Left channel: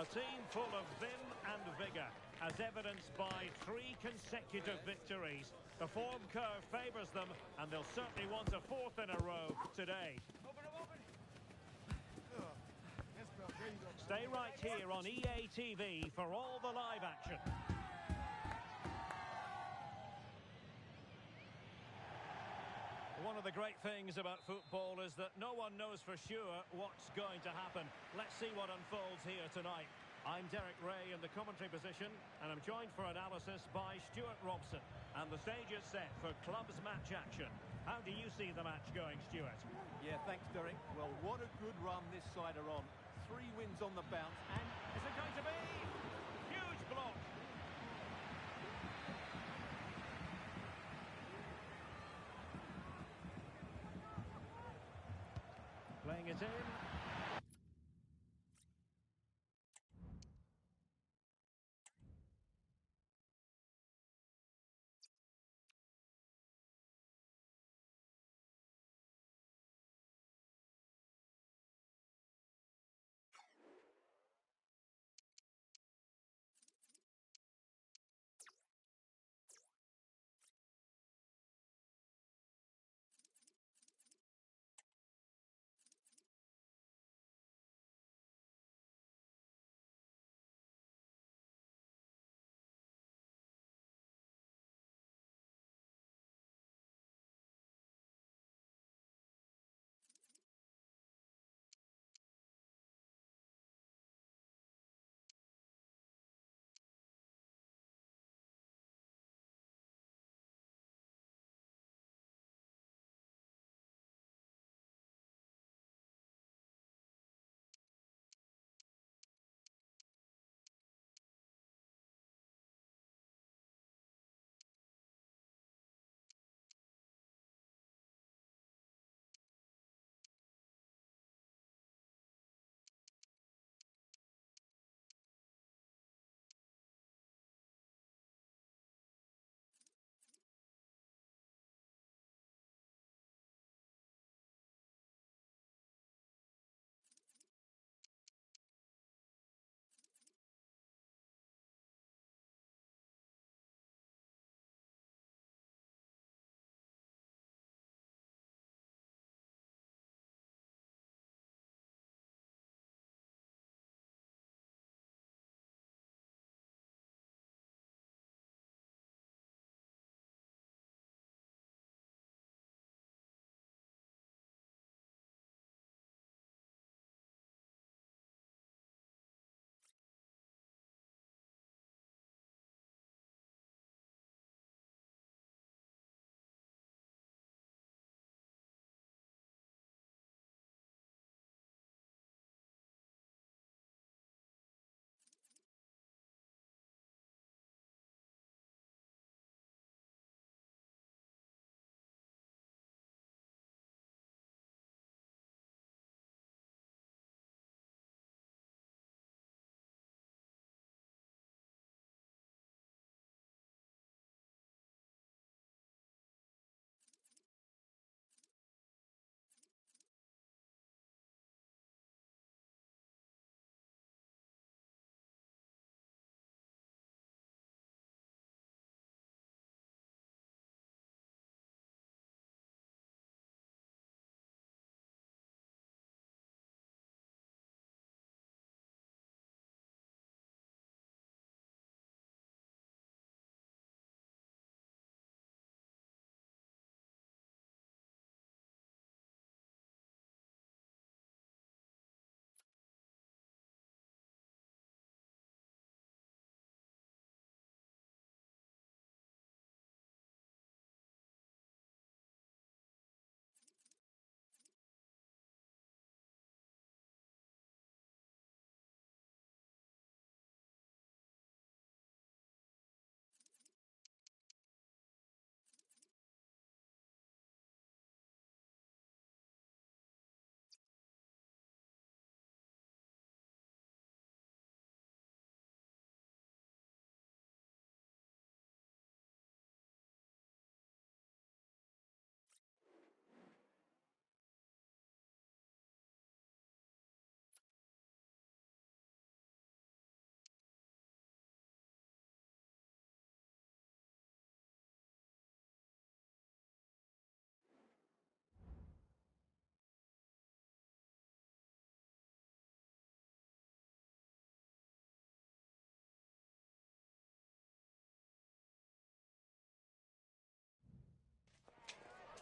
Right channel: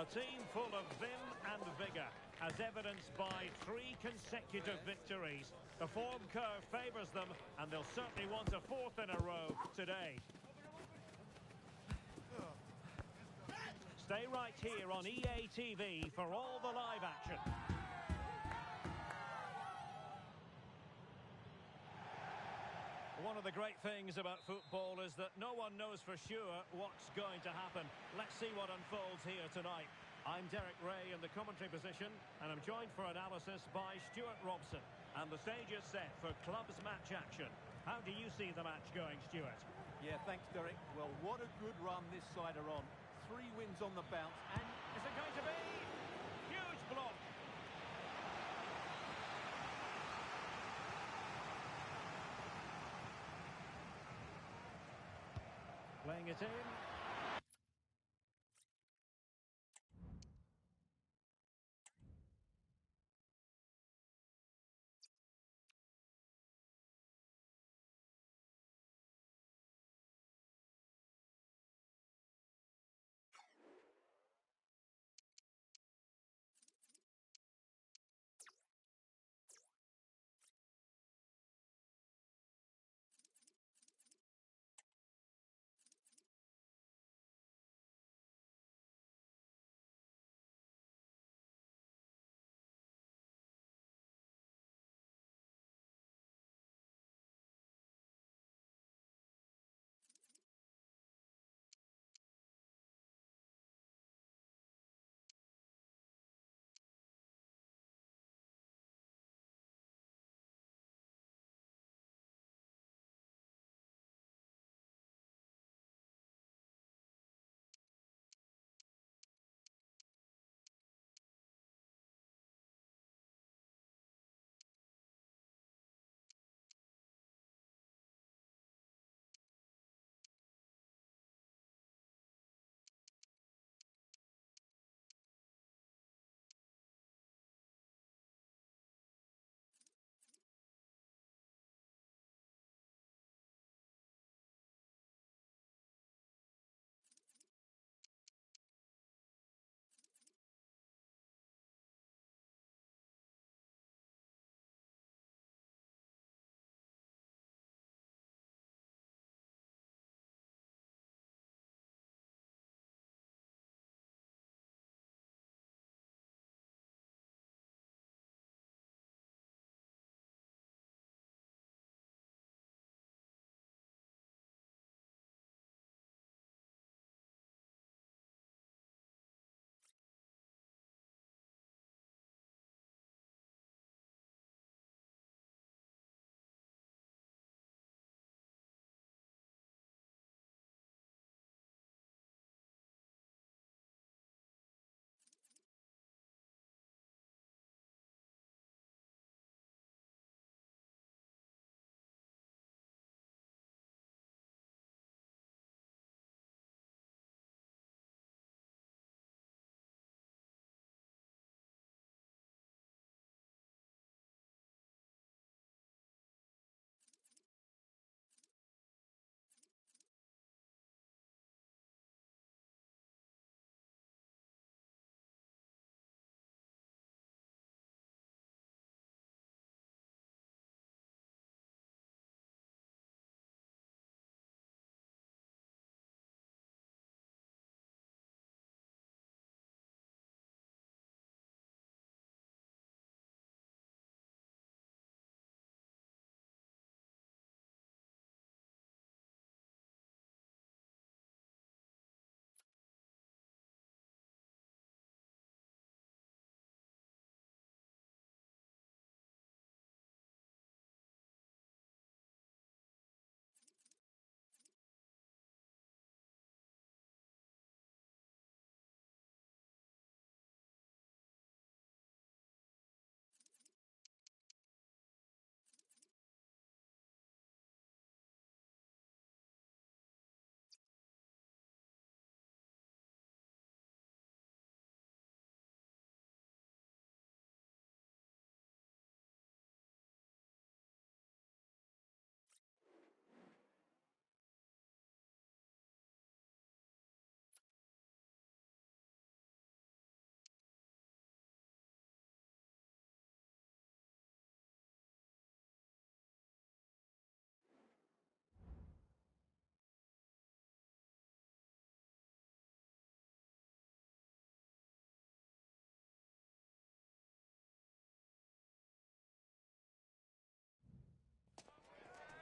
A team full of vim and vigour, as evidenced by 3 consecutive victories. The form curve favours them, and they'll certainly want a 4th in a row today. Stay right here on EA TV for all the live action. One of the great things about football is that no one knows for sure what's going to happen. Let's see what unfolds here tonight. I'm Derek Ray in the commentary position, and I'm joined for analysis by Stuart Robson. And the stage is set for clubs match action. How do you see the match going, Stuart? Yeah, thanks, Derek. Well, what a good run this side are on. 3 wins on the bounce, and Is it going to be? Huge block. Playing it in.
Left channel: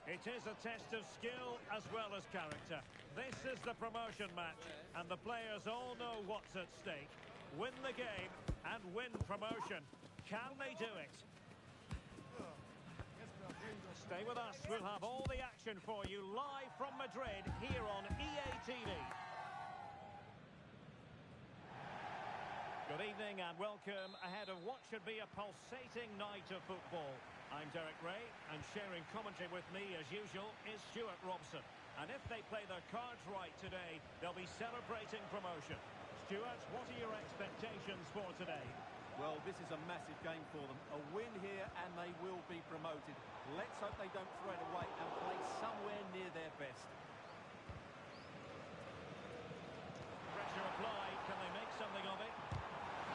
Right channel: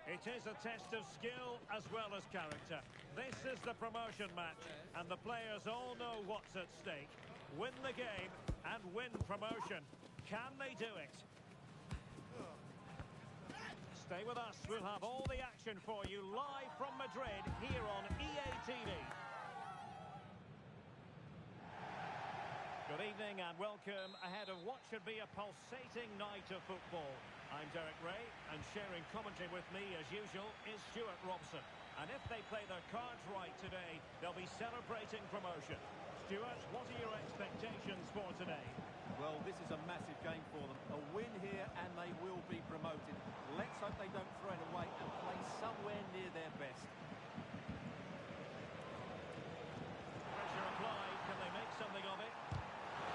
It is a test of skill as well as character. This is the promotion match, and the players all know what's at stake. Win the game and win promotion. Can they do it? Stay with us. We'll have all the action for you live from Madrid here on EA TV. Good evening and welcome ahead of what should be a pulsating night of football. I'm Derek Ray, and sharing commentary with me, as usual, is Stuart Robson. And if they play their cards right today, they'll be celebrating promotion. Stuart, what are your expectations for today? Well, this is a massive game for them. A win here and they will be promoted. Let's hope they don't throw it away and play somewhere near their best. Pressure applied. Can they make something of it?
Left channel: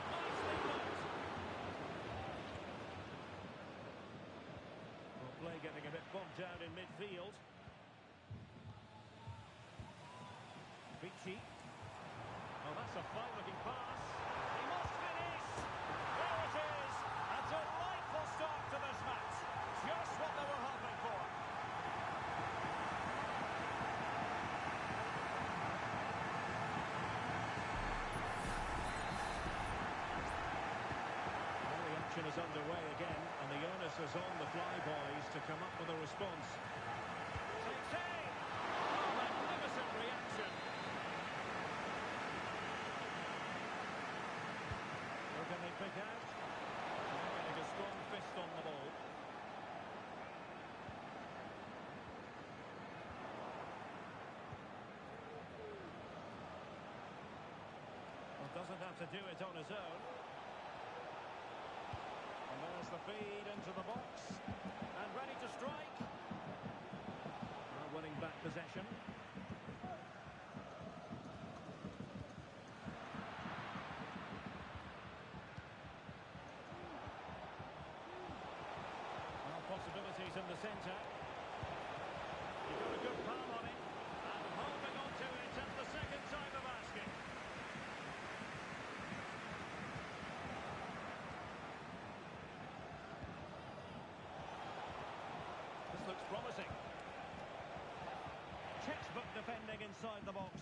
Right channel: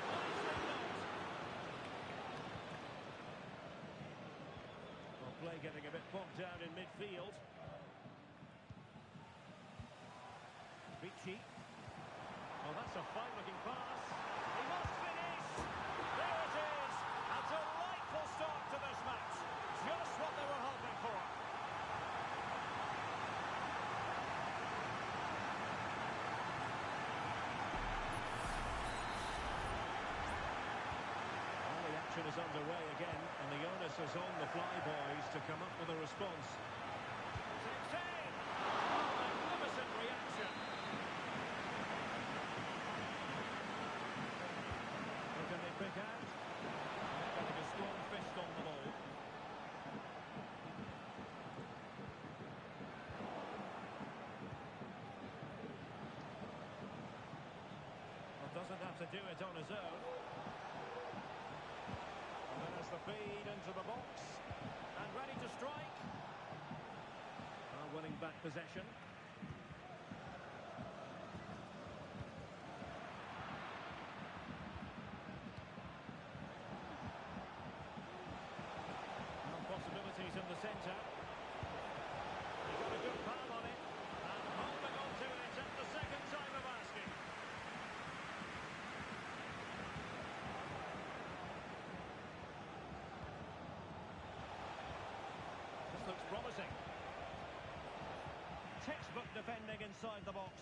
Nicely blocked. Well, play getting a bit bogged down in midfield. Vici. Oh, that's a fine-looking pass. He must finish. There it is. A delightful start to this match. Just what they were hoping for. Action is underway again, and the onus is on the Flyboys to come up with a response. Takes aim! Oh, magnificent reaction! Who can they pick out? They're getting a strong fist on the ball. Well, doesn't have to do it on his own. There's the feed into the box. And ready to strike. Winning back possession. Well, possibilities in the centre. He got a good palm on it. And holding on to it at the second time of asking. Looks promising. Textbook defending inside the box.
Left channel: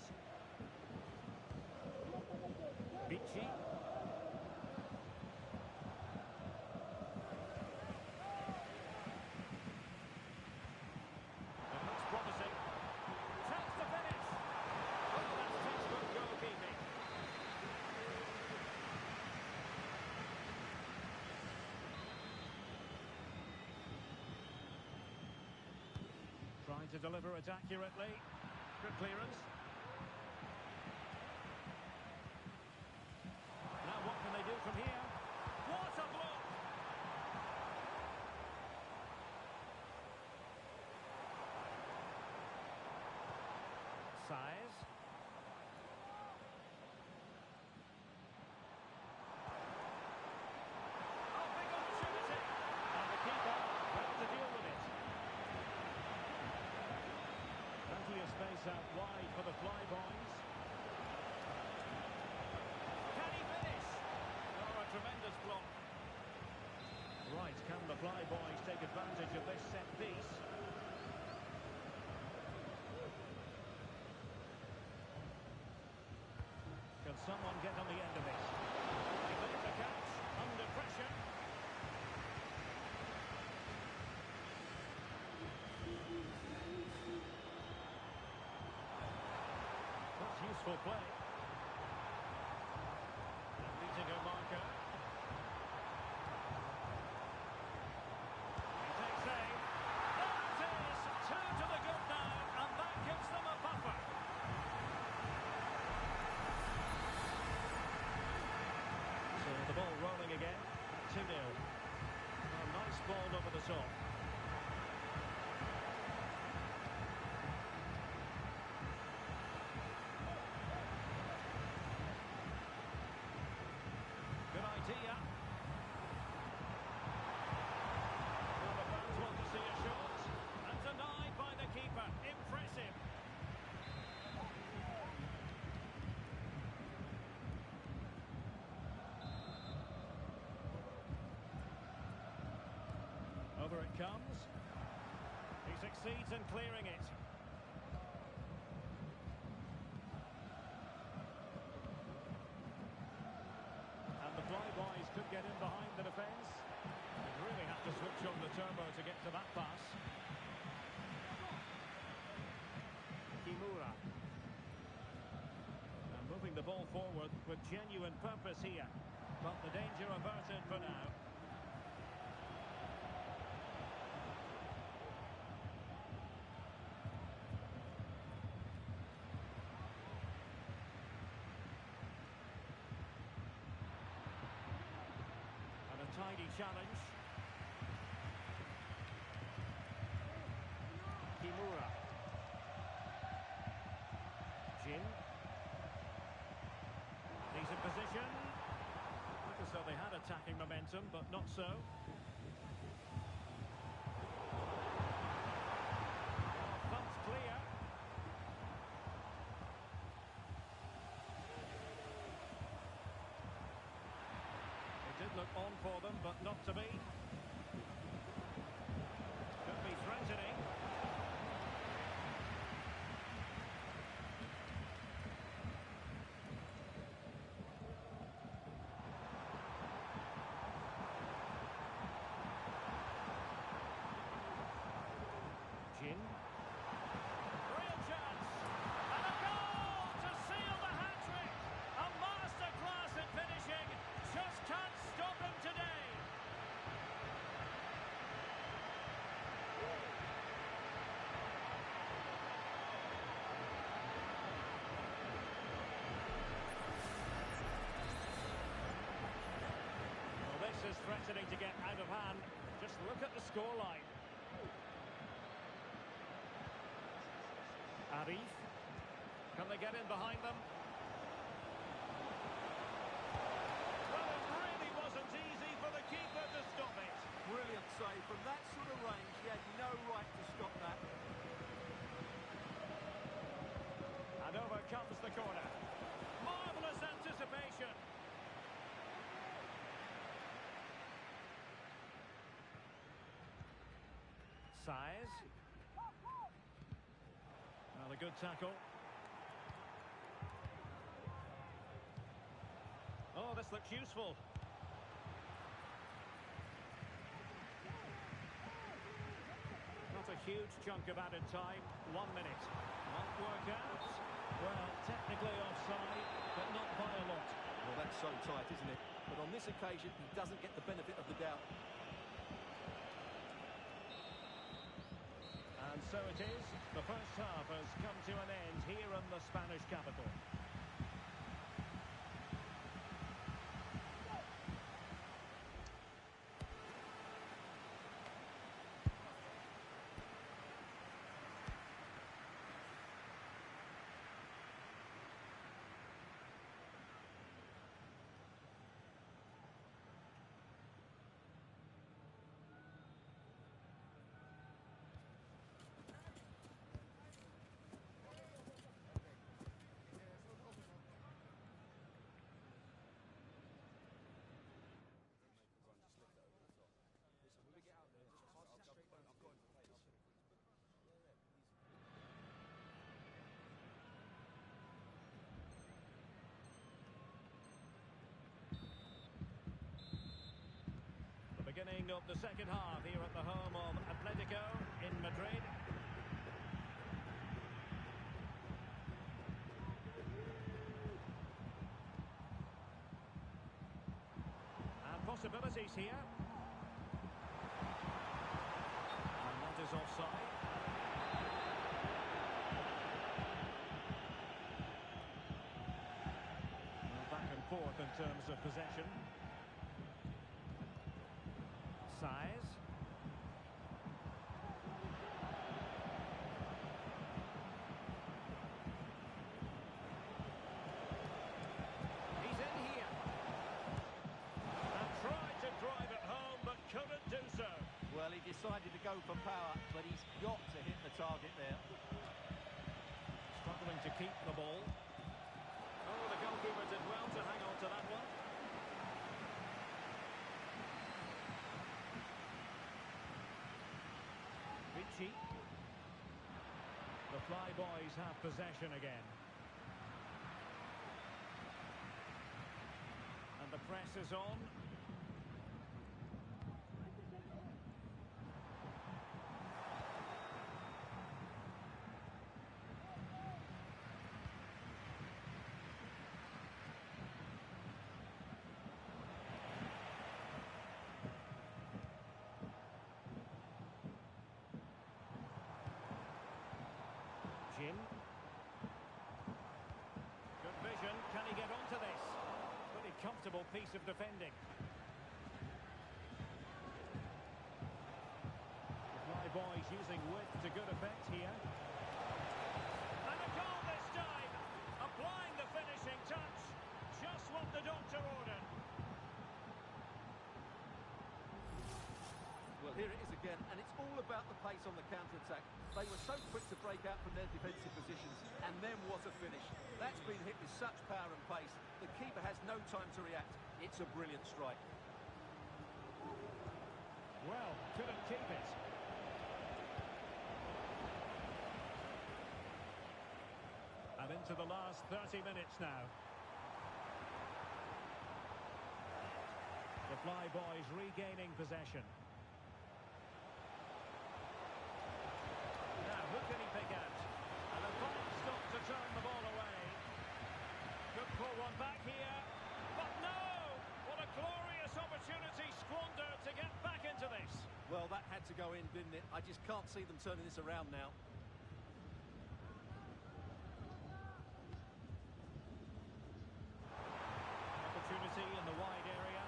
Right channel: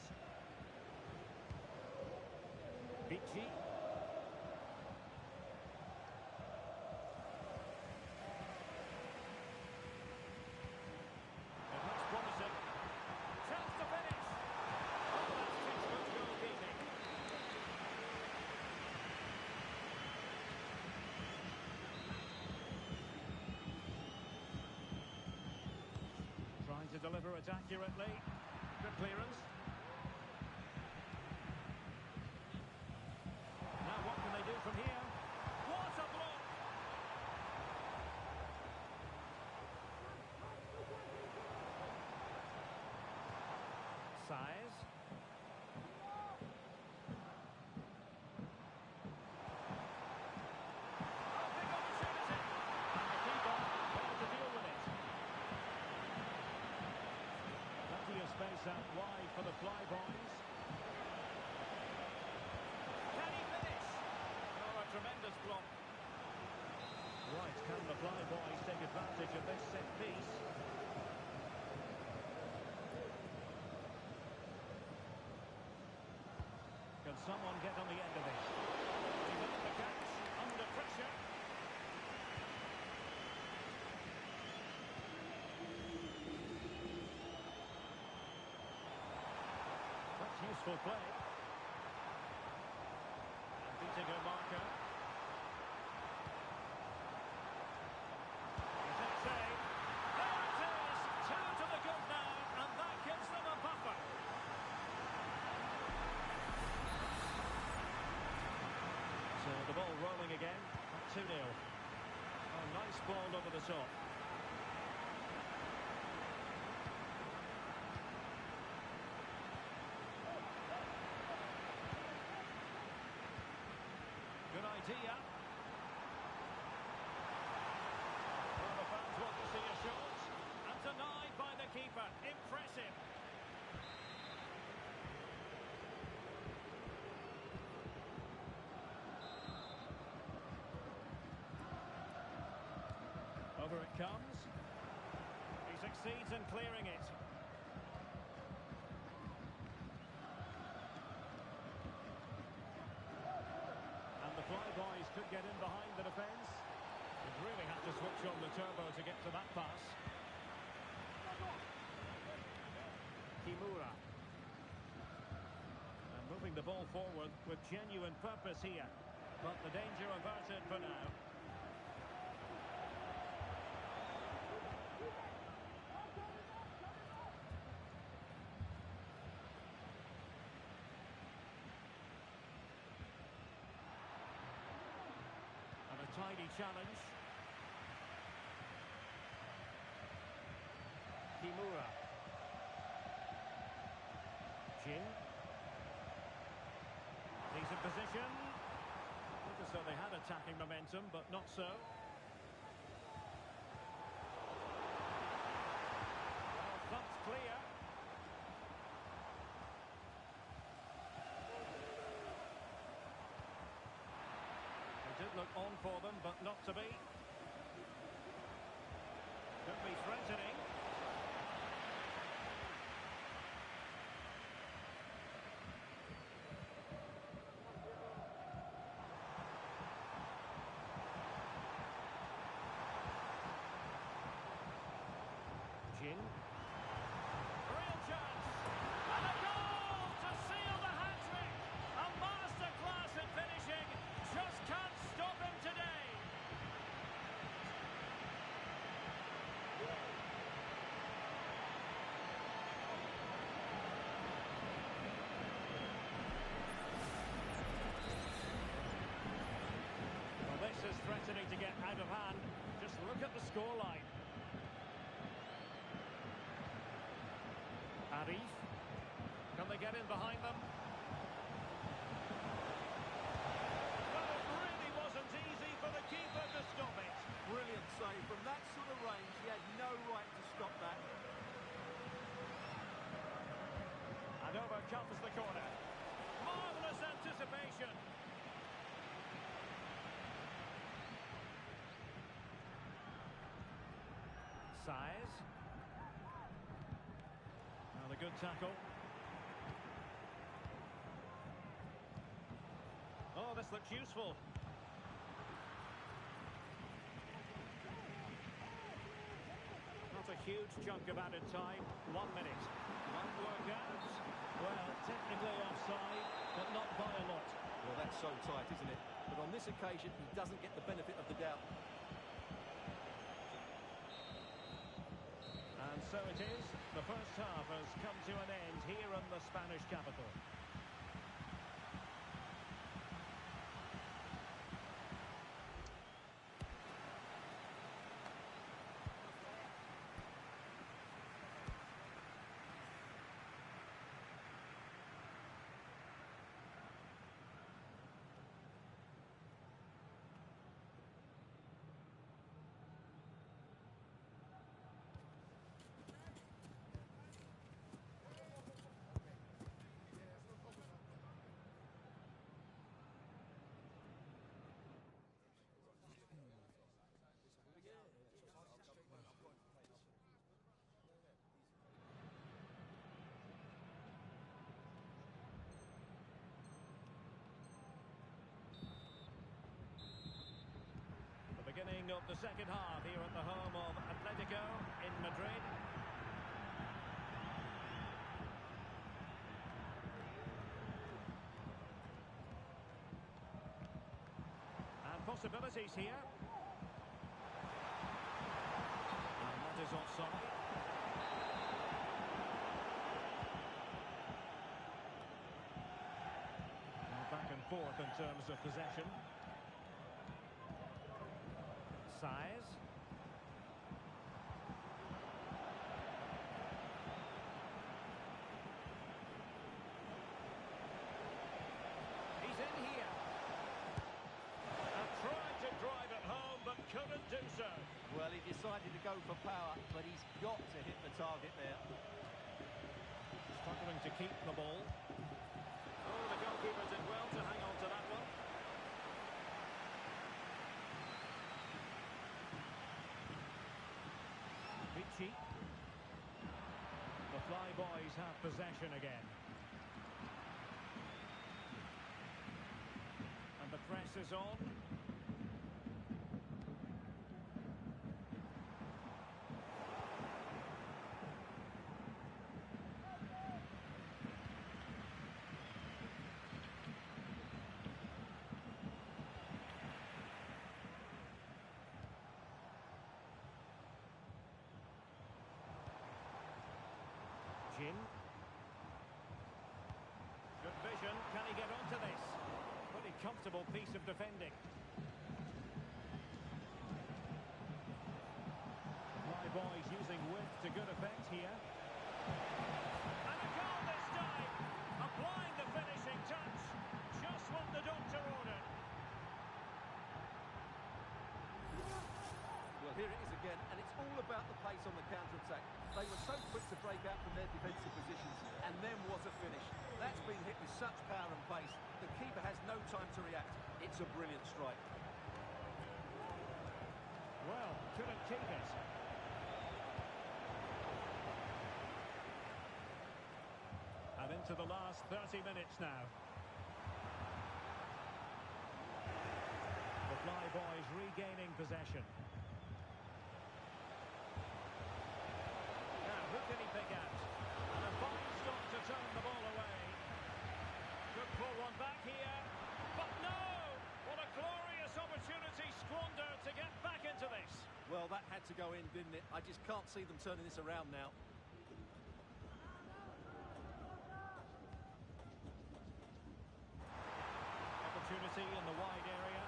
Vici. It looks promising. Chance to finish. Oh, that's textbook goalkeeping. Trying to deliver it accurately. Good clearance. Now what can they do from here? What a block! Size. Oh, big opportunity! And the keeper able to deal with it. Plenty of space out wide for the Flyboys. Can he finish? Oh, a tremendous block. Right, can the Flyboys take advantage of this set piece? Can someone get on the end of it? He made the catch under pressure. Useful play. And beating a marker. He takes aim. There it is! 2 to the good now, and that gives them a buffer. So the ball rolling again at 2-0. Oh, nice ball over the top. Good idea. Well, the fans want to see a shot. And denied by the keeper. Impressive. Over it comes. He's succeeds in clearing it. And the flyboys could get in behind the defence. They'd really have to switch on the turbo to get to that pass. Kimura. And moving the ball forward with genuine purpose here. But the danger averted for now. And a tidy challenge. Kimura. Jin. Decent position. Look as though they had attacking momentum, but not so. Well, thumped clear. It did look on for them, but not to be. Could be threatening. Jin. Real chance. And a goal to seal the hat-trick. A masterclass at finishing. Just can't stop him today. Well, this is threatening to get out of hand. Just look at the scoreline. Arif. Can they get in behind them? Well, it really wasn't easy for the keeper to stop it. Brilliant save. From that sort of range, he had no right to stop that. And over comes the corner. Marvellous anticipation. Size. Well, a good tackle. Oh, this looks useful. Not a huge chunk of added time. 1 minute. Might work out. Well, technically offside, but not by a lot. Well, that's so tight, isn't it? But on this occasion, he doesn't get the benefit of the doubt. And so it is. The first half has come to an end here in the Spanish capital. Beginning of the second half here at the home of Atletico in Madrid. And possibilities here. And that is offside. Well, back and forth in terms of possession. Size. He's in here. And tried to drive it home, but couldn't do so. Well, he decided to go for power, but he's got to hit the target there. Struggling to keep the ball. Oh, the goalkeeper did well to hang on to that one. Vichy. The Flyboys have possession again. And the press is on. Good vision. Can he get onto this? Pretty comfortable piece of defending. The Flyboys using width to good effect here. And a goal this time. Applying the finishing touch. Just what the doctor ordered. Well, here it is again, and it's all about the pace on the counter-attack. They were so quick to break out from their defensive positions, and then what a finish. That's been hit with such power and pace. The keeper has no time to react. It's a brilliant strike. Well, couldn't keep it. And into the last 30 minutes now. The Flyboys regaining possession. Who can he pick out? And a fine stop to turn the ball away. Could pull one back here. But no! What a glorious opportunity squandered to get back into this. Well, that had to go in, didn't it? I just can't see them turning this around now. Opportunity in the wide area.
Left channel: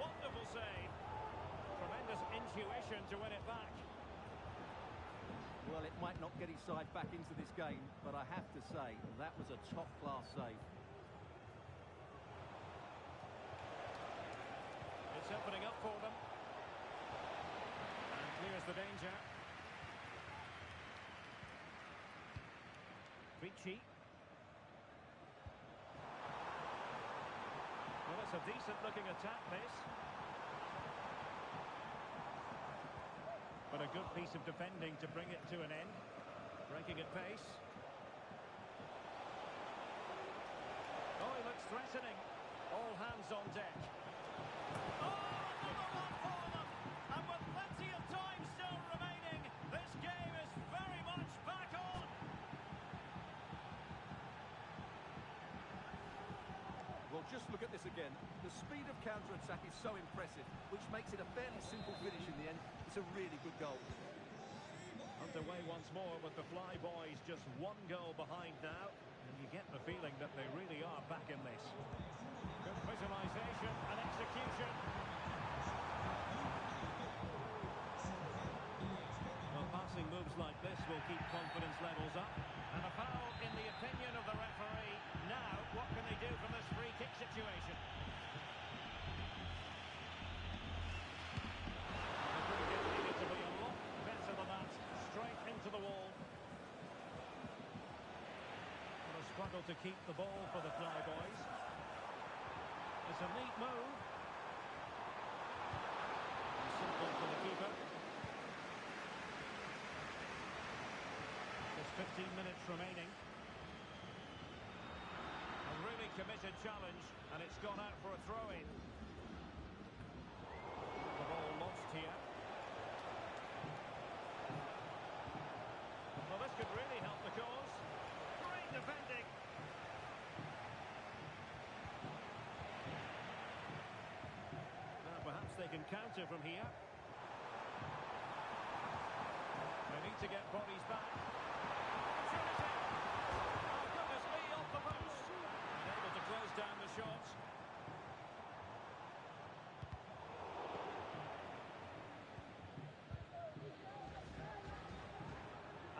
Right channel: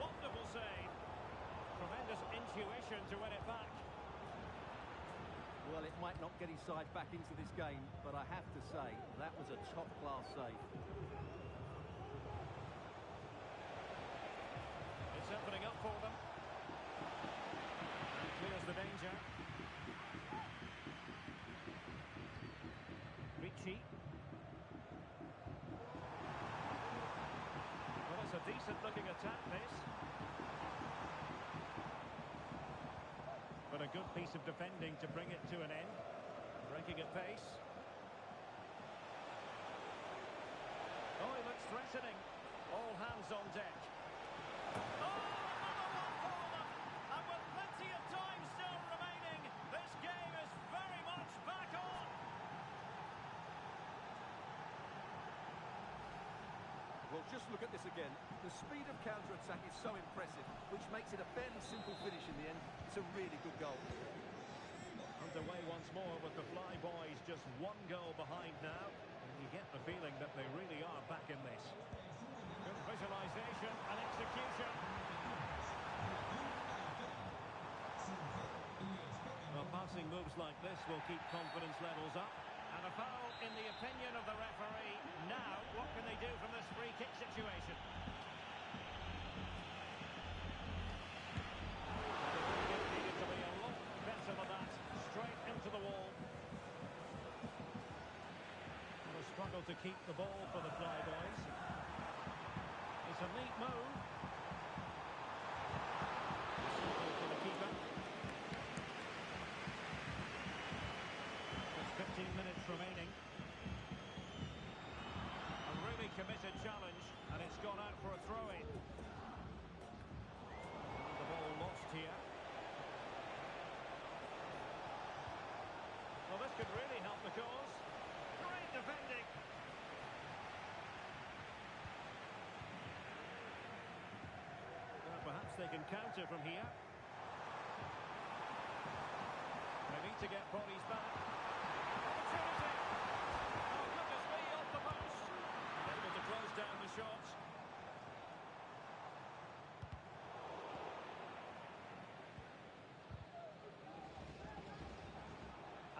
Wonderful save. Tremendous intuition to win it back. Well, it might not get his side back into this game, but I have to say, that was a top-class save. It's opening up for them. And clears the danger. Ricci. Well, it's a decent-looking attack, this. But a good piece of defending to bring it to an end. Breaking at pace. Oh, he looks threatening. All hands on deck. Oh, another one for them! And with plenty of time still remaining, this game is very much back on! Well, just look at this again. The speed of counter-attack is so impressive, which makes it a fairly simple finish in the end. It's a really good goal. Underway once more with the Flyboys just one goal behind now. And you get the feeling that they really are back in this. Good visualisation and execution. Well, passing moves like this will keep confidence levels up. And a foul in the opinion of the referee. Now, what can they do from this free kick situation? Well, the free kick needed to be a lot better than that. Straight into the wall. What a struggle to keep the ball for the Flyboys. It's a neat move. Simple for the keeper. 15 minutes remaining. A really committed challenge, and it's gone out for a throw-in. The ball lost here. Well, this could really help the cause. Great defending. Now, perhaps they can counter from here. They need to get bodies back. Opportunity! Oh, goodness me, off the post. And able to close down the shot.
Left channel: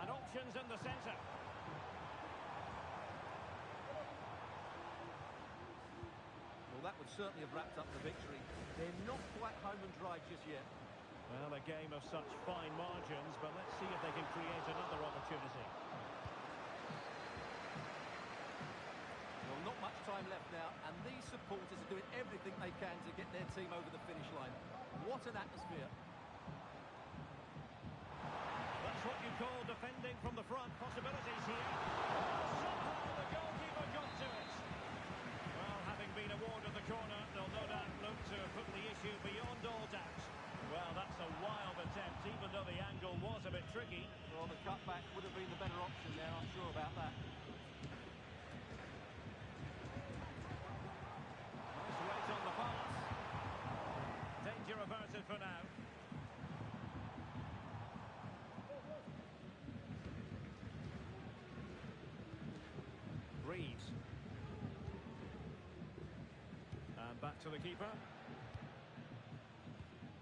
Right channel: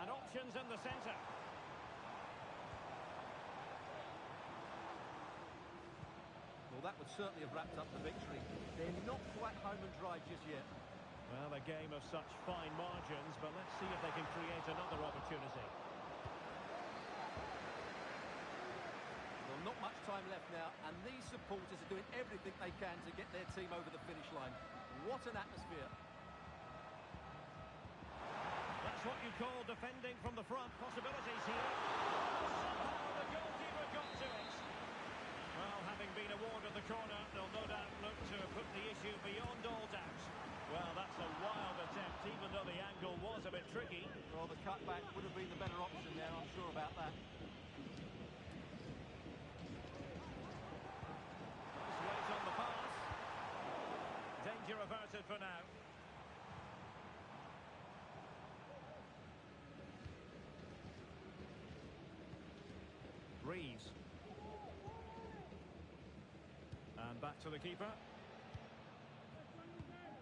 And options in the centre. Well, that would certainly have wrapped up the victory. They're not quite home and dry just yet. Well, a game of such fine margins, but let's see if they can create another opportunity. Well, not much time left now, and these supporters are doing everything they can to get their team over the finish line. What an atmosphere. That's what you call defending from the front. Possibilities here. Oh, somehow the goalkeeper got to it. Well, having been awarded the corner, they'll no doubt look to put the issue beyond all doubt. Well, that's a wild attempt, even though the angle was a bit tricky. Well, the cutback would have been the better option there, I'm sure about that. Nice weight on the pass. Danger averted for now. Reeves. And back to the keeper.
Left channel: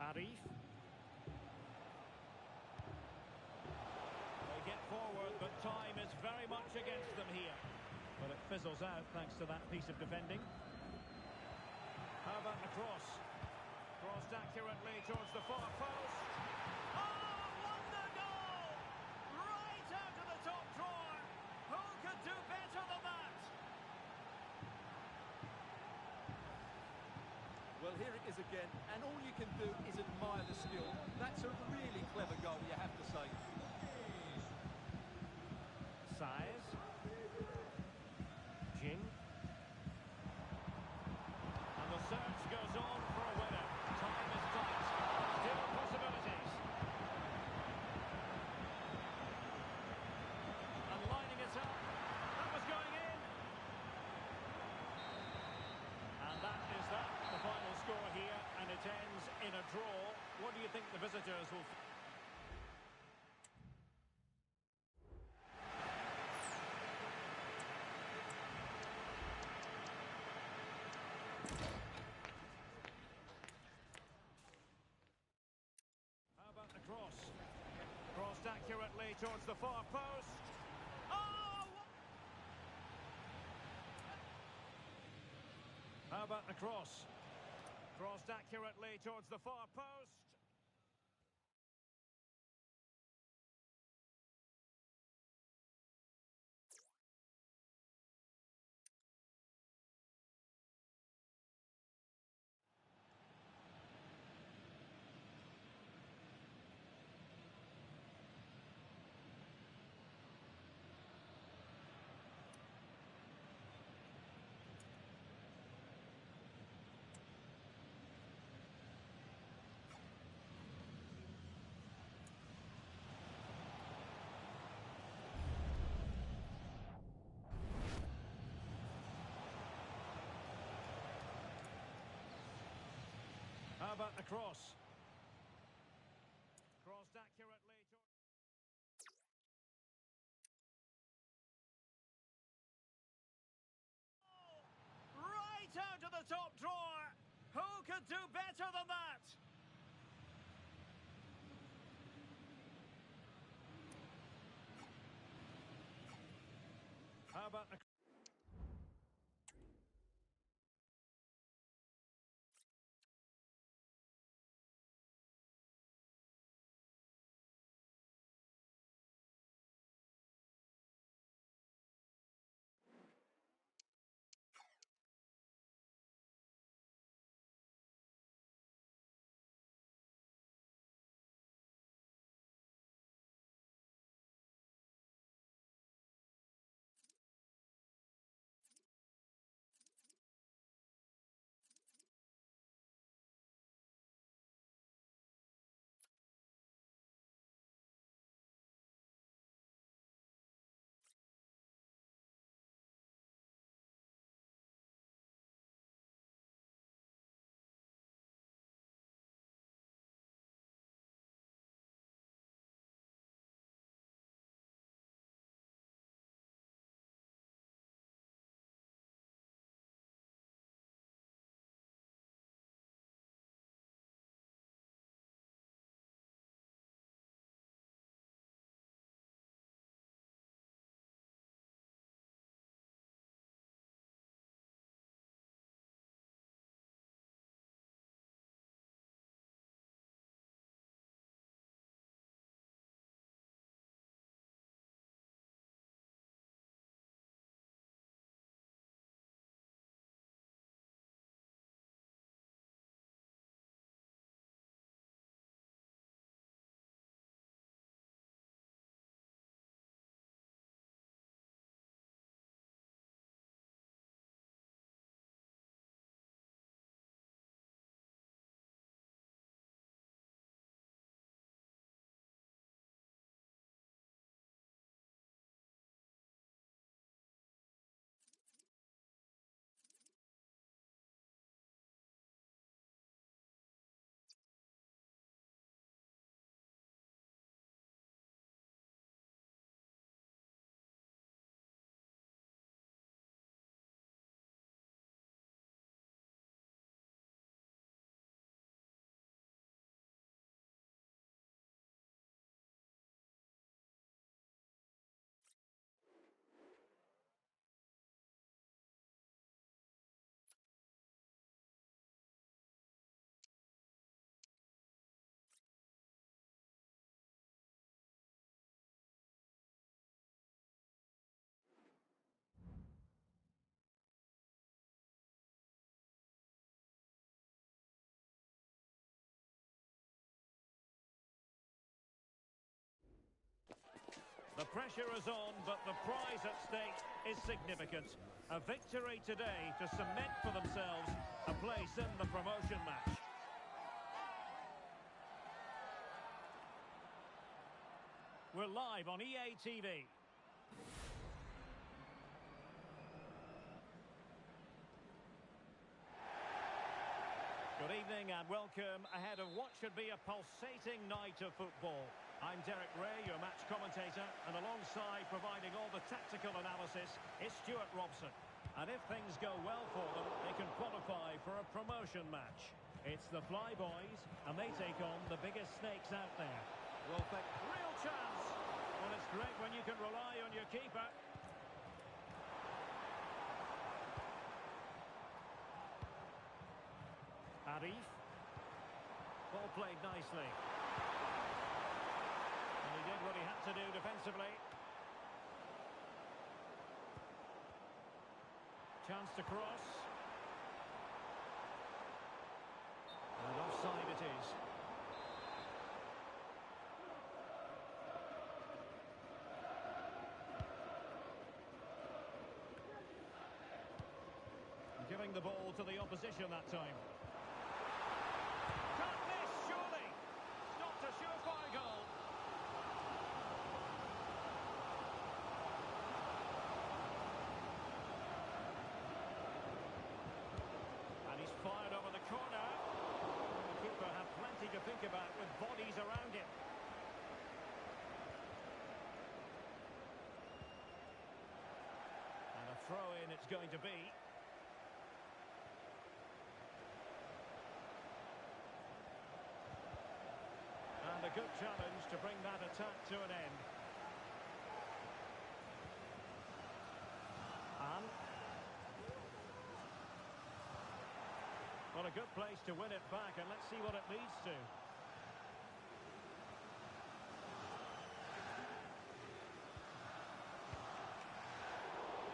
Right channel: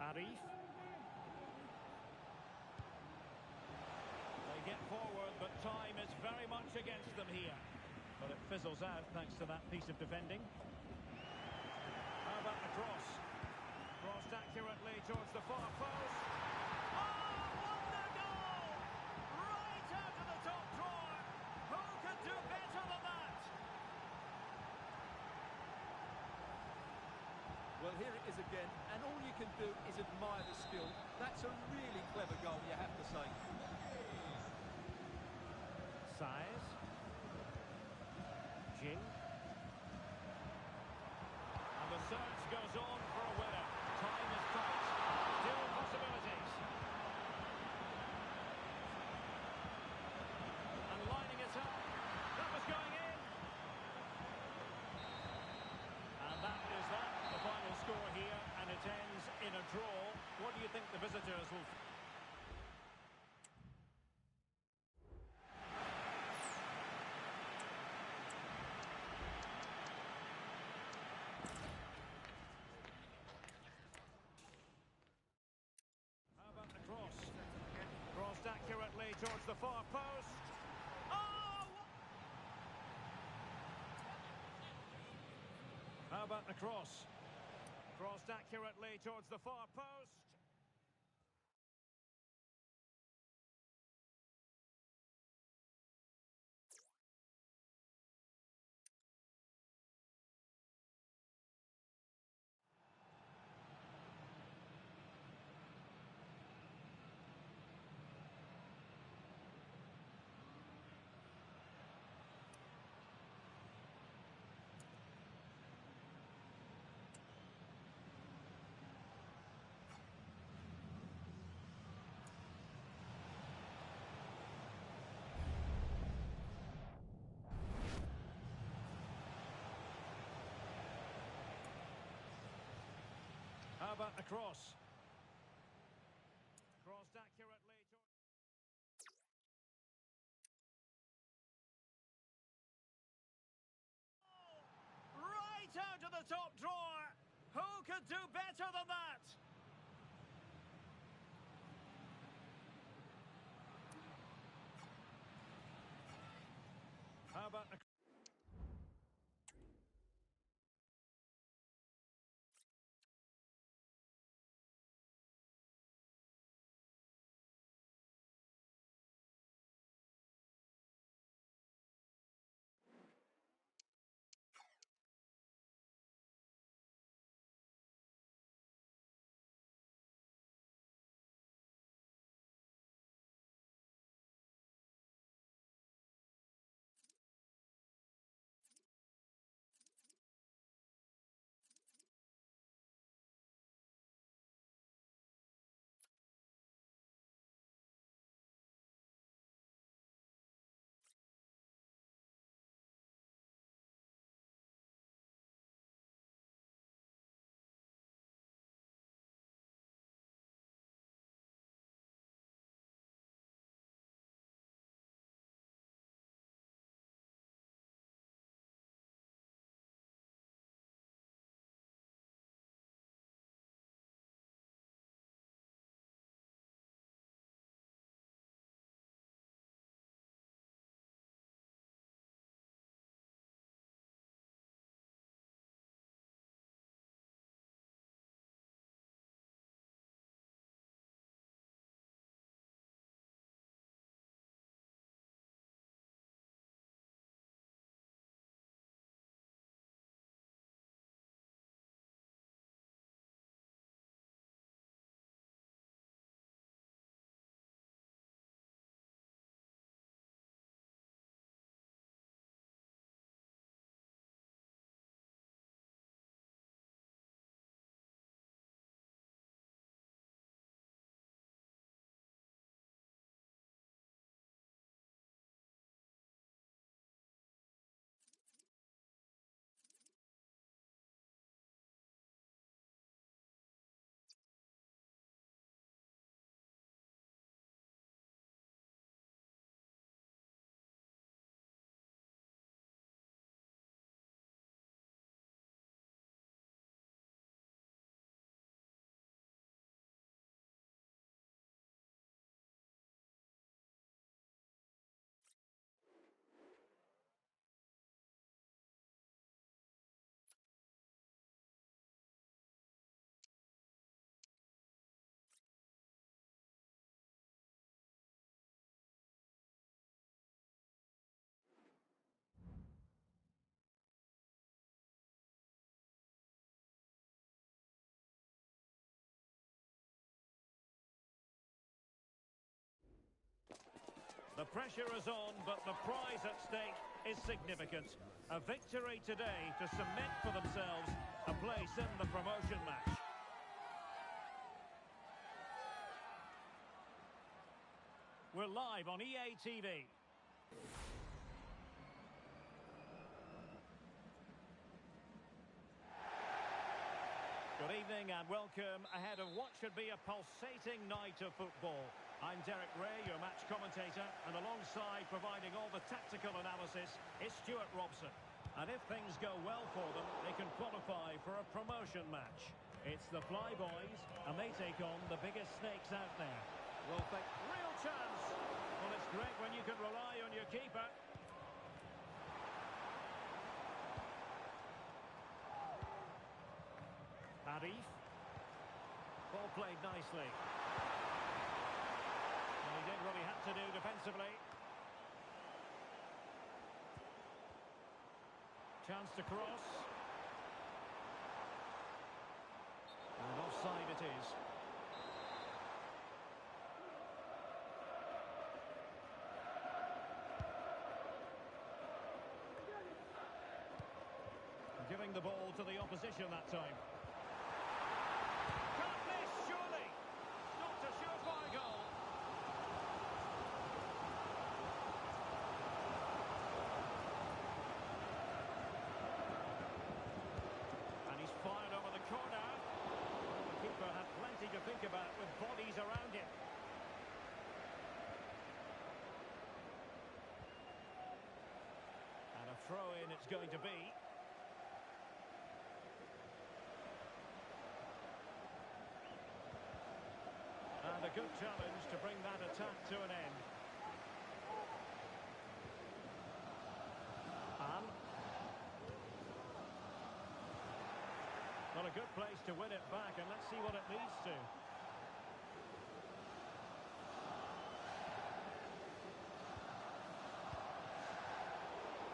Arif. They get forward, but time is very much against them here. But it fizzles out thanks to that piece of defending. How about the cross? Crossed accurately towards the far post. Oh, wonder goal! Right out of the top drawer. Who could do better than that? Well, here it is again, and all you can do is admire the skill. That's a really clever goal, you have to say. Saez. Jing. And the search goes on for a winner. Time is tight. Still possibilities. And lining it up. That was going in. And that is that. The final score here, and it ends in a draw. What do you think the visitors will... How about the cross? Crossed accurately towards the far post. Oh! How about the cross? Crossed accurately towards the far post. How about the cross? Crossed accurately towards... Right out of the top drawer. Who could do better than that? How about the... The pressure is on, but the prize at stake is significant. A victory today to cement for themselves a place in the promotion match. We're live on EA TV. Good evening and welcome ahead of what should be a pulsating night of football. I'm Derek Ray, your match commentator, and alongside providing all the tactical analysis is Stuart Robson. And if things go well for them, they can qualify for a promotion match. It's the Flyboys, and they take on the biggest snakes out there. Well, real chance. Well, it's great when you can rely on your keeper. Arif. Ball played nicely. And he did what he had to do defensively. Chance to cross. And offside it is. Giving the ball to the opposition that time. Can't miss, surely. Not a surefire goal. And he's fired over the corner. The keeper had plenty to think about with bodies around him. And a throw-in it's going to be. And a good challenge to bring that attack to an end. And well, a good place to win it back, and let's see what it leads to.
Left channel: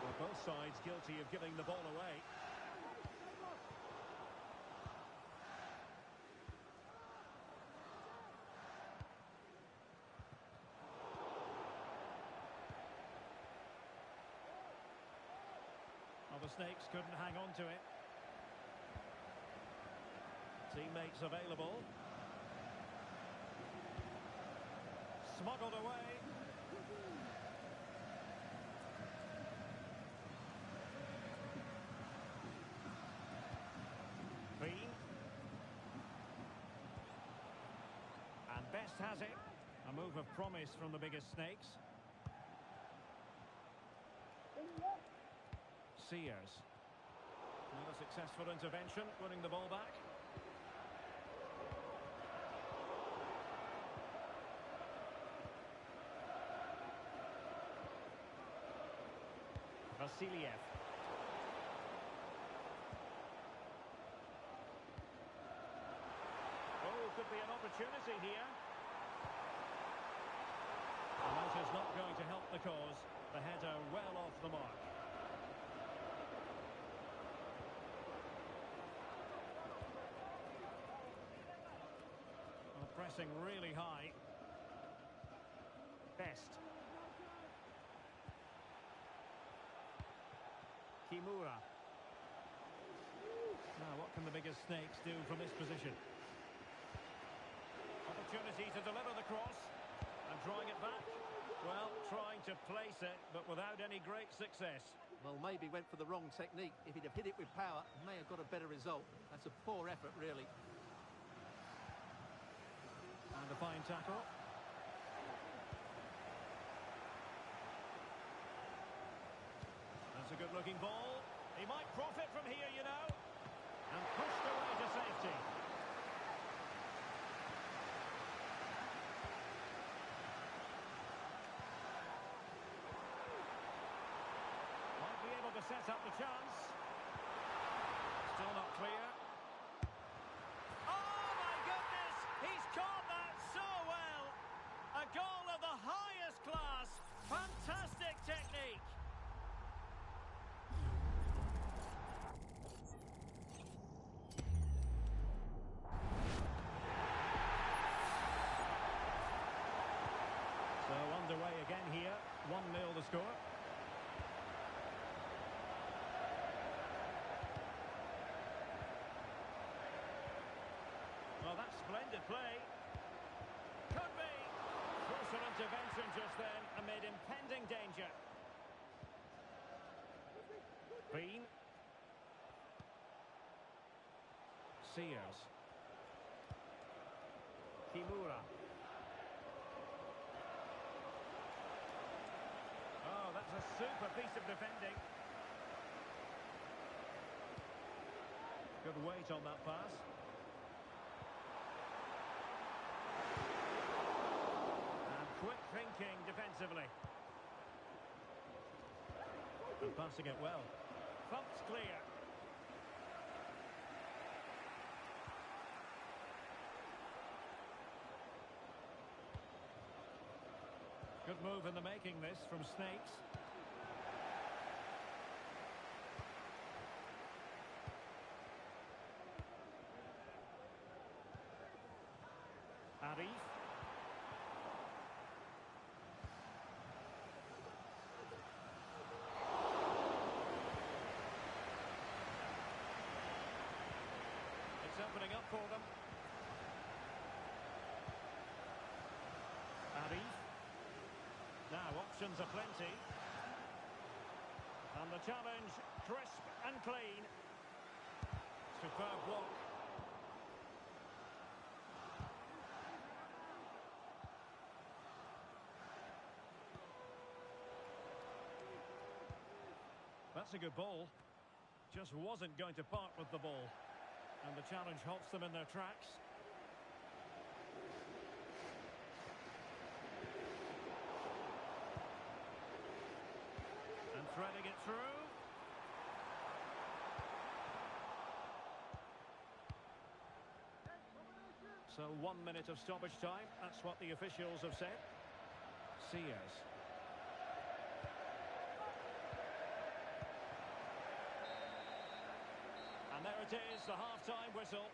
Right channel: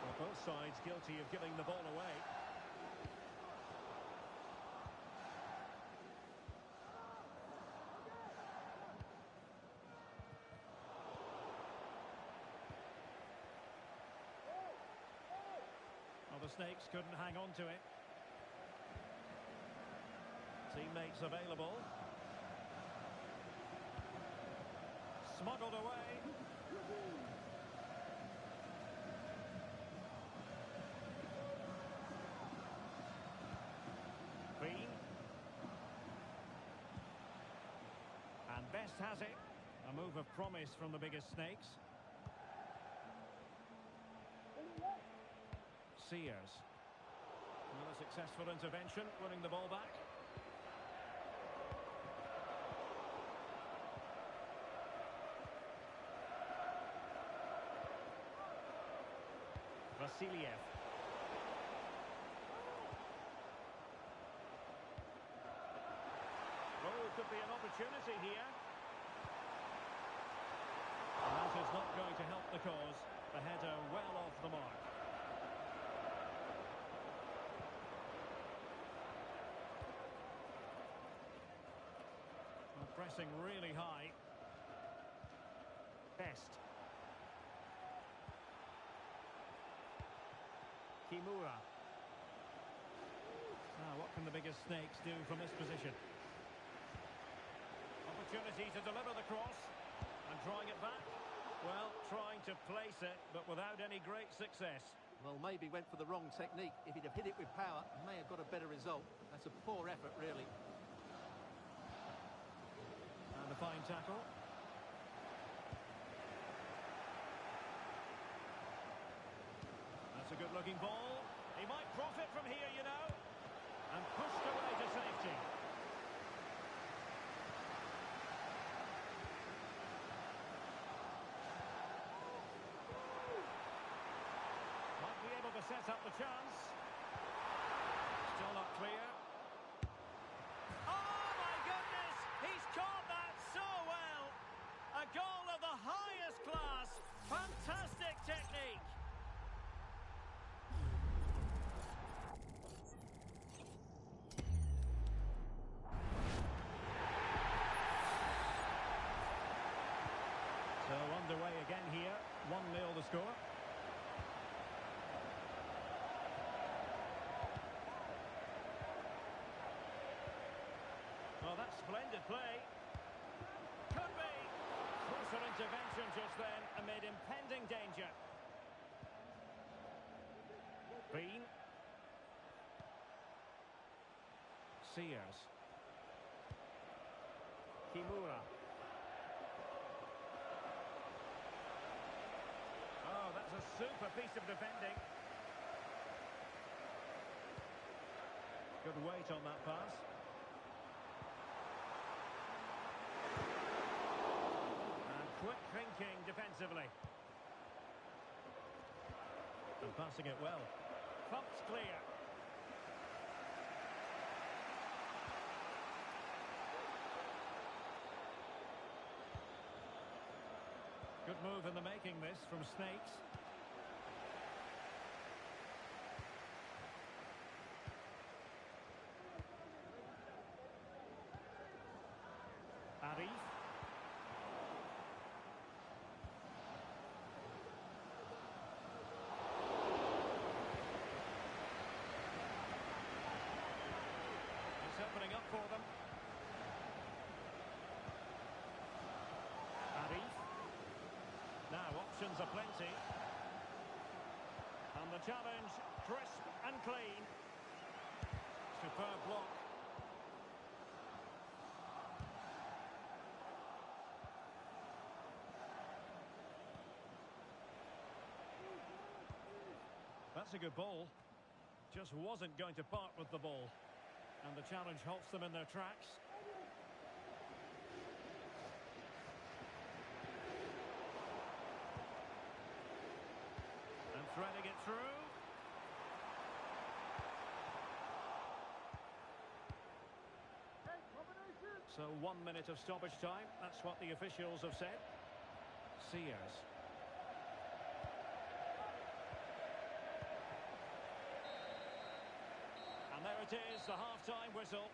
Well, both sides guilty of giving the ball away. Well, the Snakes couldn't hang on to it. Teammates available. Smuggled away. Bean. And Best has it. A move of promise from the biggest Snakes. Sears. Another successful intervention, winning the ball back. Vasiliev. Oh, could be an opportunity here. And that is not going to help the cause. The header well off the mark. Well, pressing really high. Best. Kimura. Now, what can the biggest Snakes do from this position? Opportunity to deliver the cross. And drawing it back. Well, trying to place it, but without any great success. Well, maybe went for the wrong technique. If he'd have hit it with power, may have got a better result. That's a poor effort, really. And a fine tackle. That's a good-looking ball. He might profit from here, you know. And pushed away to safety. Might be able to set up the chance. Still not clear. Oh, my goodness! He's caught that so well! A goal of the highest class. Fantastic technique. So underway again here. 1-0 the score. Well, that's splendid play. Could be. Crucial intervention just then amid impending danger. Bean. Sears. Kimura. Oh, that's a super piece of defending. Good weight on that pass. And quick thinking defensively. And passing it well. Thumped clear. Good move in the making this from Snakes. Arif. It's opening up for them. Arif. Now options are plenty. And the challenge, crisp and clean. Superb block. That's a good ball. Just wasn't going to part with the ball. And the challenge halts them in their tracks. And threading it through. So 1 minute of stoppage time. That's what the officials have said. Sears. And there it is, the half-time whistle.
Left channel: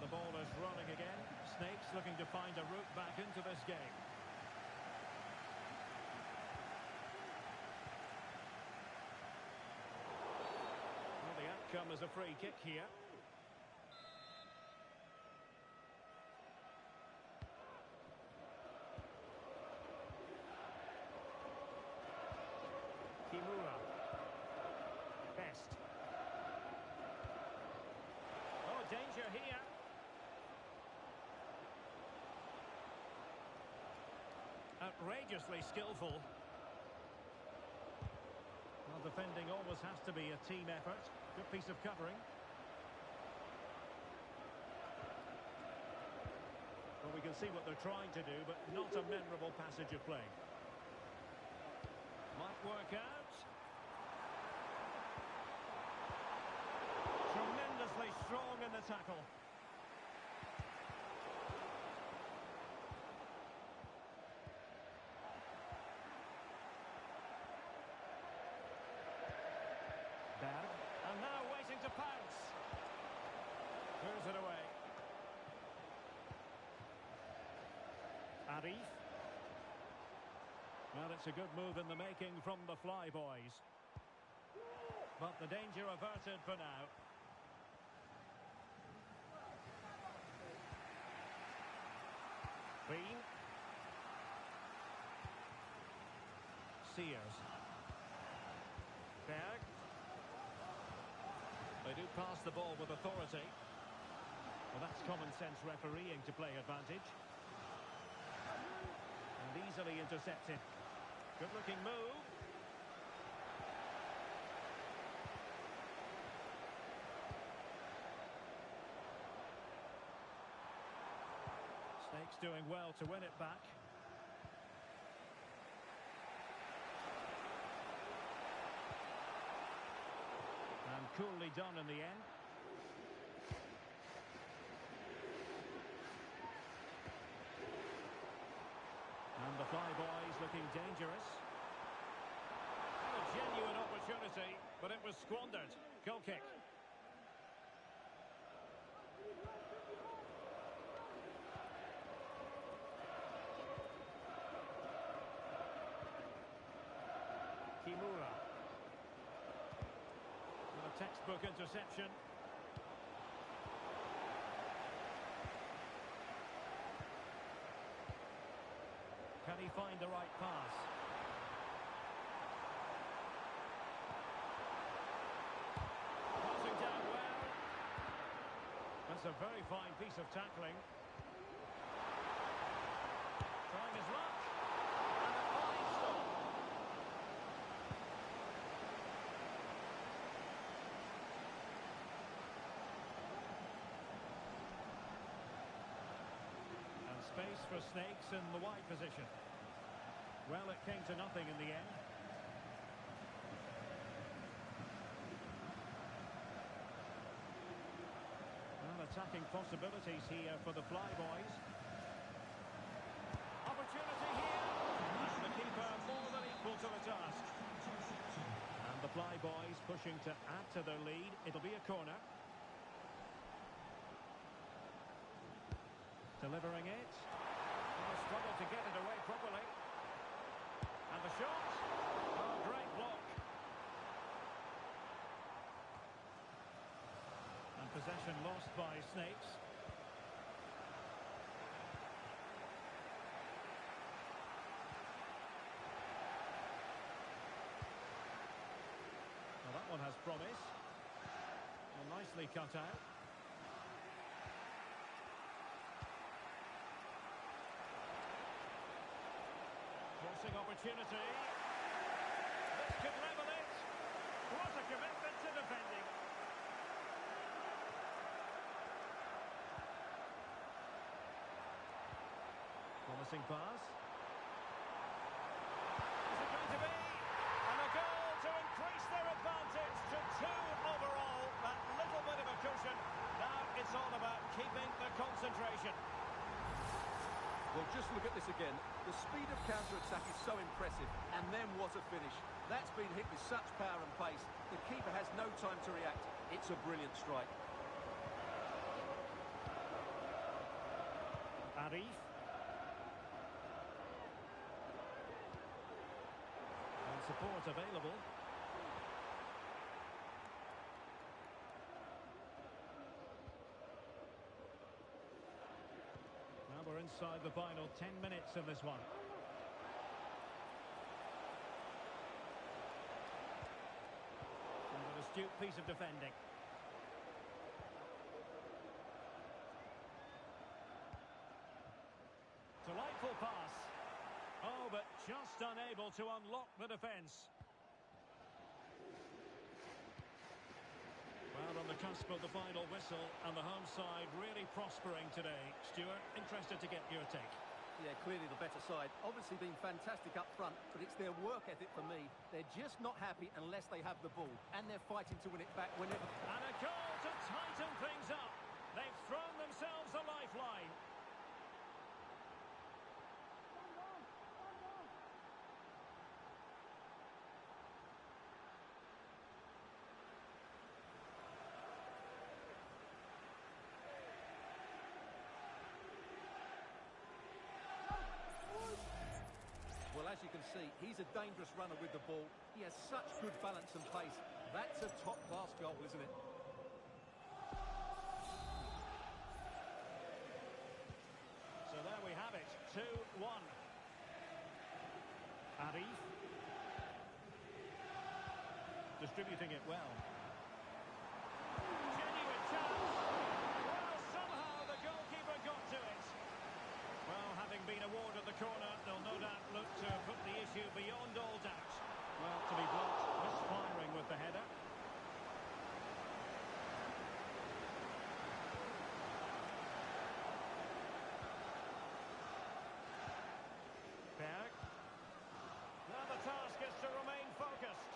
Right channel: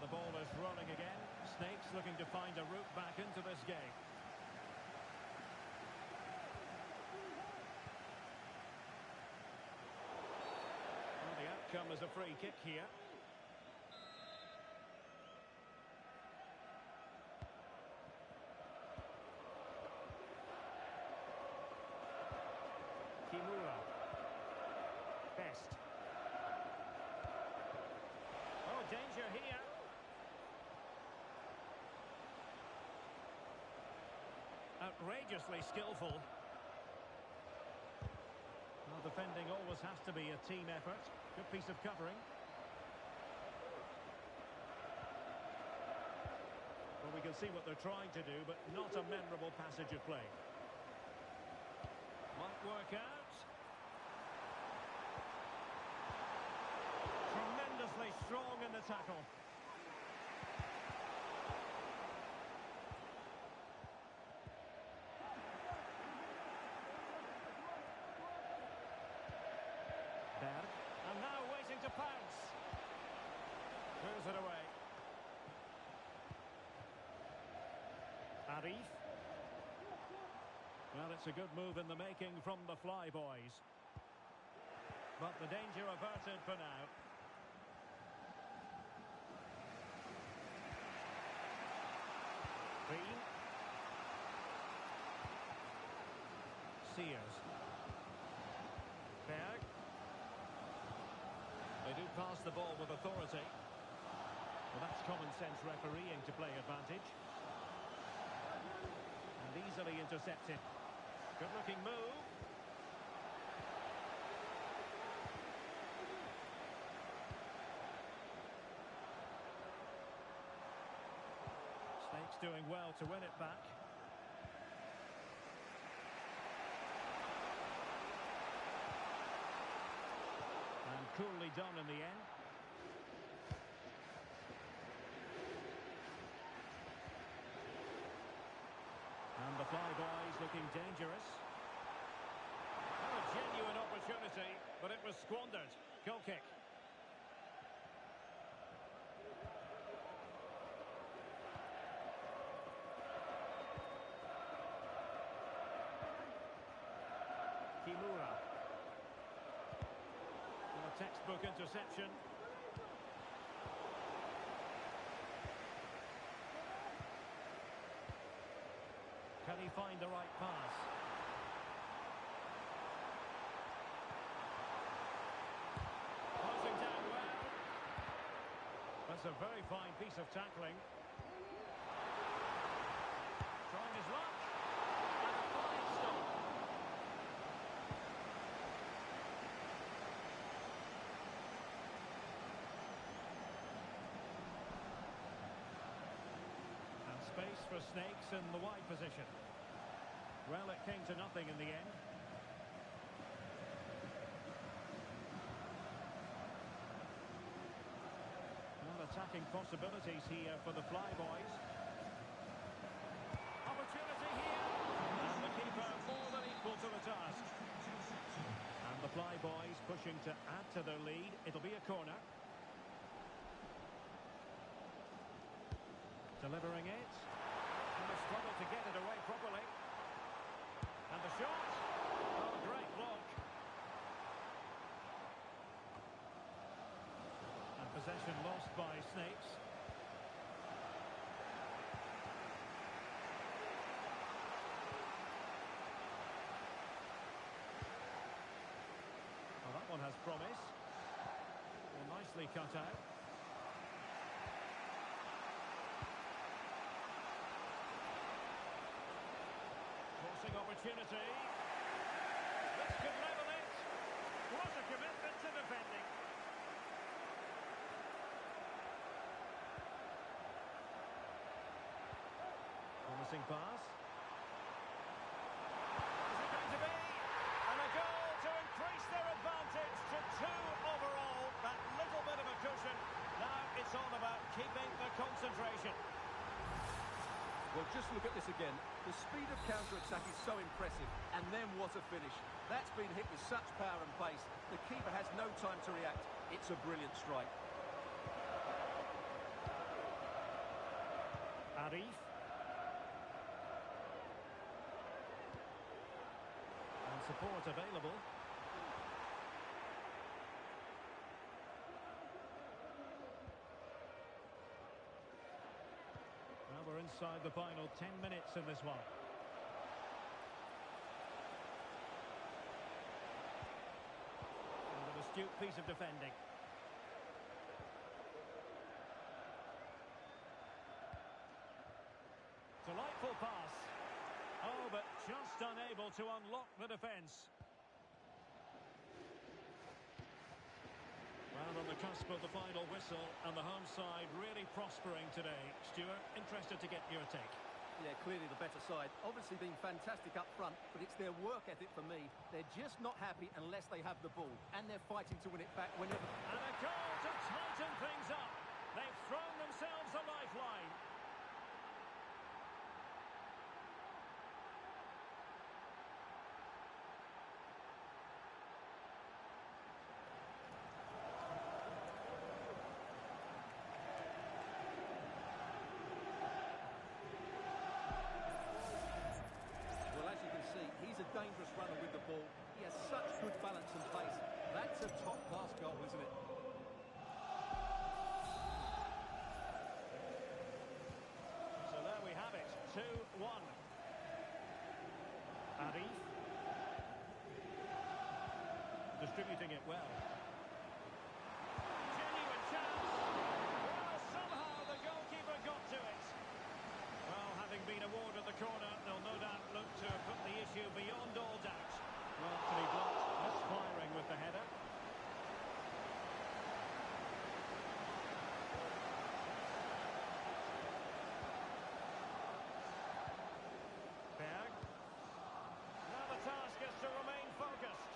The ball is rolling again. Snakes looking to find a route back into this game. Well, the outcome is a free kick here. Kimura. Best. Oh, danger here. Outrageously skillful. Well, defending always has to be a team effort. Good piece of covering. Well, we can see what they're trying to do, but not a memorable passage of play. Might work out. Tremendously strong in the tackle. And now waiting to pounce. Clears it away. Arif. Well, it's a good move in the making from the Flyboys. But the danger averted for now. Sears. Berg. They do pass the ball with authority. Well, that's common sense refereeing to play advantage. And easily intercepted. Good looking move. Snakes doing well to win it back. And coolly done in the end. And the Flyboys looking dangerous. Had a genuine opportunity, but it was squandered. Goal kick. Kimura. With a textbook interception. Can he find the right pass? Closing down well. That's a very fine piece of tackling. Trying his luck. And a fine stop. And space for Snakes in the wide position. Well, it came to nothing in the end. Well, attacking possibilities here for the Flyboys. Opportunity here. And the keeper more than equal to the task. And the Flyboys pushing to add to their lead. It'll be a corner. Delivering it. And a struggle to get it away properly. And the shot. Oh, great block. And possession lost by Snakes. Well, that one has promise. Well, nicely cut out. Crossing opportunity. This could level it. What a commitment to defending. Promising pass. Is it going to be? And a goal to increase their advantage to 2 overall. That little bit of a cushion. Now it's all about keeping the concentration. Well, just look at this again. The speed of counter-attack is so impressive. And then what a finish. That's been hit with such power and pace. The keeper has no time to react. It's a brilliant strike. Arif. And support available. Well, we're inside the final 10 minutes in this one. And an astute piece of defending. Delightful pass. Oh, but just unable to unlock the defence. Well, on the cusp of the final whistle, and the home side really prospering today. Stuart, interested to get your take. Yeah, clearly the better side. Obviously been fantastic up front, but it's their work ethic for me. They're just not happy unless they have the ball, and they're fighting to win it back whenever... And a goal to tighten things up. They've thrown themselves a lifeline. Well, as you can see, he's a dangerous runner with the ball. He has such good balance and pace. That's a top-class goal, isn't it? So there we have it, 2-1. Arif. distributing it well. Genuine chance. Well, somehow the goalkeeper got to it. Well, having been awarded the corner, they'll no doubt look to put the issue beyond all doubt. Well, to be blunt, misfiring with the header. Berg. Now the task is to remain focused.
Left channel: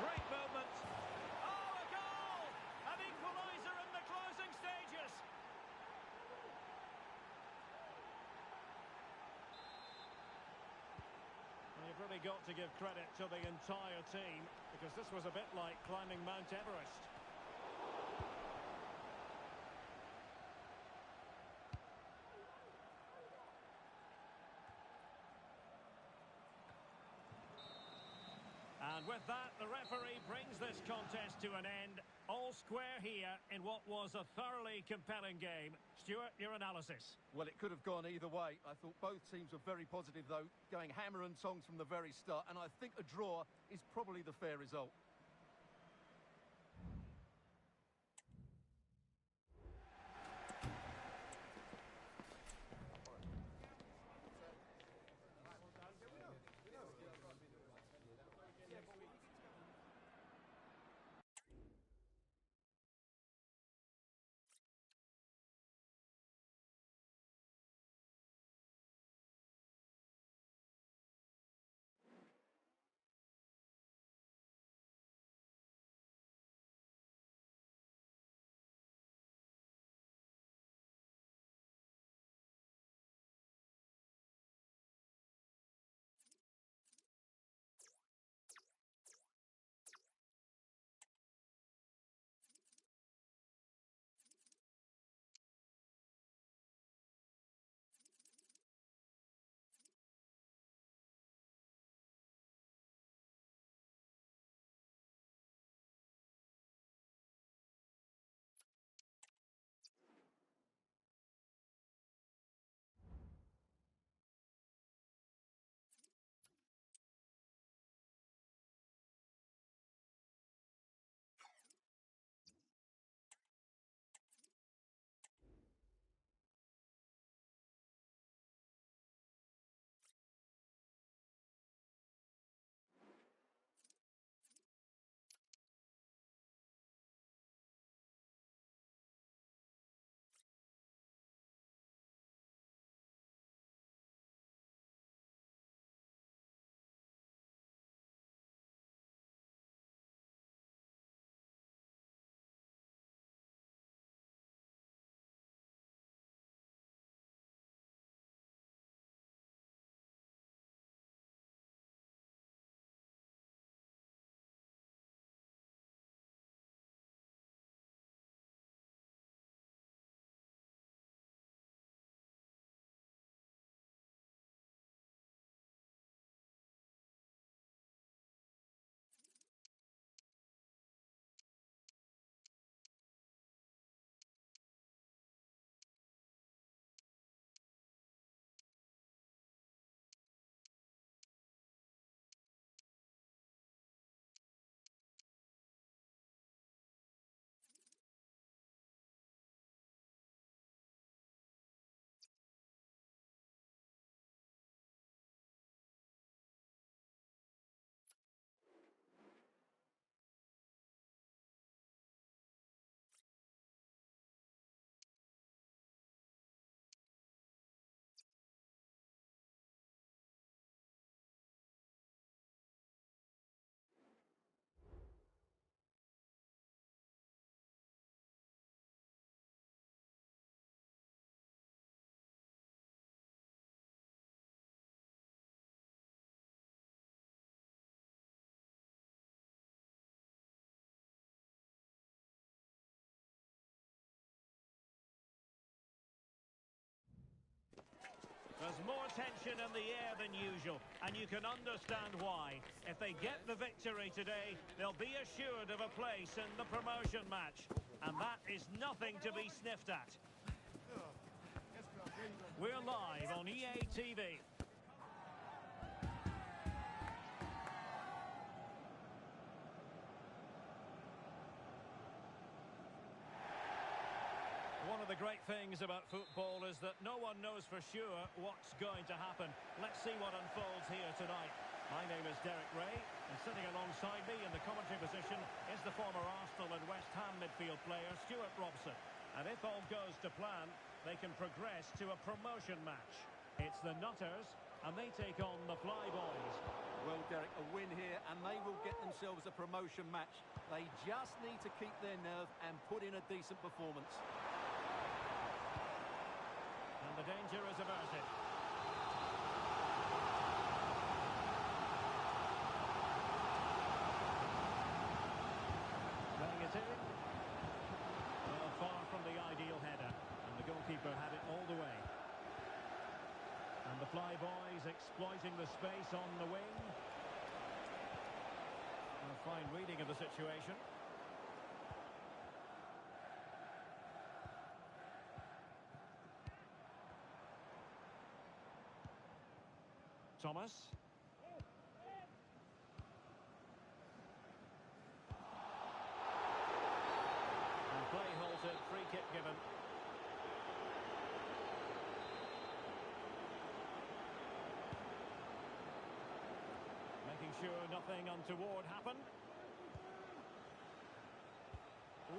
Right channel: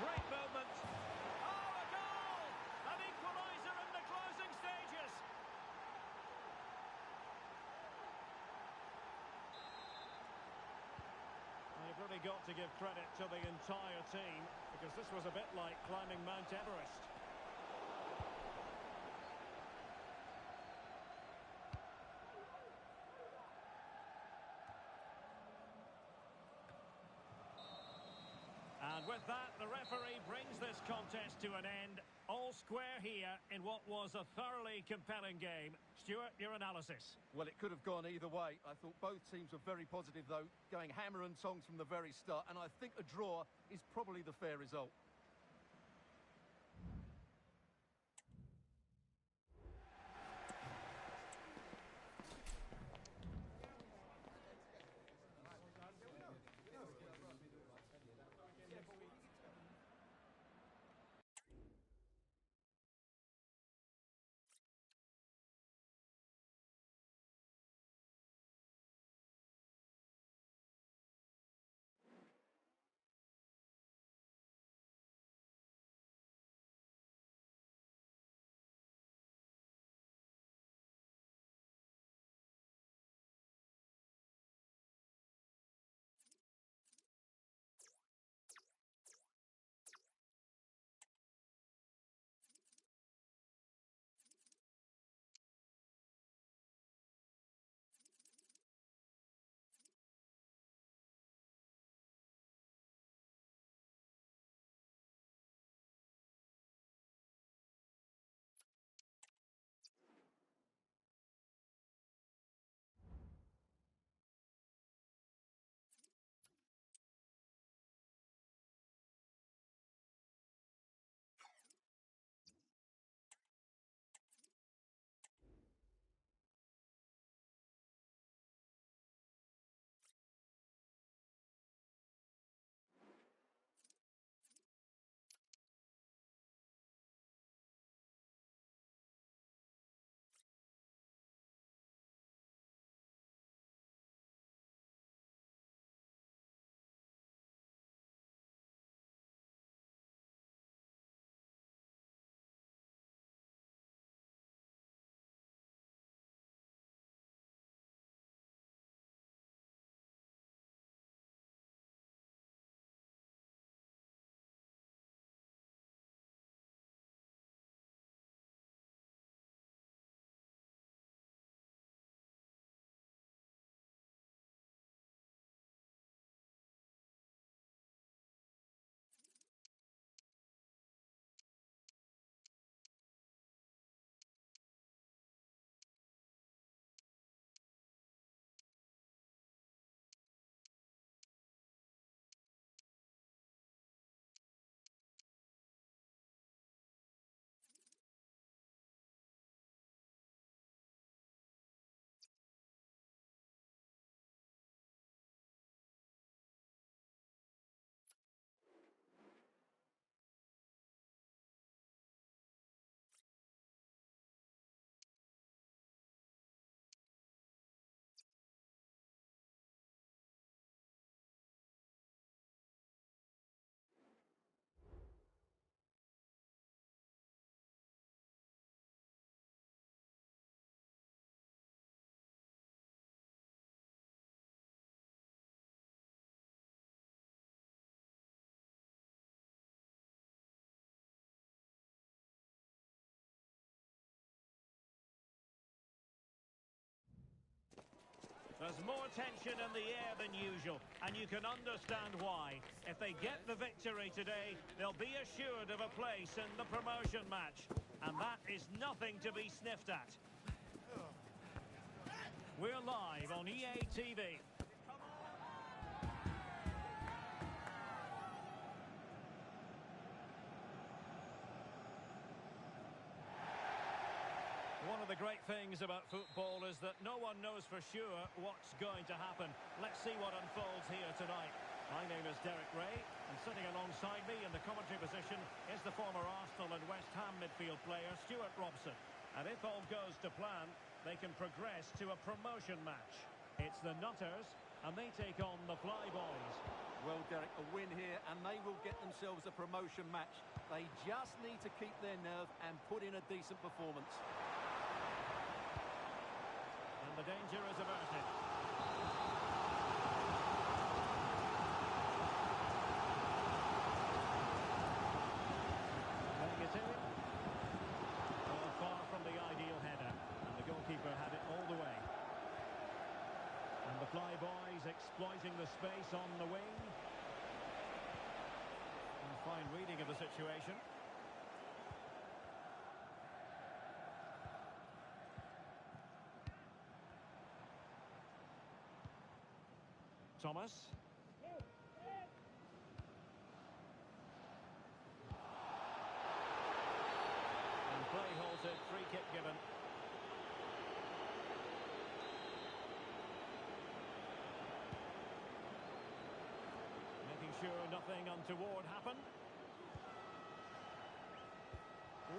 Great movement. Oh, a goal! An equaliser in the closing stages. Well, you've really got to give credit to the entire team, because this was a bit like climbing Mount Everest. And with that, the referee brings this contest to an end. All square here in what was a thoroughly compelling game. Stuart, your analysis. Well, it could have gone either way. I thought both teams were very positive, though, going hammer and tongs from the very start. And I think a draw is probably the fair result. There's more tension in the air than usual, and you can understand why. If they get the victory today, they'll be assured of a place in the promotion match. And that is nothing to be sniffed at. We're live on EA TV. One of the great things about football is that no one knows for sure what's going to happen. Let's see what unfolds here tonight. My name is Derek Ray, and sitting alongside me in the commentary position is the former Arsenal and West Ham midfield player, Stuart Robson. And if all goes to plan, they can progress to a promotion match. It's the Nutters, and they take on the Flyboys. Well, Derek, a win here, and they will get themselves a promotion match. They just need to keep their nerve and put in a decent performance. And the danger is averted. Playing it in. Well, far from the ideal header. And the goalkeeper had it all the way. And the Flyboys exploiting the space on the wing. A fine reading of the situation. Thomas. And play halted, free kick given. Making sure nothing untoward happened.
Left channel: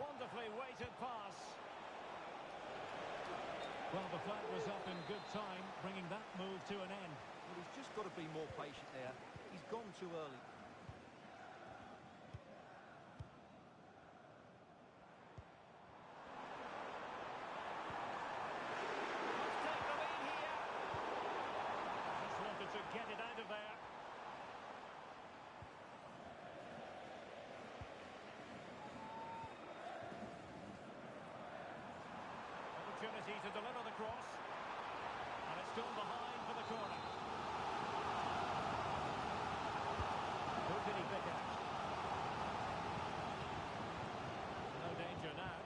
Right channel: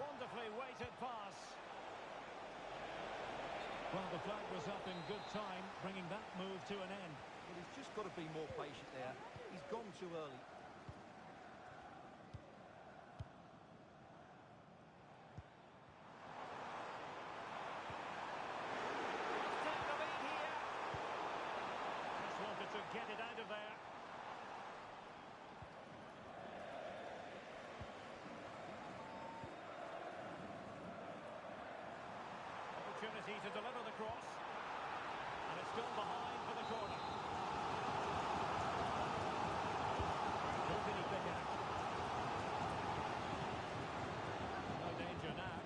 Wonderfully weighted pass. Well, the flag was up in good time, bringing that move to an end. Well, he's just got to be more patient there. He's gone too early. Must take the lead here. Just wanted to get it out of there. Opportunity to deliver the cross. And it's gone behind for the corner. Who can he pick out? No danger now.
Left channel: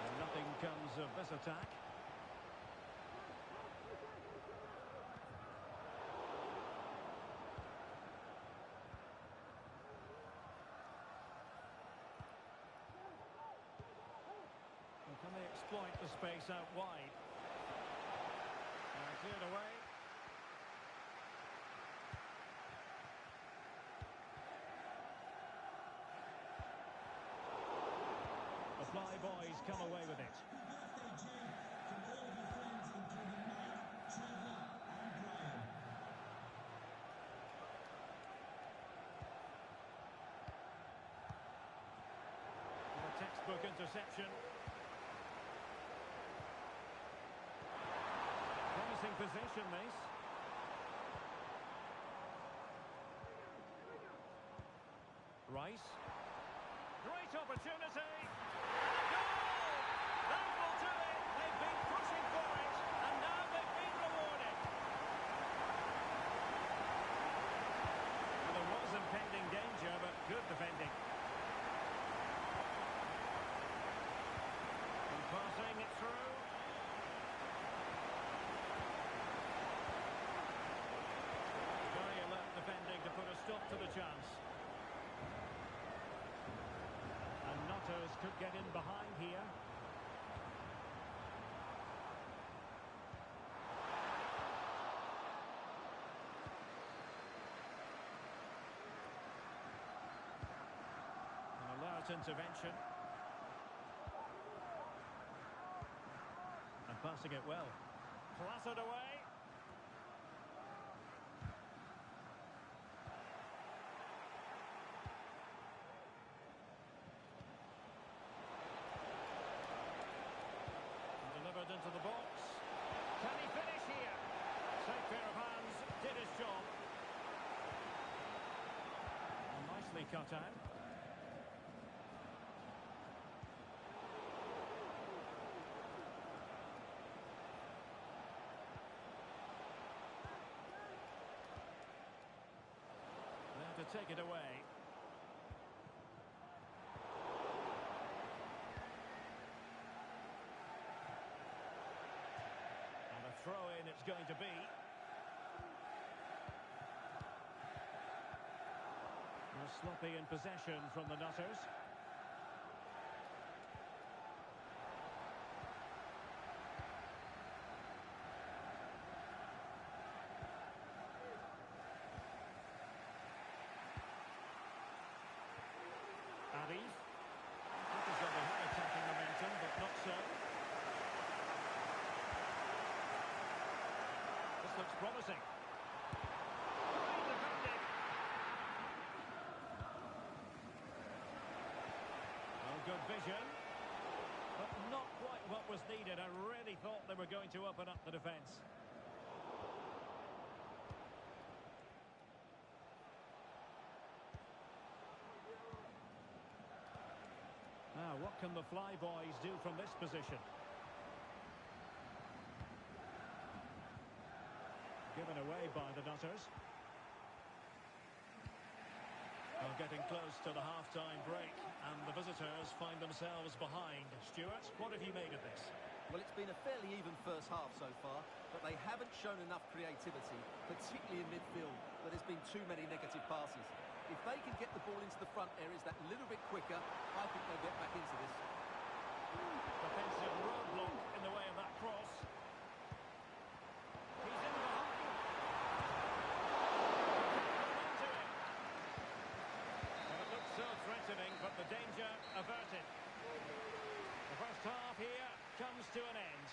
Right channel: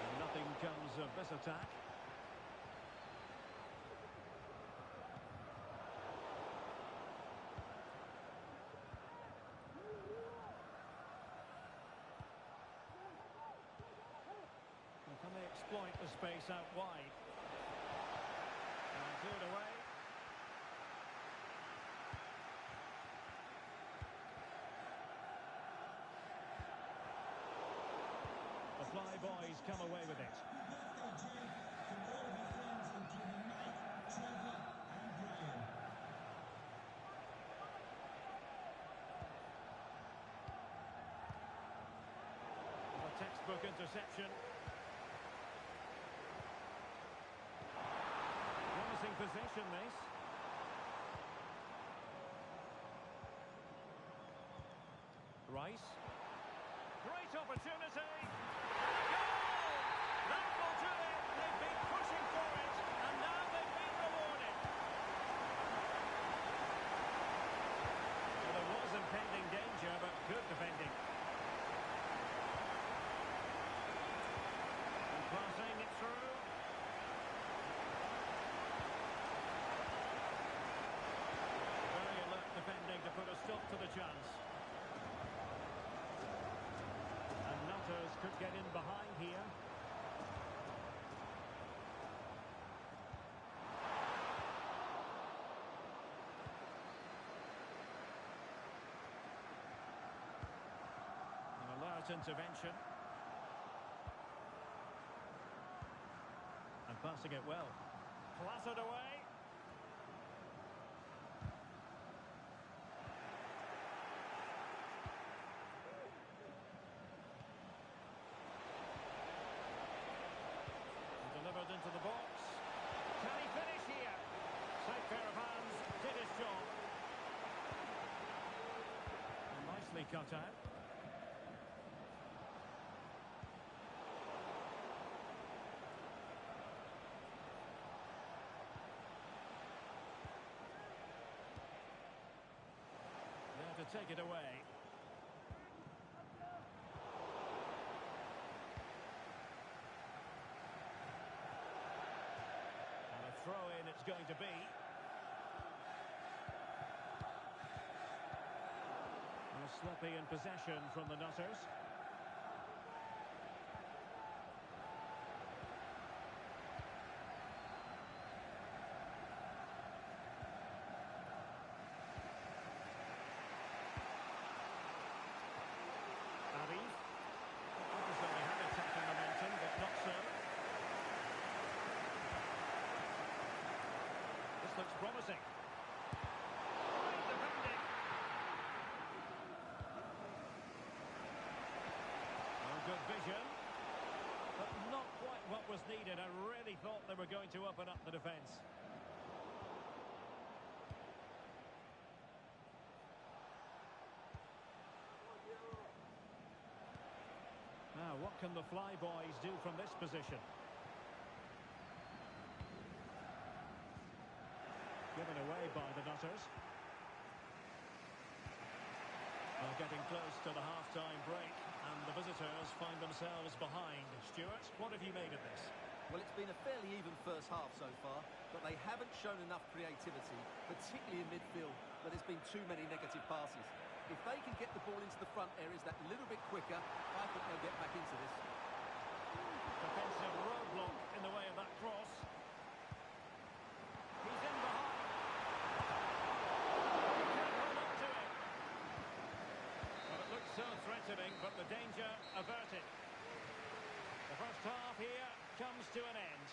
And nothing comes of this attack. Can they exploit the space out wide? And cleared away. The Flyboys come away with it. A textbook interception. Promising position, this. Rice. Great opportunity. And a goal! That will do it. They've been pushing for it, and now they've been rewarded. Well, there was impending danger, but good defending. And passing it through. Very alert defending to put a stop to the chance. And Nutters could get in behind here. An alert intervention. And passing it well. Clattered away. Delivered into the box. Can he finish here? Safe pair of hands, did his job. And nicely cut out. There to take it away. Throw-in it's going to be. And a sloppy in possession from the Nutters. Arif. Look as though they had attacking momentum, but not so. This looks promising. Great defending. Oh, good vision. But not quite what was needed. I really thought they were going to open up the defence. Now, what can the Flyboys do from this position? Given away by the Nutters. Well, getting close to the half-time break, and the visitors find themselves behind. Stuart, what have you made of this? Well, it's been a fairly even first half so far, but they haven't shown enough creativity, particularly in midfield, where there's been too many negative passes. If they can get the ball into the front areas that little bit quicker, I think they'll get back into this. Defensive roadblock in the way of that cross. He's in behind. He can't hold on to it. Well, it looks so threatening, but the danger averted. The first half here comes to an end.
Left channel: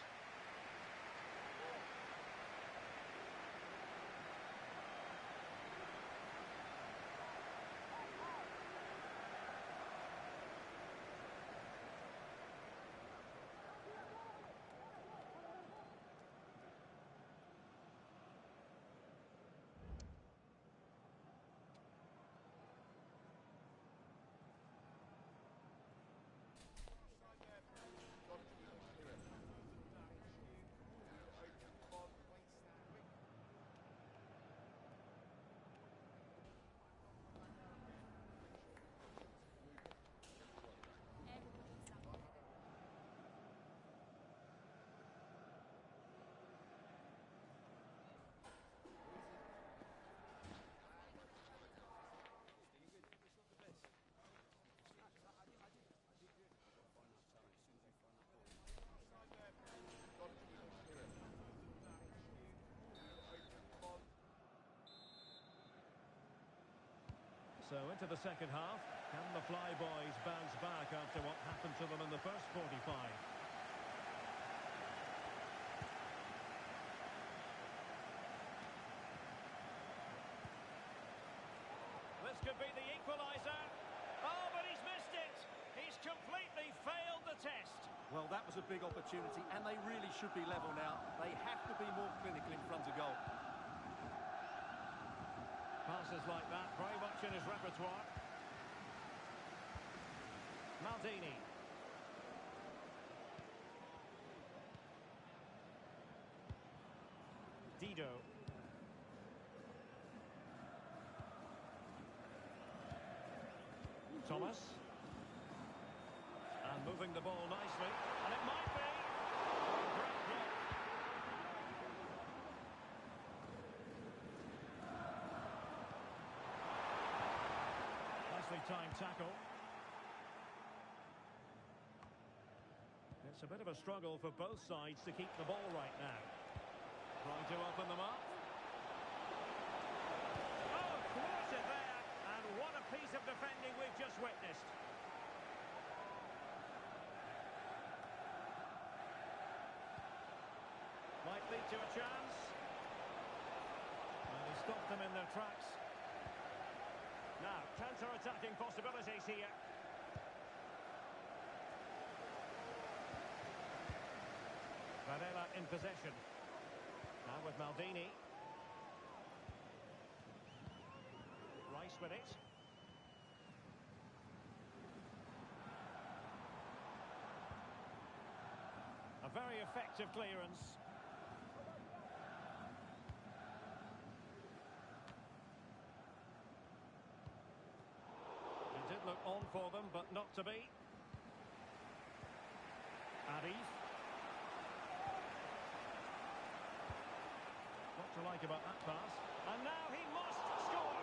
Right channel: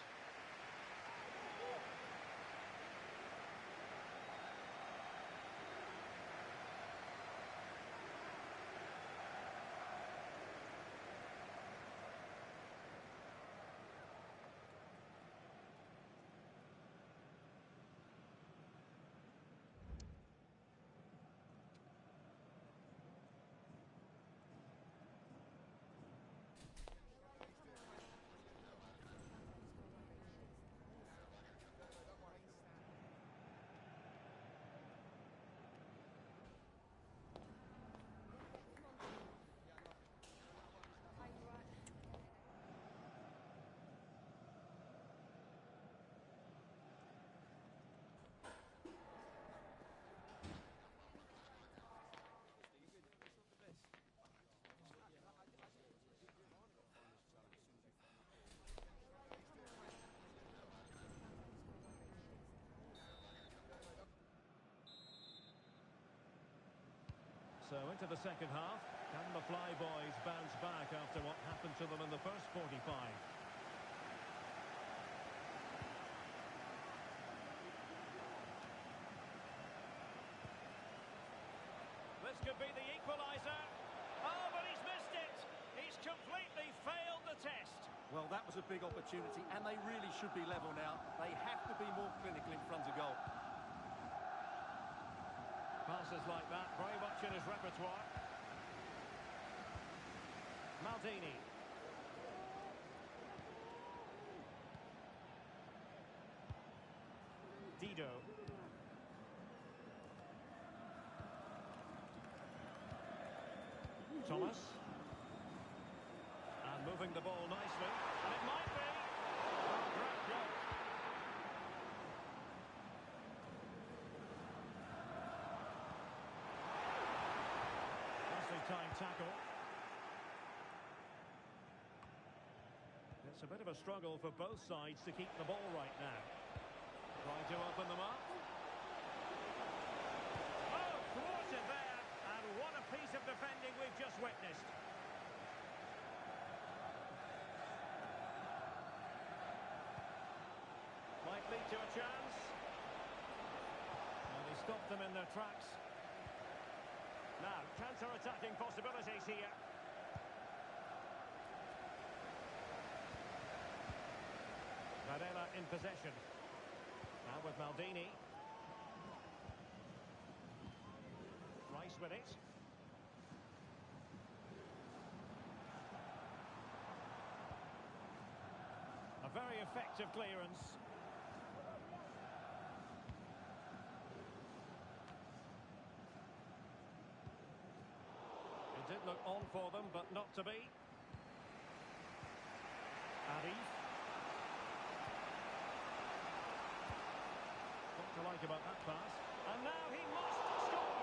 So into the second half, can the Flyboys bounce back after what happened to them in the first 45? This could be the equaliser. Oh, but he's missed it. He's completely failed the test. Well, that was a big opportunity, and they really should be level now. They have to be more clinical in front of goal. Passes like that, very much in his repertoire. Maldini. Dido. Thomas. And moving the ball nicely. And it might be. Oh, great block. Nicely timed tackle. It's a bit of a struggle for both sides to keep the ball right now. Trying to open them up. Oh, thwarted there. And what a piece of defending we've just witnessed. Might lead to a chance. And he stopped them in their tracks. Now, counter-attacking possibilities here. Varela in possession. Now with Maldini. Rice with it. A very effective clearance. It did look on for them, but not to be. Arif. What to like about that pass? And now he must score!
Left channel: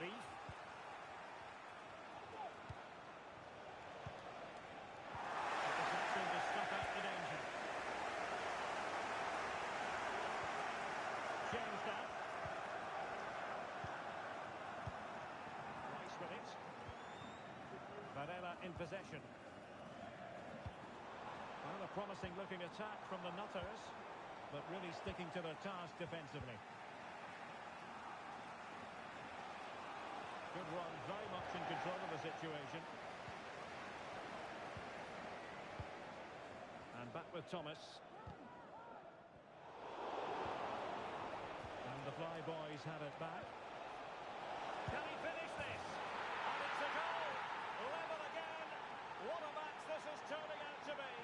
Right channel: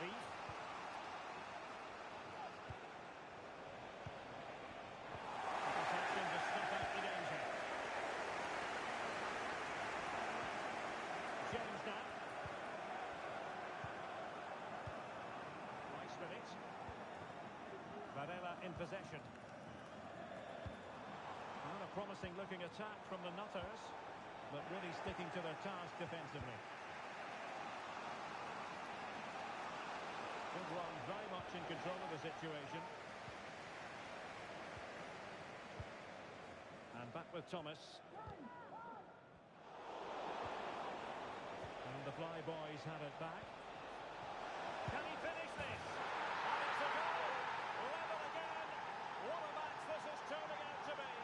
Arif. Interception to stop out the danger. James now. Rice with it. Varela in possession. Well, a promising looking attack from the Nutters, but really sticking to their task defensively. Good run, very much in control of the situation. And back with Thomas. And the Flyboys have it back. Can he finish this? And it's a goal! Level again! What a match this is turning out to be!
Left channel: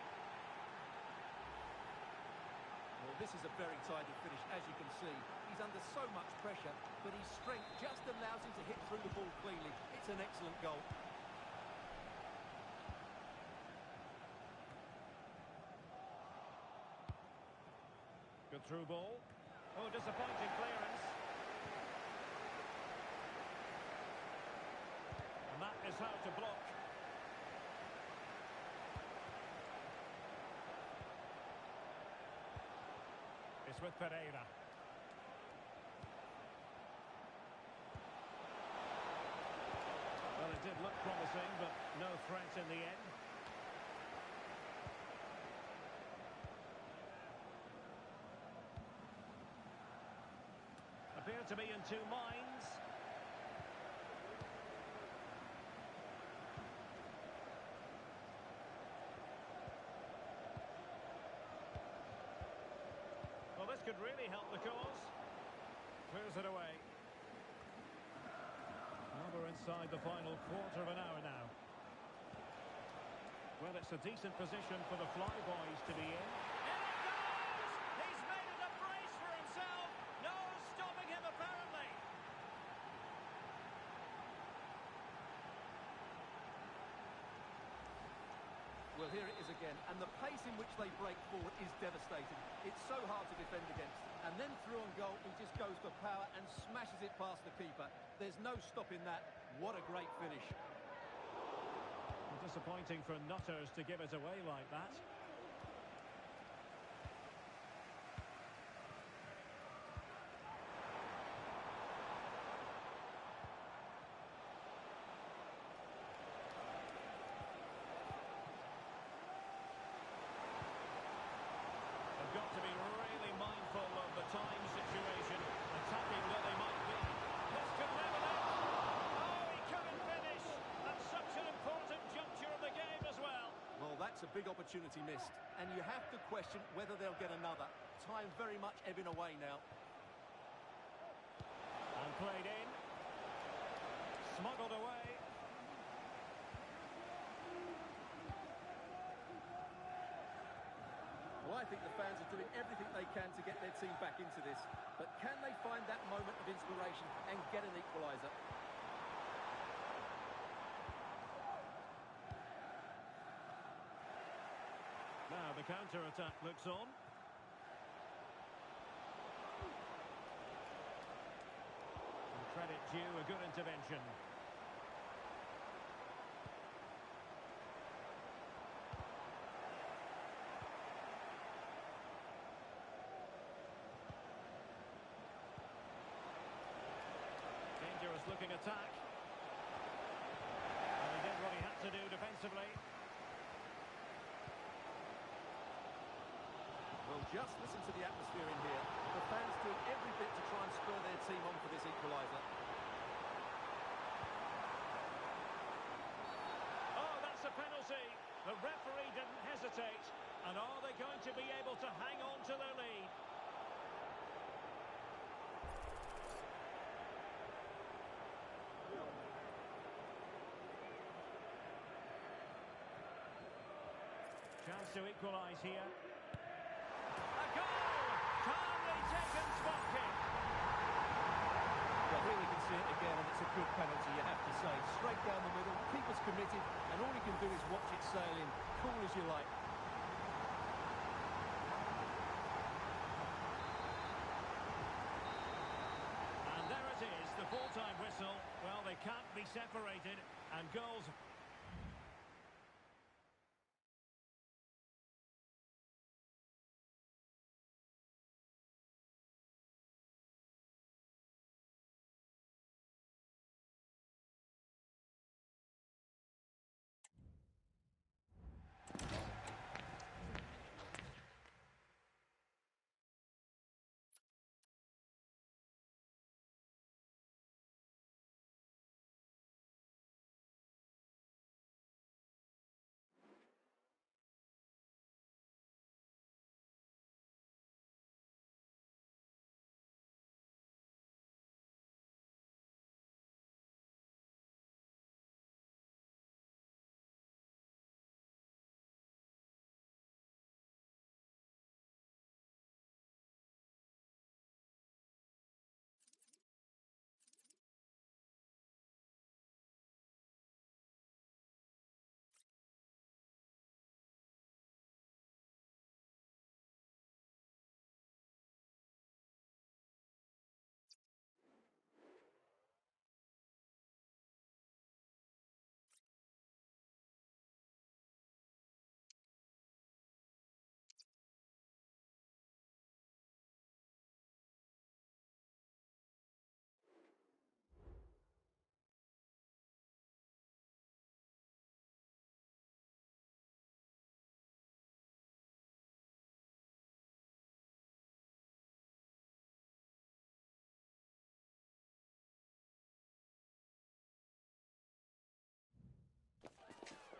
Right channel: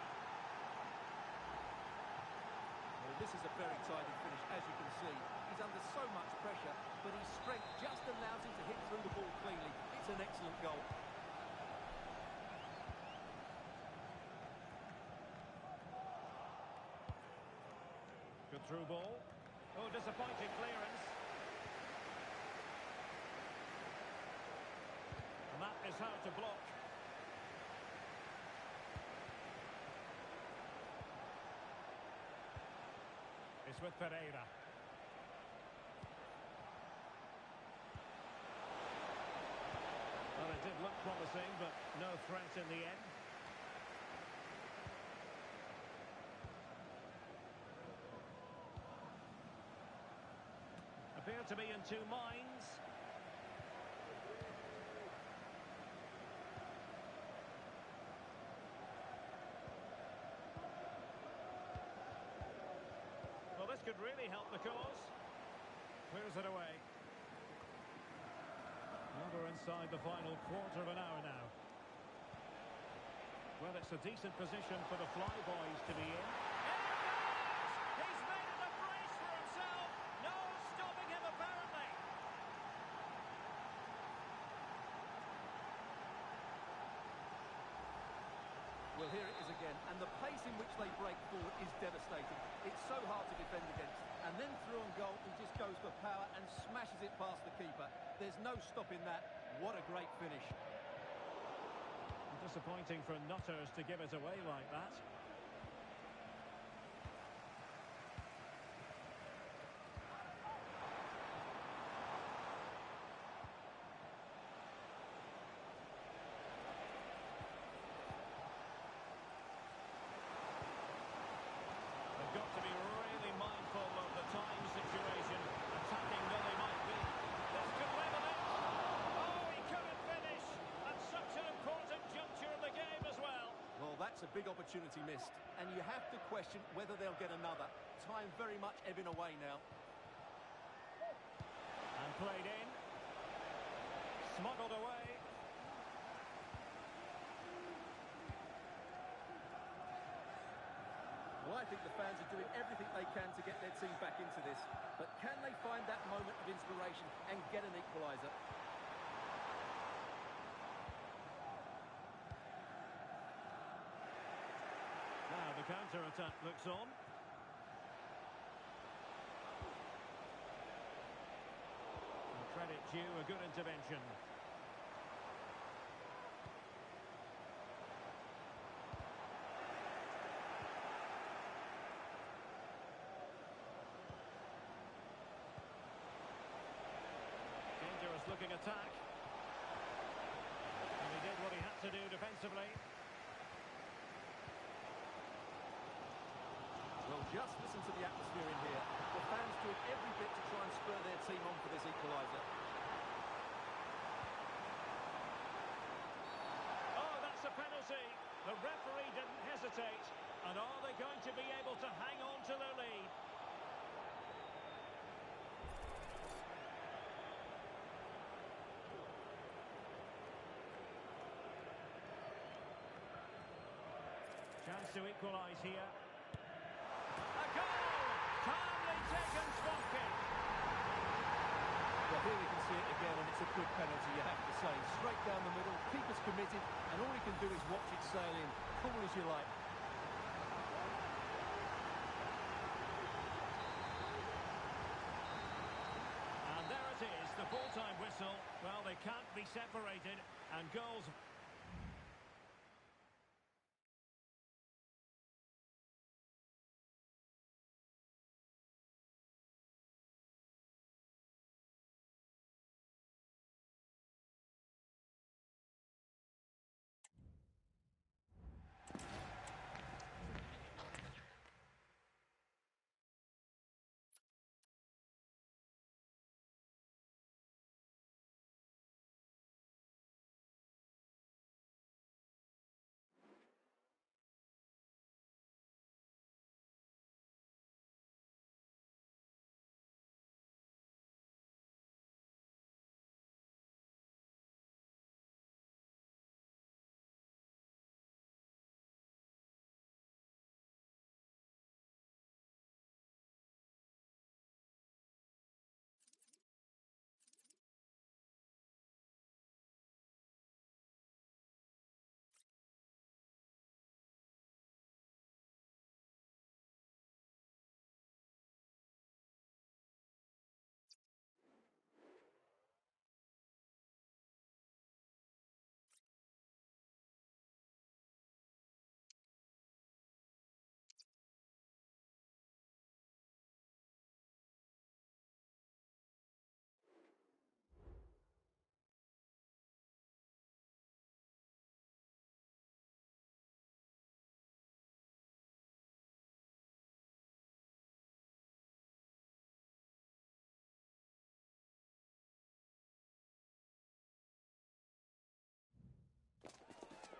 Well, this is a very tidy finish, as you can see. He's under so much pressure, but his strength just allows him to hit through the ball cleanly. It's an excellent goal. Good through ball. Oh, disappointing clearance. And that is how to block. It's with Pereira. Well, it did look promising, but no threat in the end. Appear to be in two minds. Well, this could really help the cause. Clears it away. Well, we're inside the final quarter of an hour now. Well, it's a decent position for the Flyboys to be in. And it goes! He's made it a brace for himself. No stopping him, apparently. Well, here it is again, and the pace in which they break forward is devastating. It's so hard to defend against. And then through on goal, he just goes for power and smashes it past the keeper. There's no stopping that. What a great finish. Well, disappointing for Nutters to give it away like that. They've got to be really mindful of the time situation, attacking though they might be. This could level it. Oh, he couldn't finish. At such an important juncture of the game as well. Well, that's a big opportunity missed. And you have to question whether they'll get another. Time very much ebbing away now. And played in. Smuggled away. Well, I think the fans are doing everything they can to get their team back into this. But can they find that moment of inspiration and get an equaliser? Now the counter-attack looks on. And credit due, a good intervention. Dangerous looking attack. And he did what he had to do defensively. Well, just listen to the atmosphere in here. The fans doing every bit to try and spur their team on for this equaliser. Oh, that's a penalty. The referee didn't hesitate. And are they going to be able to hang on to their lead? Chance to equalise here. A goal! Calmly taken spot kick. Well, here we can see it again, and it's a good penalty, you have to say. Straight down the middle, keeper's committed, and all he can do is watch it sail in. Cool as you like. And there it is, the full-time whistle. whistle. Well, they can't be separated, and goals...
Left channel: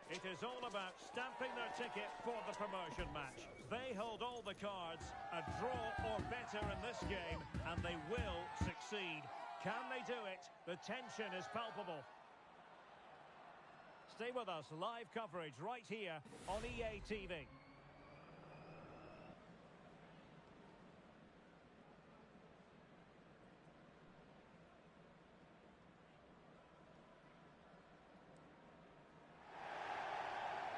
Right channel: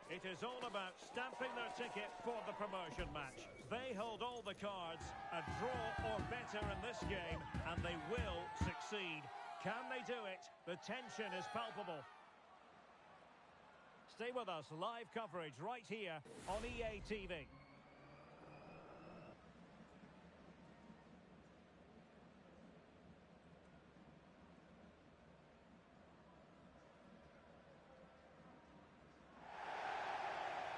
It is all about stamping their ticket for the promotion match. They hold all the cards, a draw or better in this game, and they will succeed. Can they do it? The tension is palpable. Stay with us, live coverage right here on EA TV.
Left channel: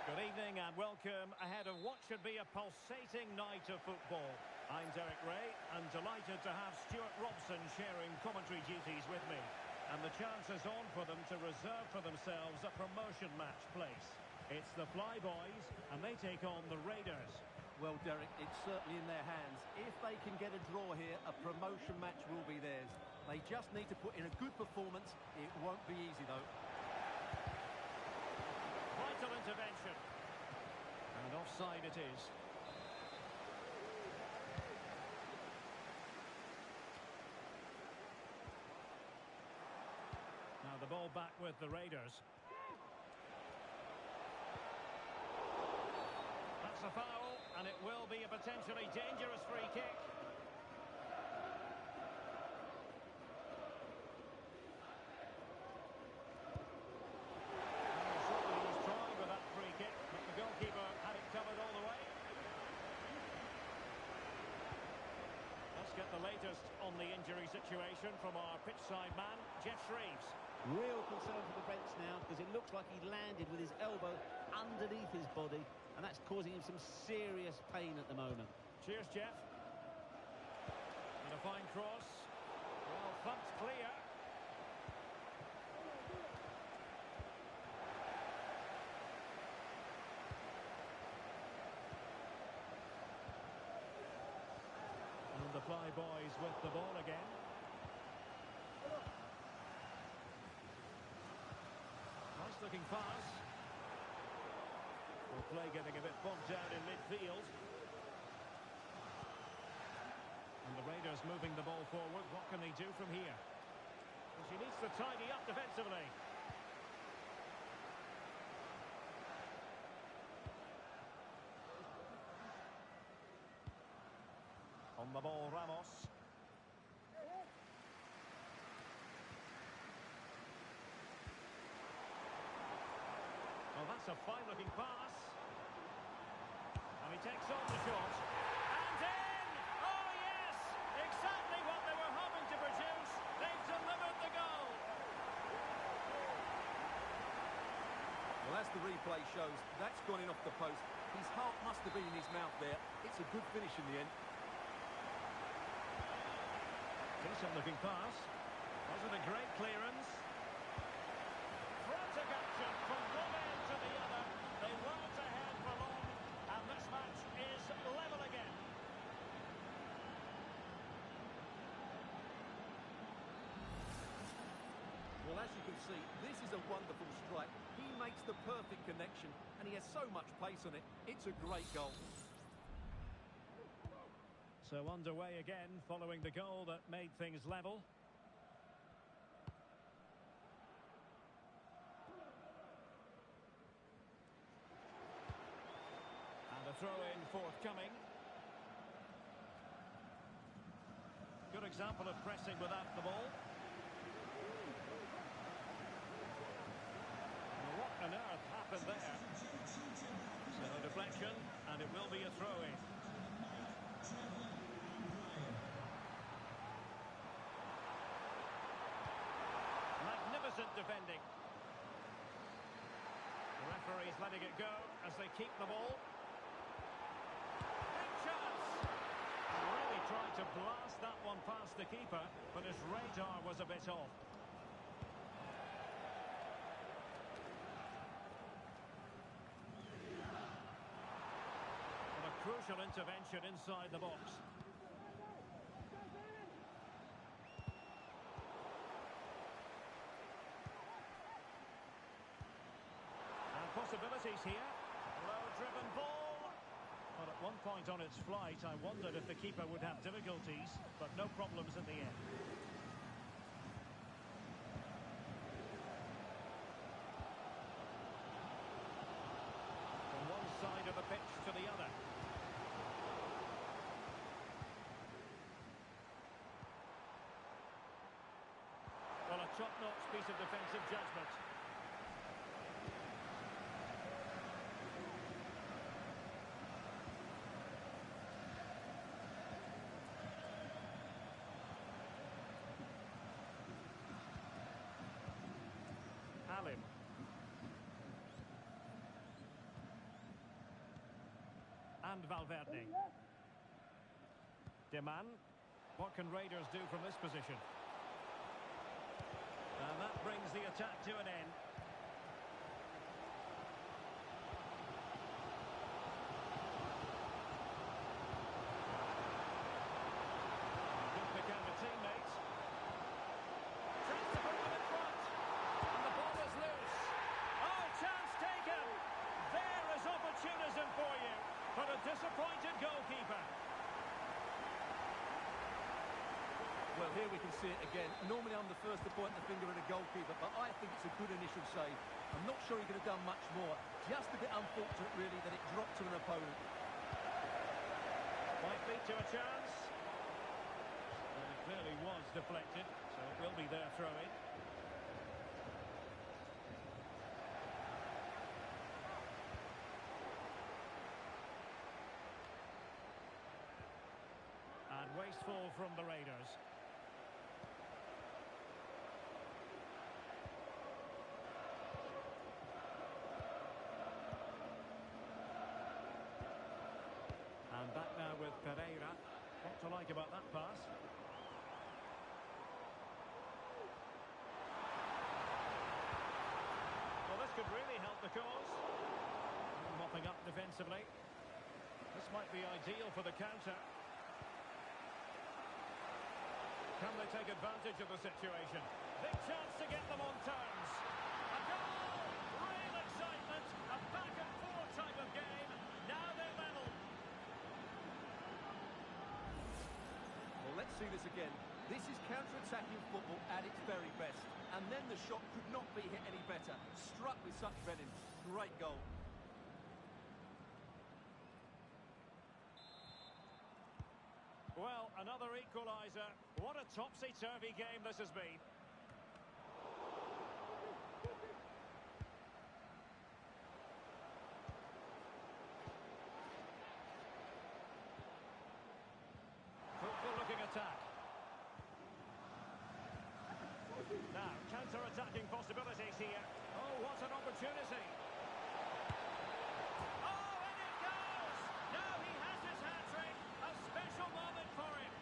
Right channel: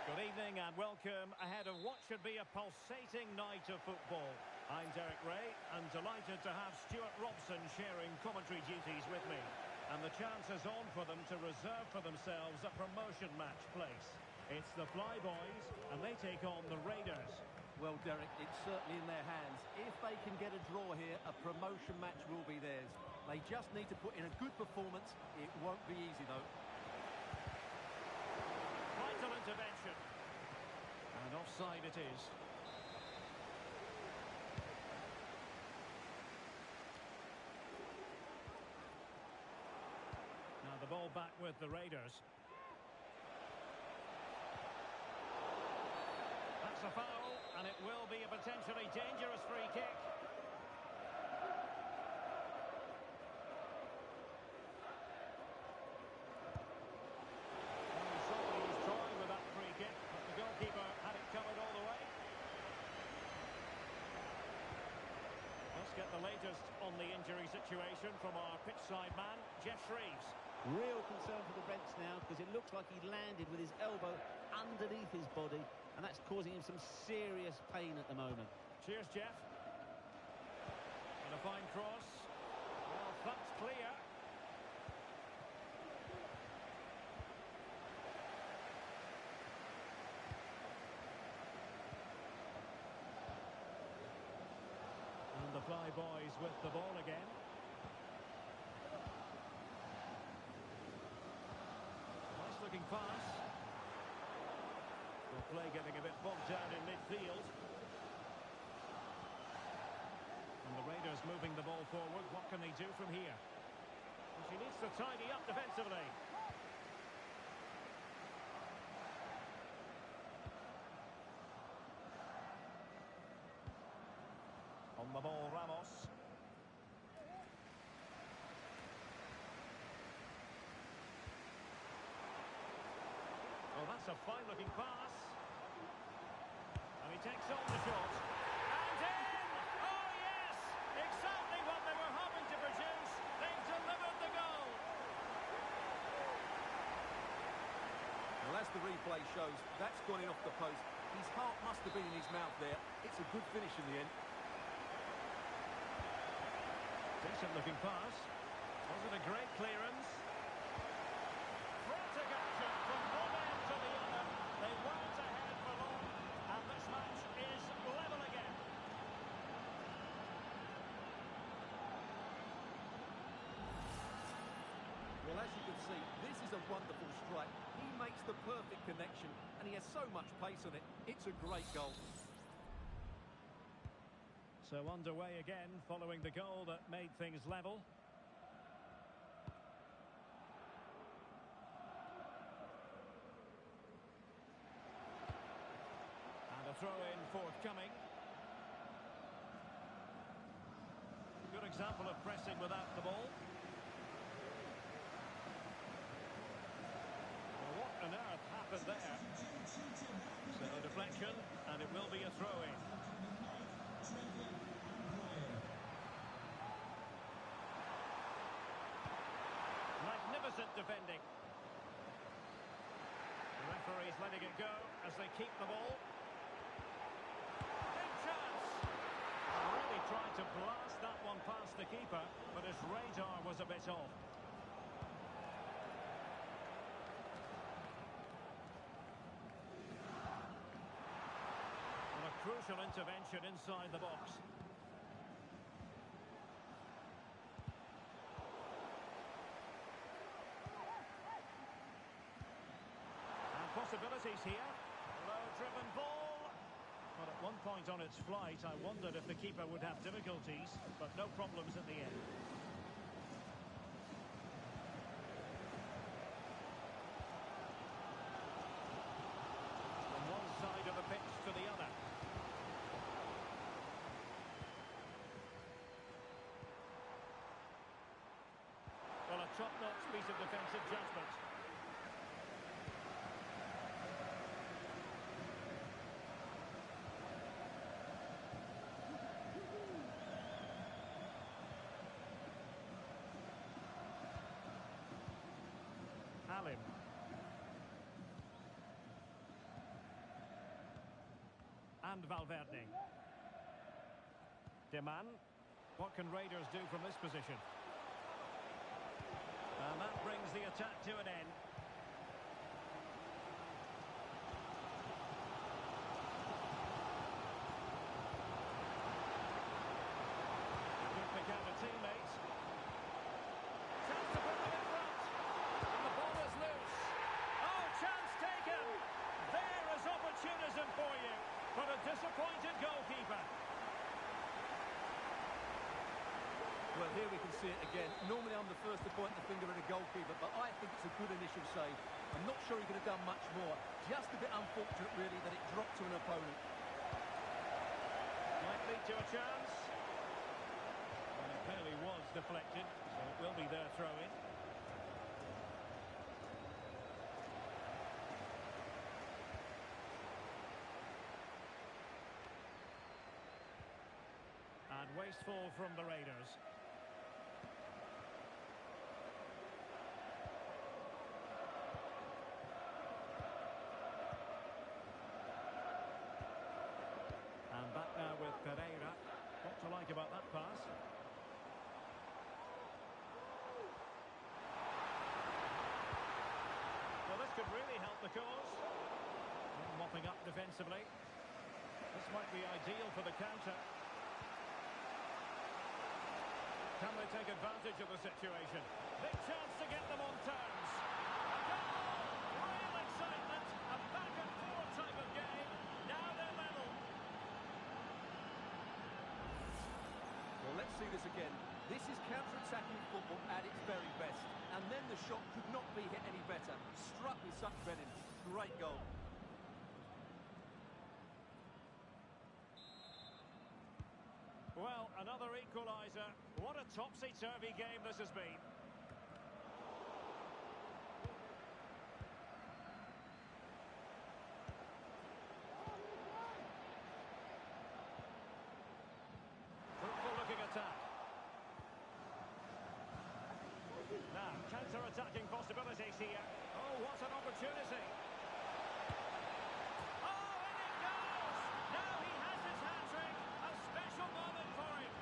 Good evening and welcome ahead of what should be a pulsating night of football. I'm Derek Ray and delighted to have Stuart Robson sharing commentary duties with me. And the chance is on for them to reserve for themselves a promotion match place. It's the Flyboys and they take on the Raiders. Well, Derek, it's certainly in their hands. If they can get a draw here, a promotion match will be theirs. They just need to put in a good performance. It won't be easy, though. Vital intervention. And offside it is. Now the ball back with the Raiders. That's a foul, and it will be a potentially dangerous free kick. Get the latest on the injury situation from our pitchside man, Jeff Shreves. Real concern for the Reds now because it looks like he landed with his elbow underneath his body and that's causing him some serious pain at the moment. Cheers, Jeff. And a fine cross. Well, thumped clear. And the Flyboys with the ball again. Nice looking pass. Well, play getting a bit bogged down in midfield. And the Raiders moving the ball forward. What can they do from here? Well, she needs to tidy up defensively. On the ball, Ramos. Oh, that's a fine-looking pass. And he takes on the shot. And in! Oh, yes! Exactly what they were hoping to produce. They've delivered the goal. Well, as the replay shows, that's gone in off the post. His heart must have been in his mouth there. It's a good finish in the end. Decent looking pass. Was it a great clearance? Well, as you can see, this is a wonderful strike. He makes the perfect connection, and he has so much pace on it. It's a great goal. So underway again, following the goal that made things level. And a throw-in forthcoming. Good example of pressing without the ball. Well, what on earth happened there? So a deflection, and it will be a throw-in. Magnificent defending. The referee's letting it go as they keep the ball. Big chance! And really tried to blast that one past the keeper, but his radar was a bit off. And a crucial intervention inside the box. Possibilities here. Low-driven ball. But at one point on its flight, I wondered if the keeper would have difficulties, but no problems in the end. From one side of the pitch to the other. Well, a top-notch piece of defensive judgment. Halim. And Valverde. Deman. What can Raiders do from this position? And that brings the attack to an end. Good pick out of teammates. Chance to put them in front. And the ball is loose. Oh, chance taken. There is opportunism for you. But a disappointed goalkeeper. Well, here we can see it again. Normally I'm the first to point the finger at a goalkeeper, but I think it's a good initial save. I'm not sure he could have done much more. Just a bit unfortunate, really, that it dropped to an opponent. Might lead to a chance. Well, it clearly was deflected, so it will be their throw-in. And wasteful from the Raiders. And back now with Pereira. What to like about that pass? Well, this could really help the cause. Mopping up defensively. This might be ideal for the counter. Can they take advantage of the situation? Big chance to get them on terms. A goal! Real excitement. A back-and-forth type of game. Now they're level. Well, let's see this again. This is counter-attacking football at its very best. And then the shot could not be hit any better. Struck with such venom. Great goal. Well, another equaliser. What a topsy-turvy game this has been. Fruitful-looking attack. Now, counter-attacking possibilities here. Oh, what an opportunity. Oh, and it goes! Now he has his hat-trick. A special moment for him.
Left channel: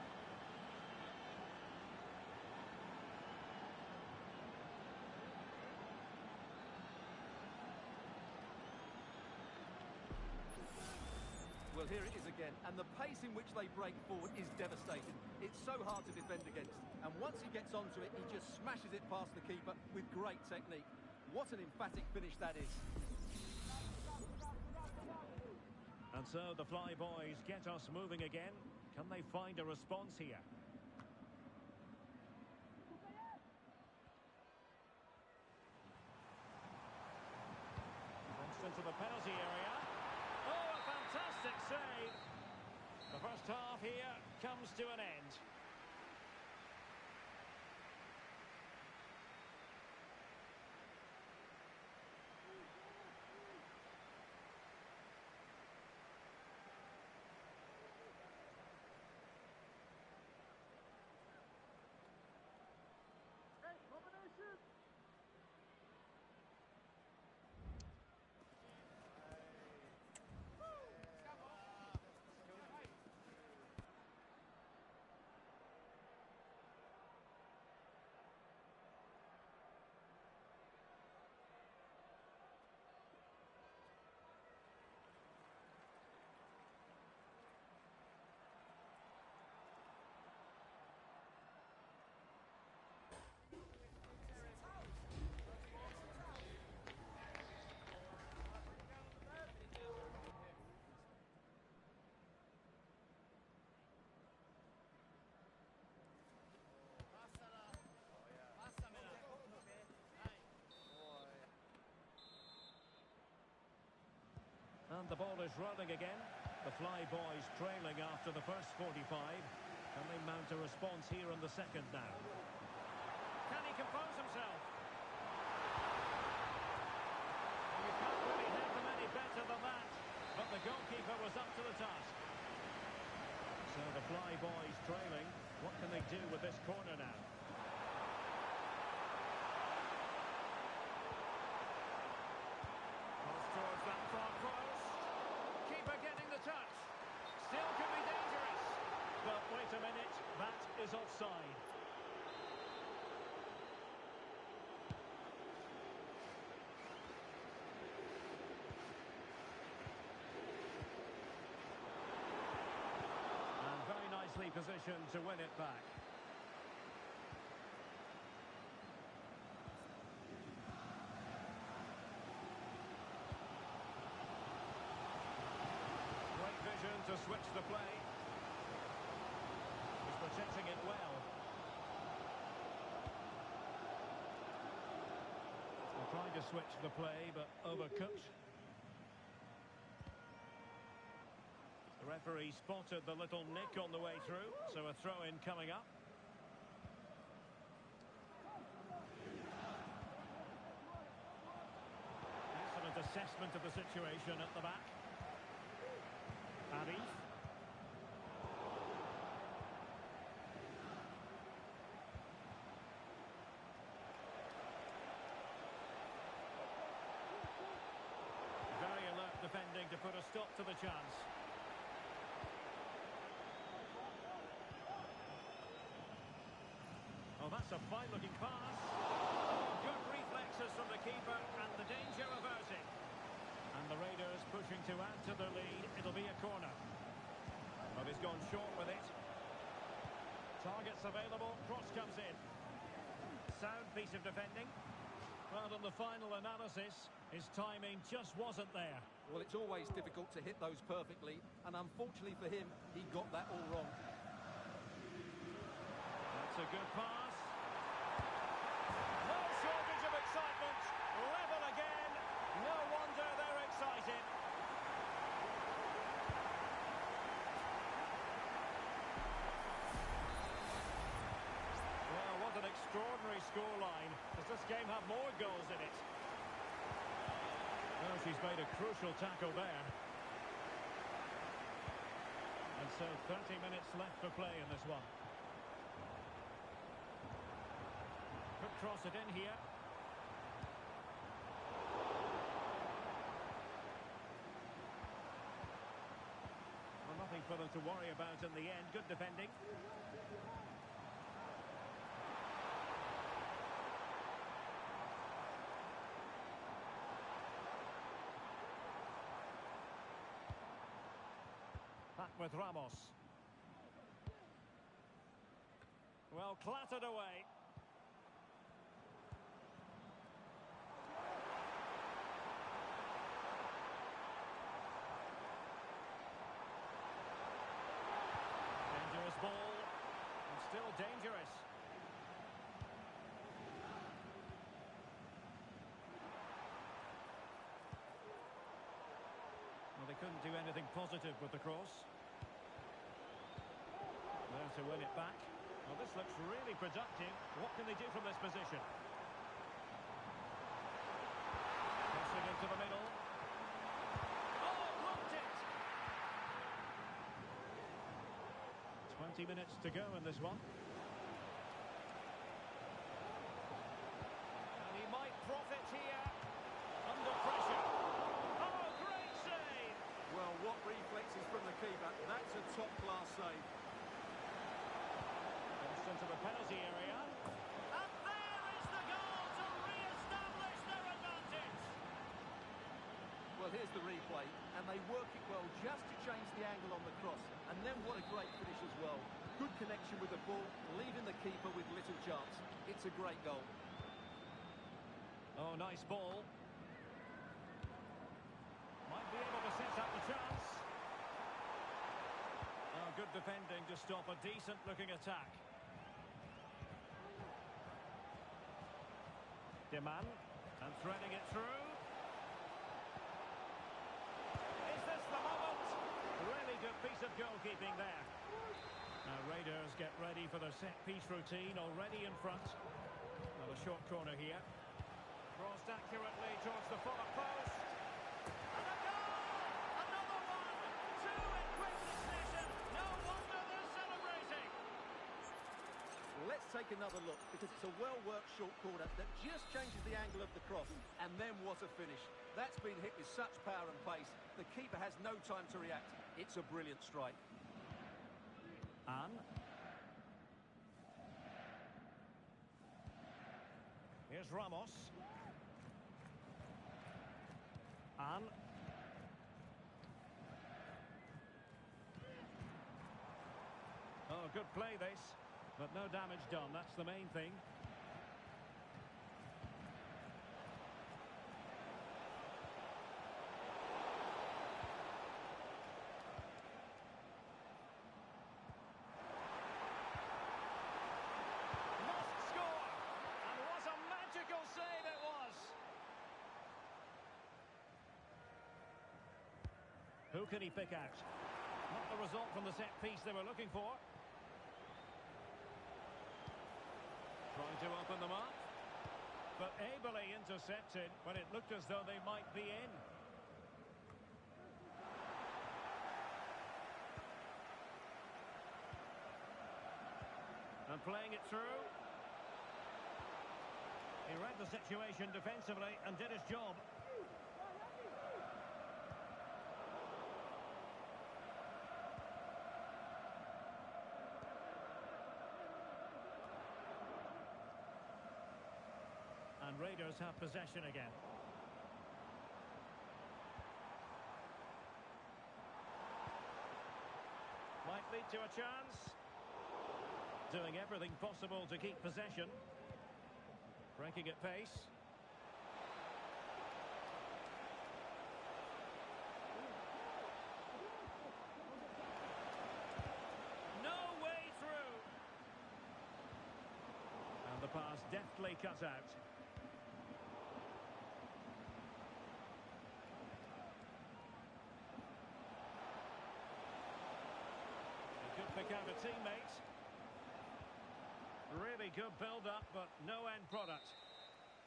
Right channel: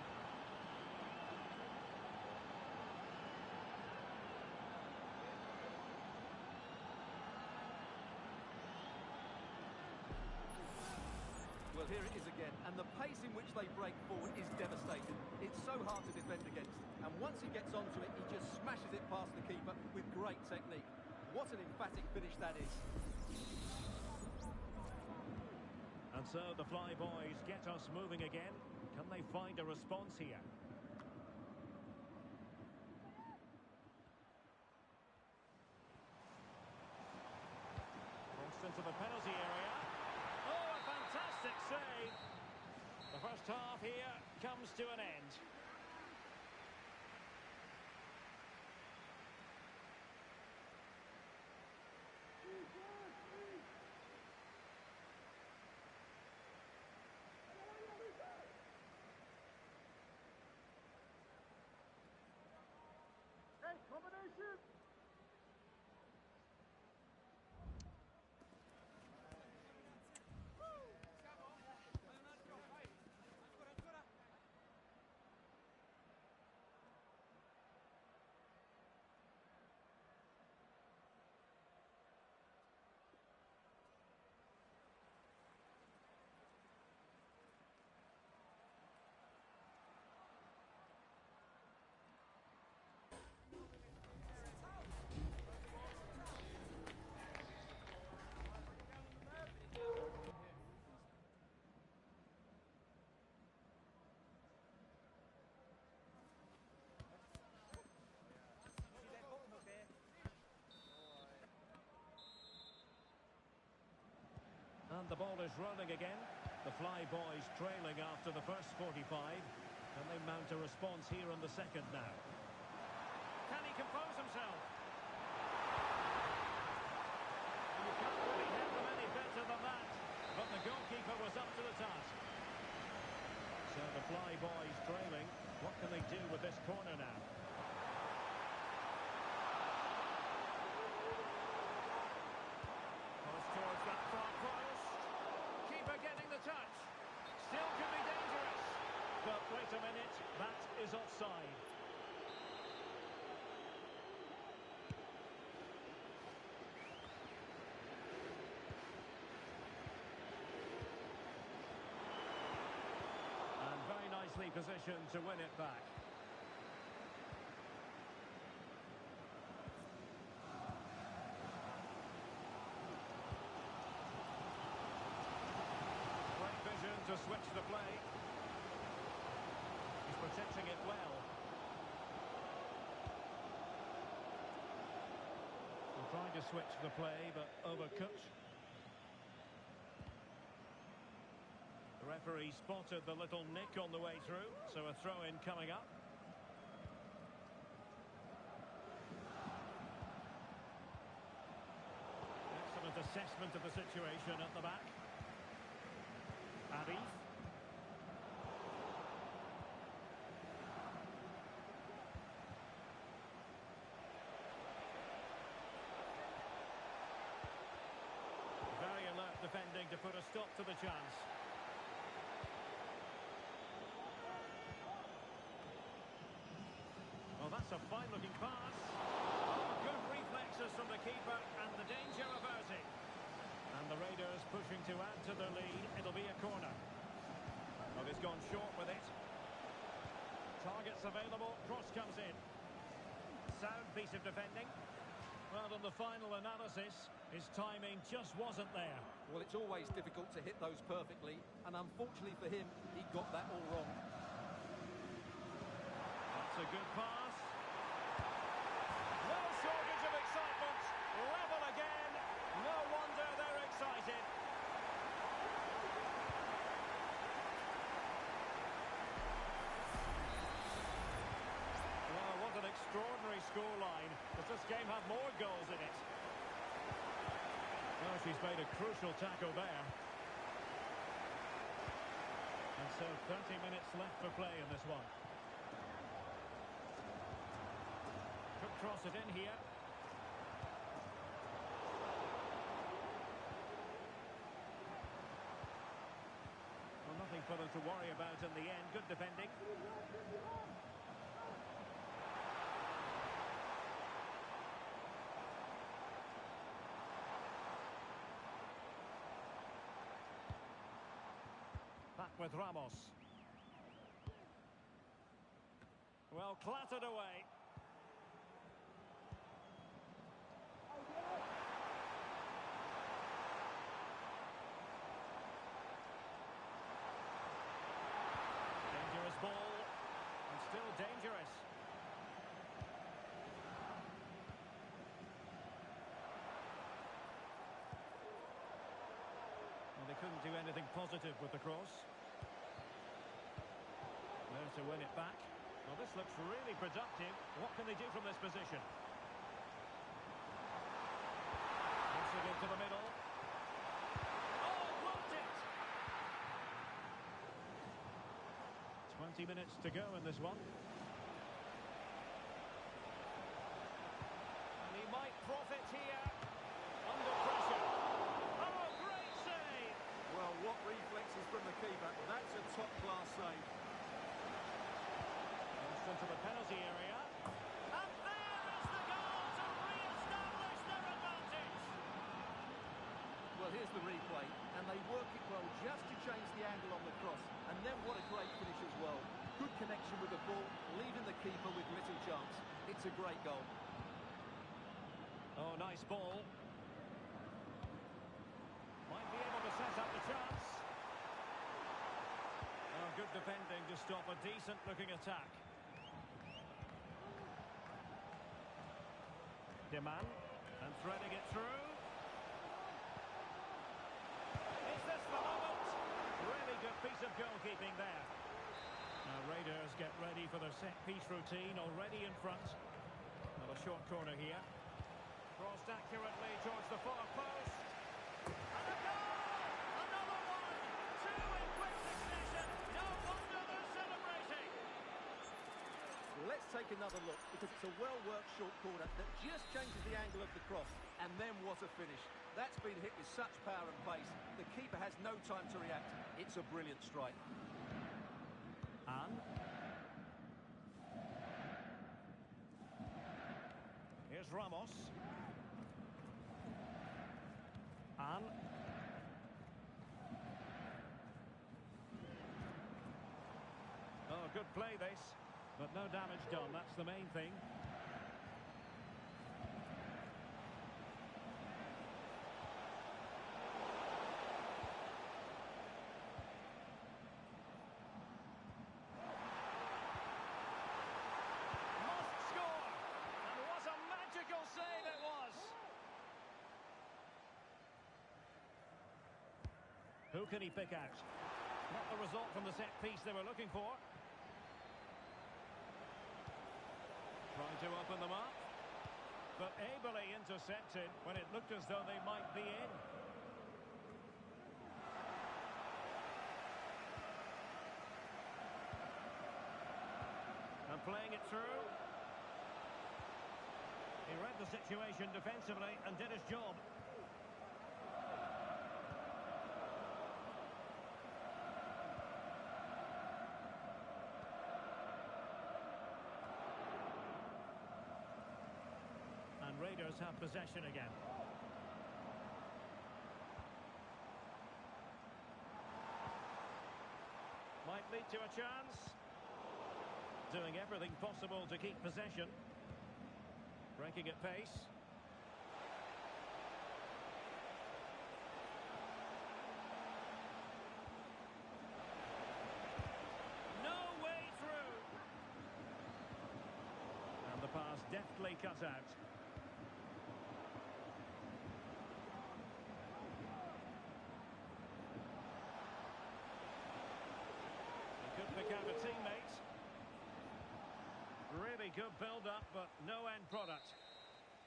Well, here it is again, and the pace in which they break forward is devastating. It's so hard to defend against, and once he gets onto it, he just smashes it past the keeper with great technique. What an emphatic finish that is. And so the Fly Boys get us moving again. Can they find a response here? Crossed into the penalty area. Oh, a fantastic save. The first half here comes to an end. Combination! And the ball is rolling again. The Fly Boys trailing after the first 45. Can they mount a response here in the second now? Can he compose himself? You can't really have them any better than that. But the goalkeeper was up to the task. So the Fly Boys trailing. What can they do with this corner now? Cross towards that far post. Keeper getting the touch. Still could be dangerous. But wait a minute, that is offside. And very nicely positioned to win it back. Vision to switch the play. He's protecting it well. They're trying to switch the play, but overcooked. The referee spotted the little nick on the way through, so a throw-in coming up. Excellent assessment of the situation at the back. Arif. Very alert defending to put a stop to the chance. Oh, that's a fine-looking pass. Oh, good reflexes from the keeper and the danger averted. And the Raiders pushing to add to the lead. It'll be a corner. But he's gone short with it. Targets available. Cross comes in. Sound piece of defending. Well, on the final analysis, his timing just wasn't there. Well, it's always difficult to hit those perfectly. And unfortunately for him, he got that all wrong. That's a good pass. No shortage of excitement. Level again. No wonder they're excited. Well, what an extraordinary scoreline. Does this game have more goals in it? Oh, she's made a crucial tackle there. And so 30 minutes left for play in this one. Could cross it in here. Well, nothing for them to worry about in the end. Good defending. Back with Ramos. Well, clattered away. dangerous. Well, they couldn't do anything positive with the cross. There to win it back. Well, this looks really productive. What can they do from this position? Crossing into the middle. Oh, blocked it! 20 minutes to go in this one. And he might profit here. Under pressure. Oh, great save! Well, what reflexes from the keeper. That's a top-class save. Crossed into the penalty area. And there is the goal to re-establish their advantage. Well, here's the replay, and they work it well just to change the angle on the cross. And then what a great finish as well. Good connection with the ball, leaving the keeper with little chance. It's a great goal. Oh, nice ball. Might be able to set up the chance. Oh, good defending to stop a decent-looking attack. Deman, and threading it through. Is this the moment? Really good piece of goalkeeping there. Now Raiders get ready for their set-piece routine, already in front. Well, a short corner here. Crossed accurately towards the far post. And a goal! Another one! Two in quick succession. No wonder they're celebrating. Let's take another look, because it's a well-worked short corner that just changes the angle of the cross. And then what a finish. That's been hit with such power and pace. The keeper has no time to react. It's a brilliant strike. And here's Ramos. And oh, good play this, but no damage done. That's the main thing. Save it was. Who can he pick out? Not the result from the set piece they were looking for. Trying to open them up, but ably intercepted when it looked as though they might be in. And playing it through. He read the situation defensively and did his job. And Raiders have possession again. Might lead to a chance. Doing everything possible to keep possession. Breaking at pace. No way through. And the pass deftly cut out. He could pick out a teammate. Really good build-up, but no end product.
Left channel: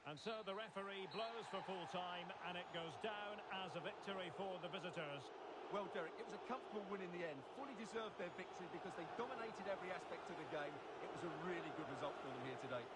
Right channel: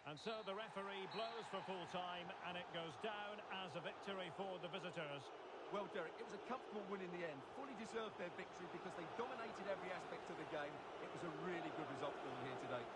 And so the referee blows for full time, and it goes down as a victory for the visitors. Well, Derek, it was a comfortable win in the end. Fully deserved their victory because they dominated every aspect of the game. It was a really good result for them here today.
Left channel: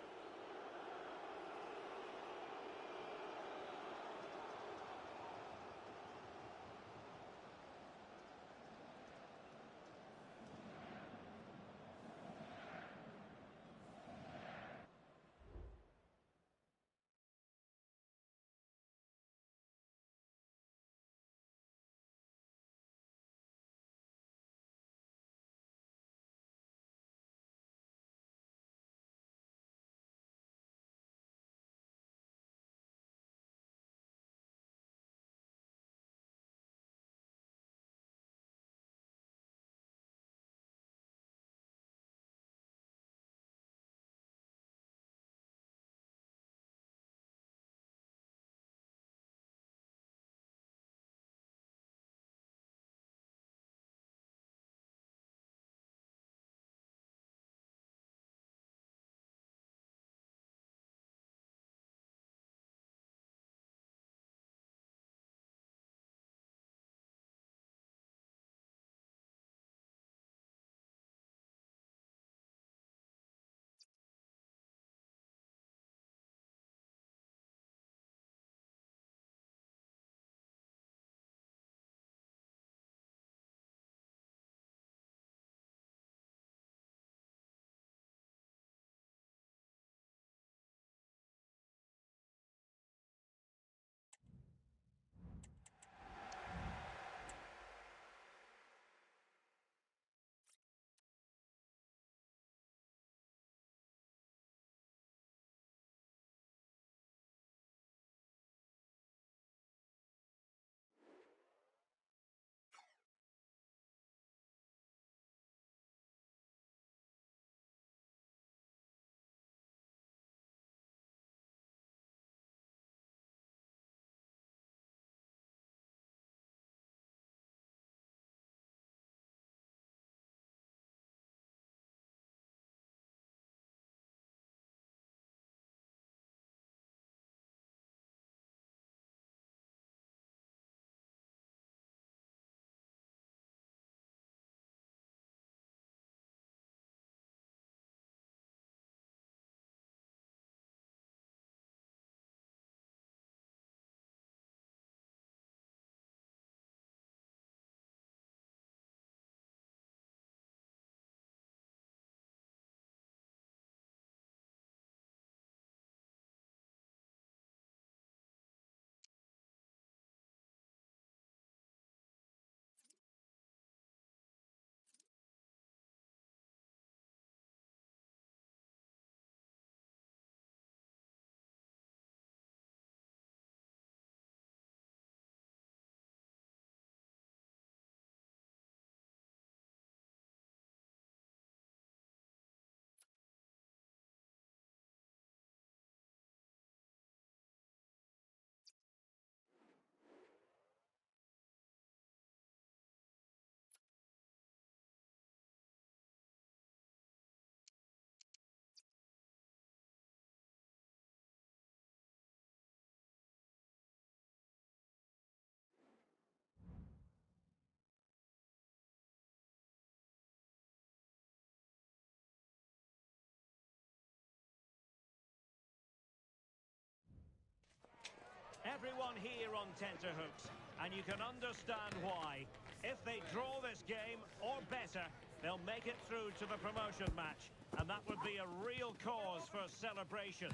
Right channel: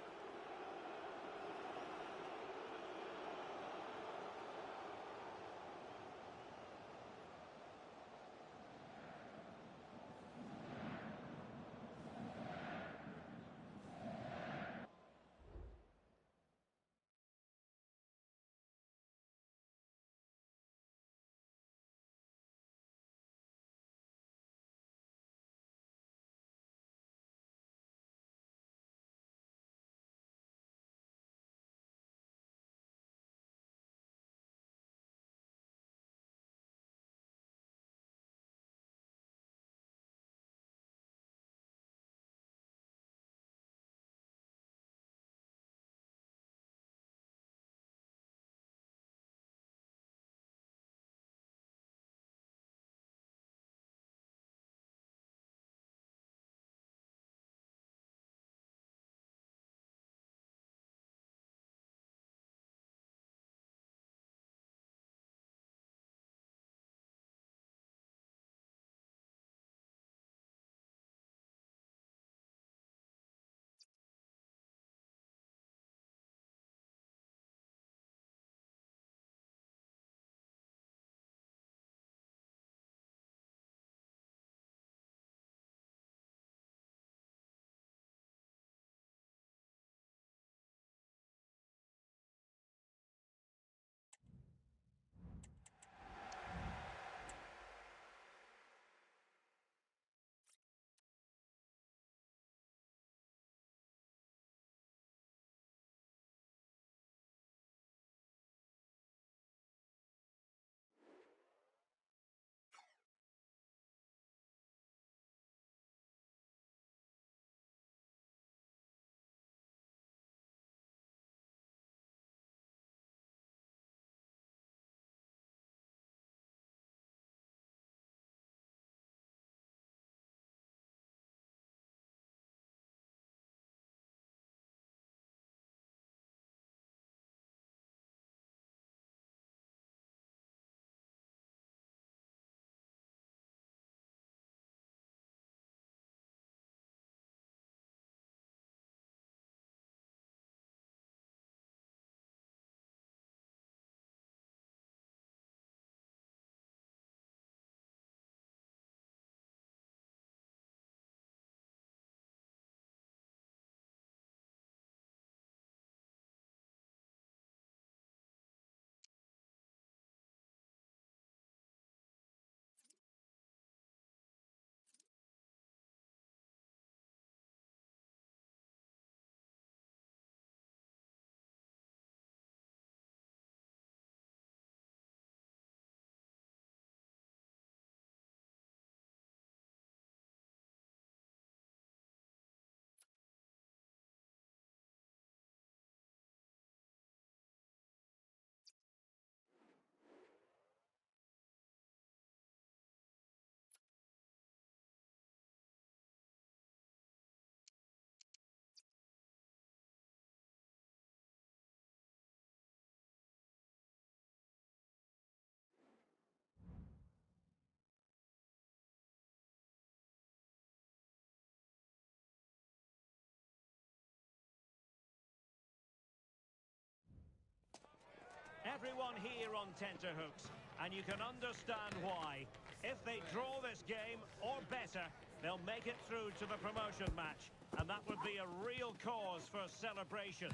Everyone here on tenterhooks, and you can understand why. If they draw this game, or better, they'll make it through to the promotion match, and that would be a real cause for celebration.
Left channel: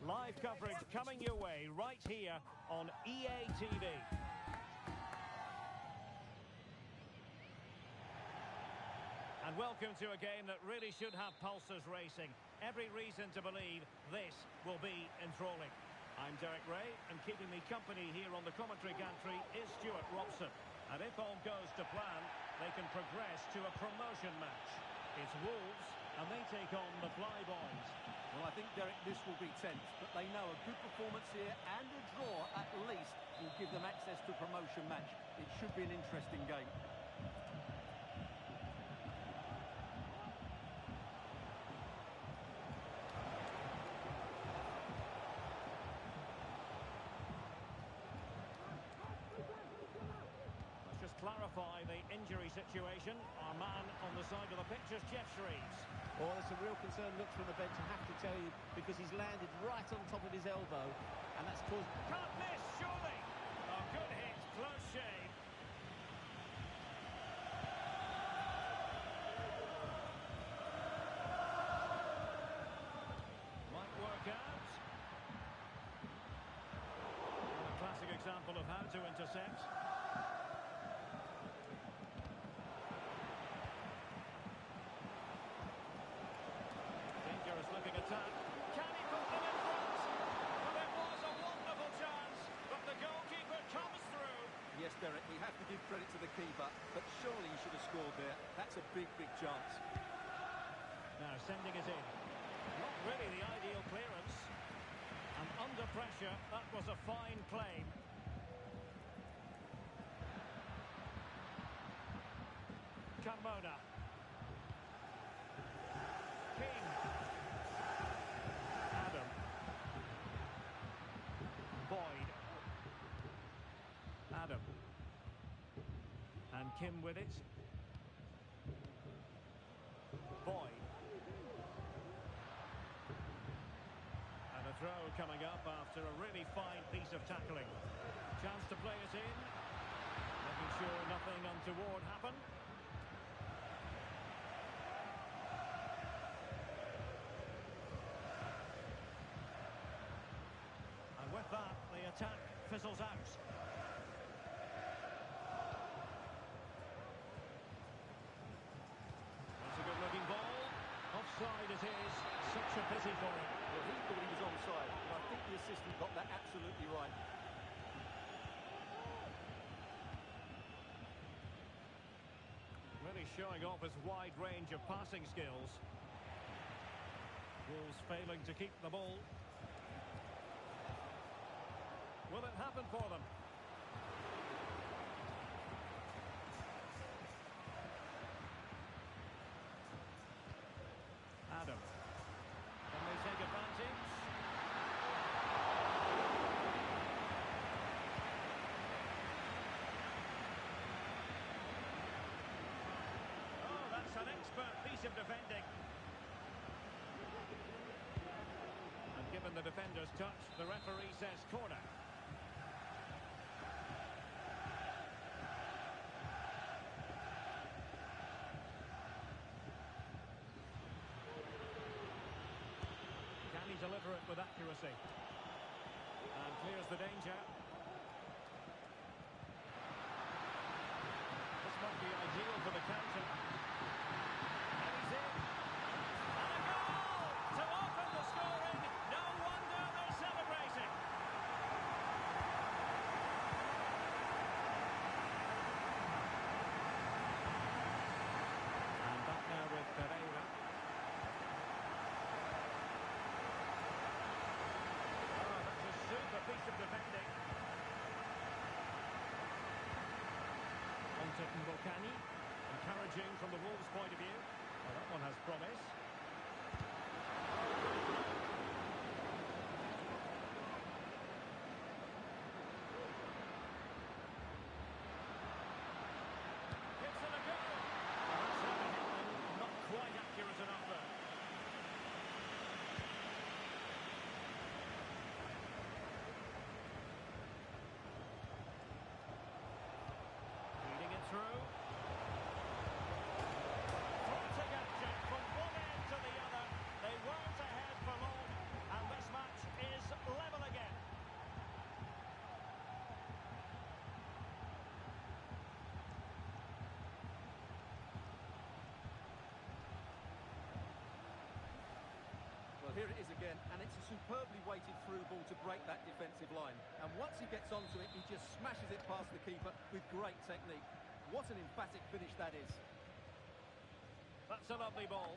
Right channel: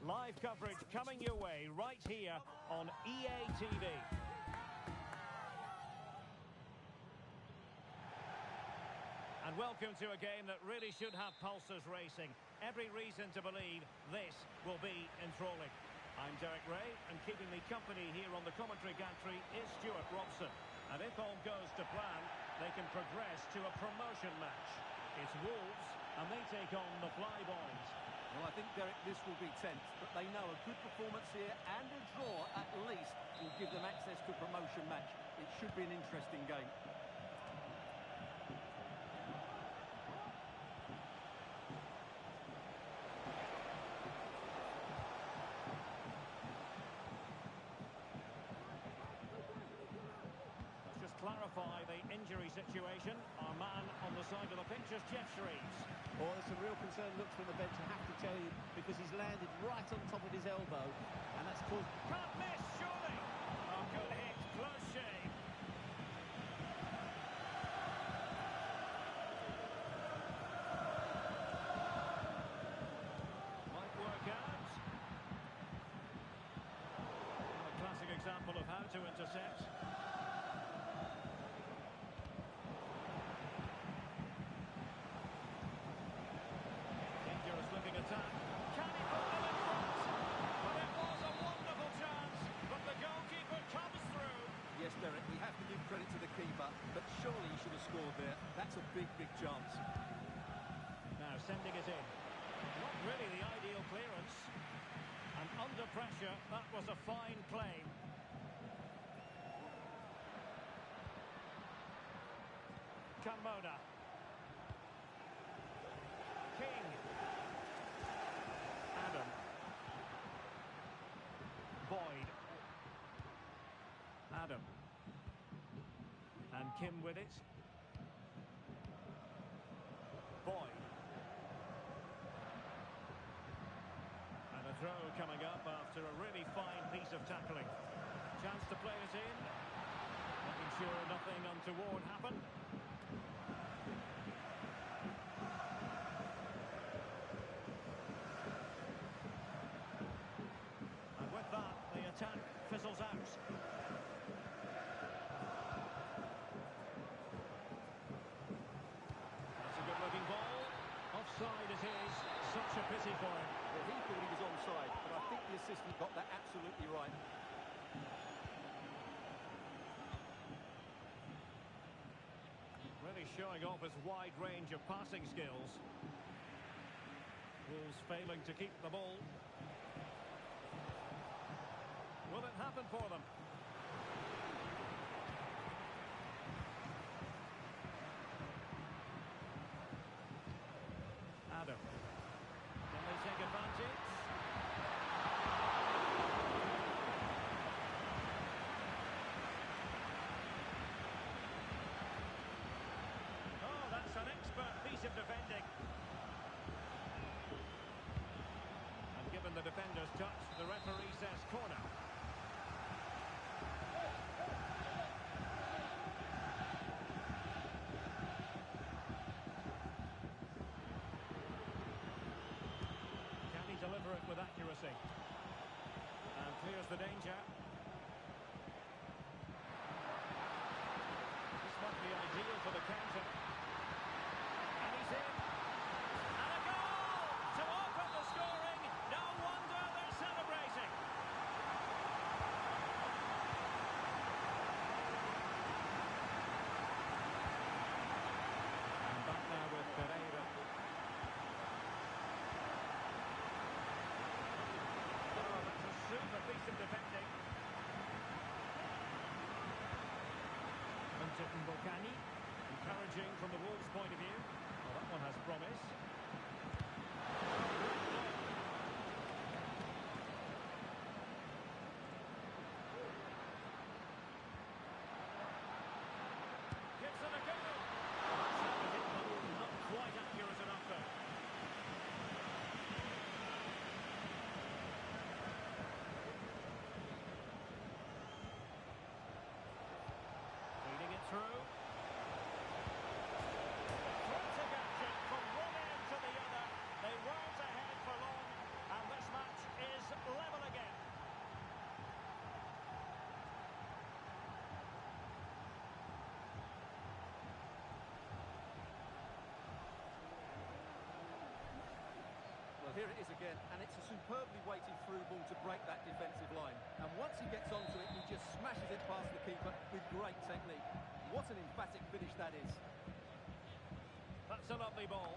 Live coverage coming your way right here on EA TV. And welcome to a game that really should have pulses racing. Every reason to believe this will be enthralling. I'm Derek Ray, and keeping me company here on the commentary gantry is Stuart Robson. And if all goes to plan, they can progress to a promotion match. It's Wolves, and they take on the Flyboys. Well, I think, Derek, this will be tense, but they know a good performance here and a draw, at least, will give them access to a promotion match. It should be an interesting game. Clarify the injury situation. Our man on the side of the pitch is Jeff Shreves. Oh, there's some real concern looks from the bench, I have to tell you, because he's landed right on top of his elbow, and that's caused... Can't miss, surely! Oh, good hit, close shave. Might work out. Well, a classic example of how to intercept. Looking attack. Can he put them in front? But it was a wonderful chance, but the goalkeeper comes through. Yes, Derek, we have to give credit to the keeper, but surely he should have scored there. That's a big, big chance. Now sending it in. Not really the ideal clearance. And under pressure, that was a fine claim. Carmona. King. Adam. Boyd. Adam. And Kim with it. Boyd. And a throw coming up after a really fine piece of tackling. Chance to play it in. Making sure nothing untoward happened. With that, the attack fizzles out. That's a good-looking ball. Offside it is. Such a pity for him. Well, he thought he was onside, but I think the assistant got that absolutely right. Really showing off his wide range of passing skills. Wolves failing to keep the ball. Will it happen for them? Adam. Can they take advantage? Oh, that's an expert piece of defending. And given the defender's touch, the referee says corner. Deliver it with accuracy and clears the danger. This might be ideal for the counter, and he's in, and a goal to open the scoring. No wonder they're celebrating. And back now with Pereira. Super piece of defending. On to Mbokani. Encouraging from the Wolves' point of view. Well, that one has promise. Oh, great block. Gives it a go. Well, that's how it hit them. Not quite accurate enough there. here it is again, and it's a superbly weighted through ball to break that defensive line. And once he gets onto it, he just smashes it past the keeper with great technique. What an emphatic finish that is. That's a lovely ball.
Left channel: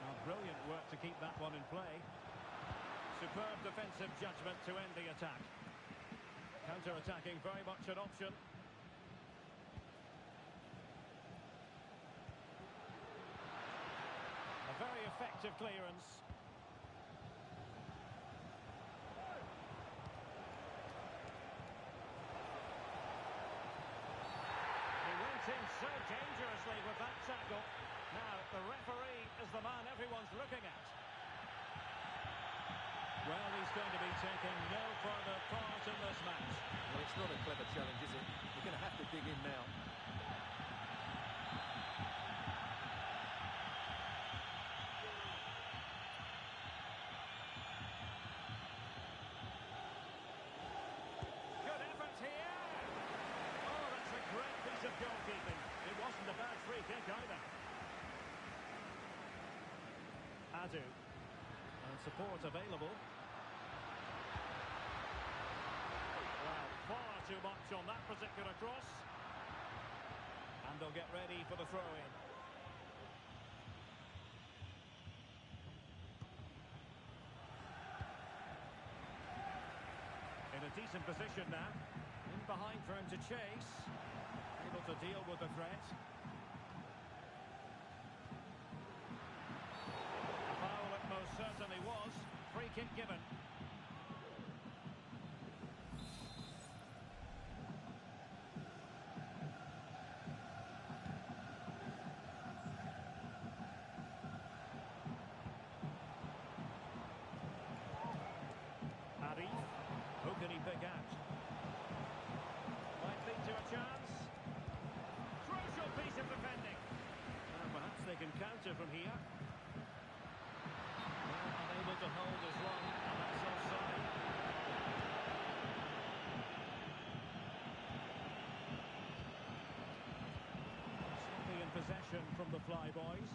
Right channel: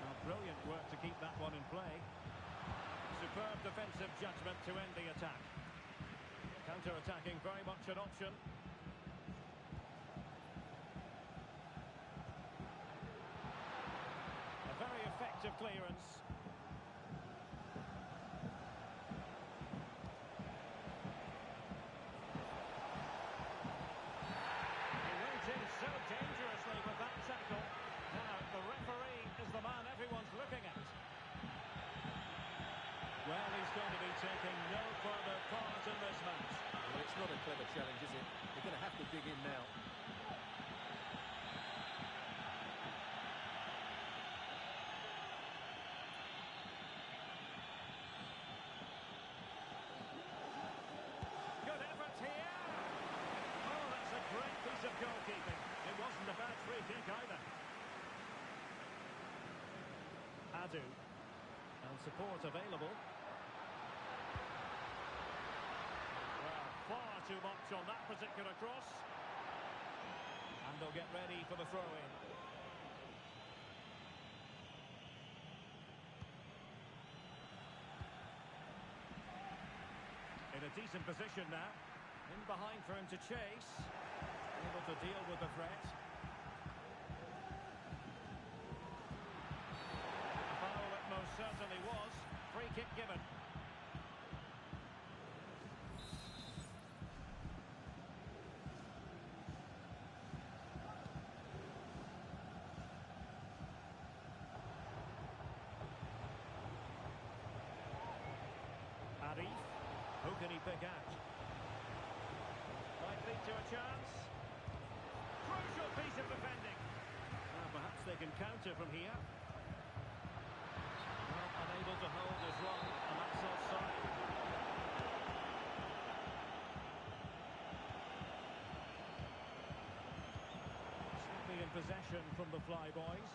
Now, brilliant work to keep that one in play. Superb defensive judgment to end the attack. Counter-attacking, very much an option. A very effective clearance. He went in so dangerously with that tackle. Now, the referee is the man everyone's looking at. Well, he's going to be taking no further part in this match. Well, it's not a clever challenge, is it? You're going to have to dig in now. Good effort here. Oh, that's a great piece of goalkeeping. It wasn't a bad free kick either. Adu. And support available. Well, far too much on that particular cross. And they'll get ready for the throw-in. In a decent position now. In behind for him to chase. Able to deal with the threat. A foul it most certainly was. Free kick given. Arif. Who can he pick out? Might lead to a chance. Crucial piece of defending. Now perhaps they can counter from here. Well, unable to hold his run, and that's offside. Sloppy in possession from the Flyboys.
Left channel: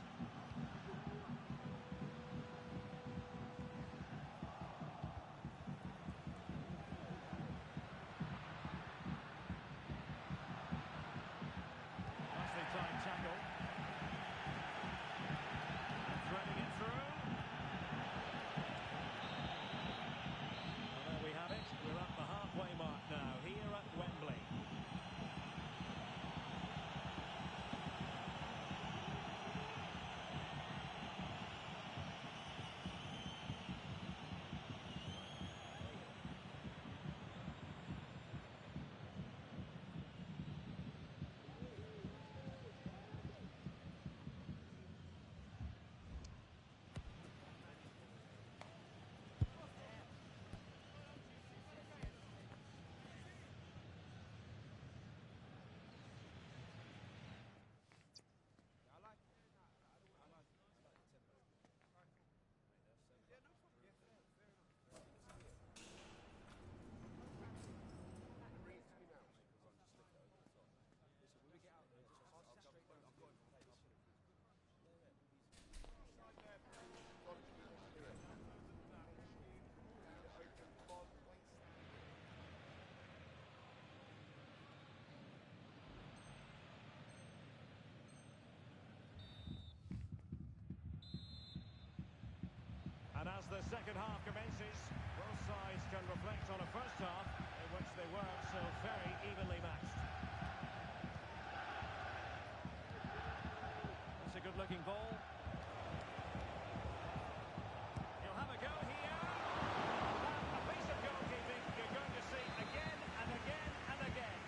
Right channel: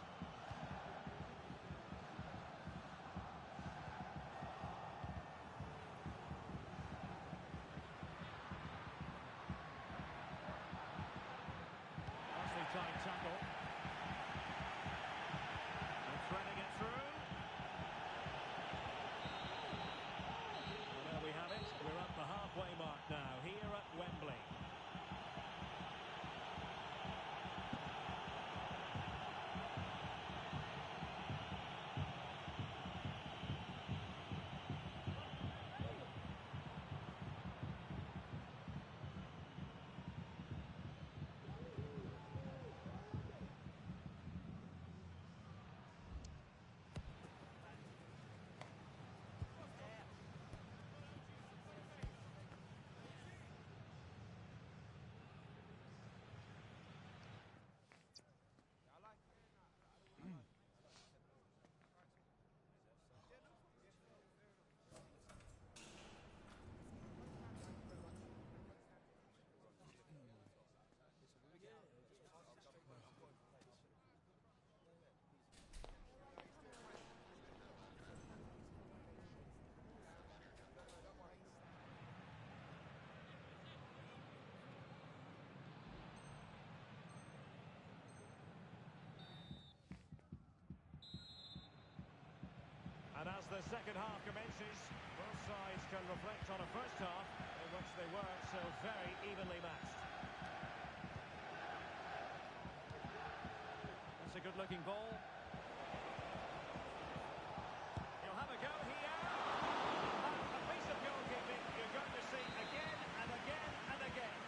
Time tackle. And threading it through. Well, there we have it. We're at the halfway mark now, here at Wembley. And as the second half commences, both sides can reflect on a first half in which they were so very evenly matched. That's a good-looking ball. He'll have a go here. And that, a piece of goalkeeping you're going to see again and again and again.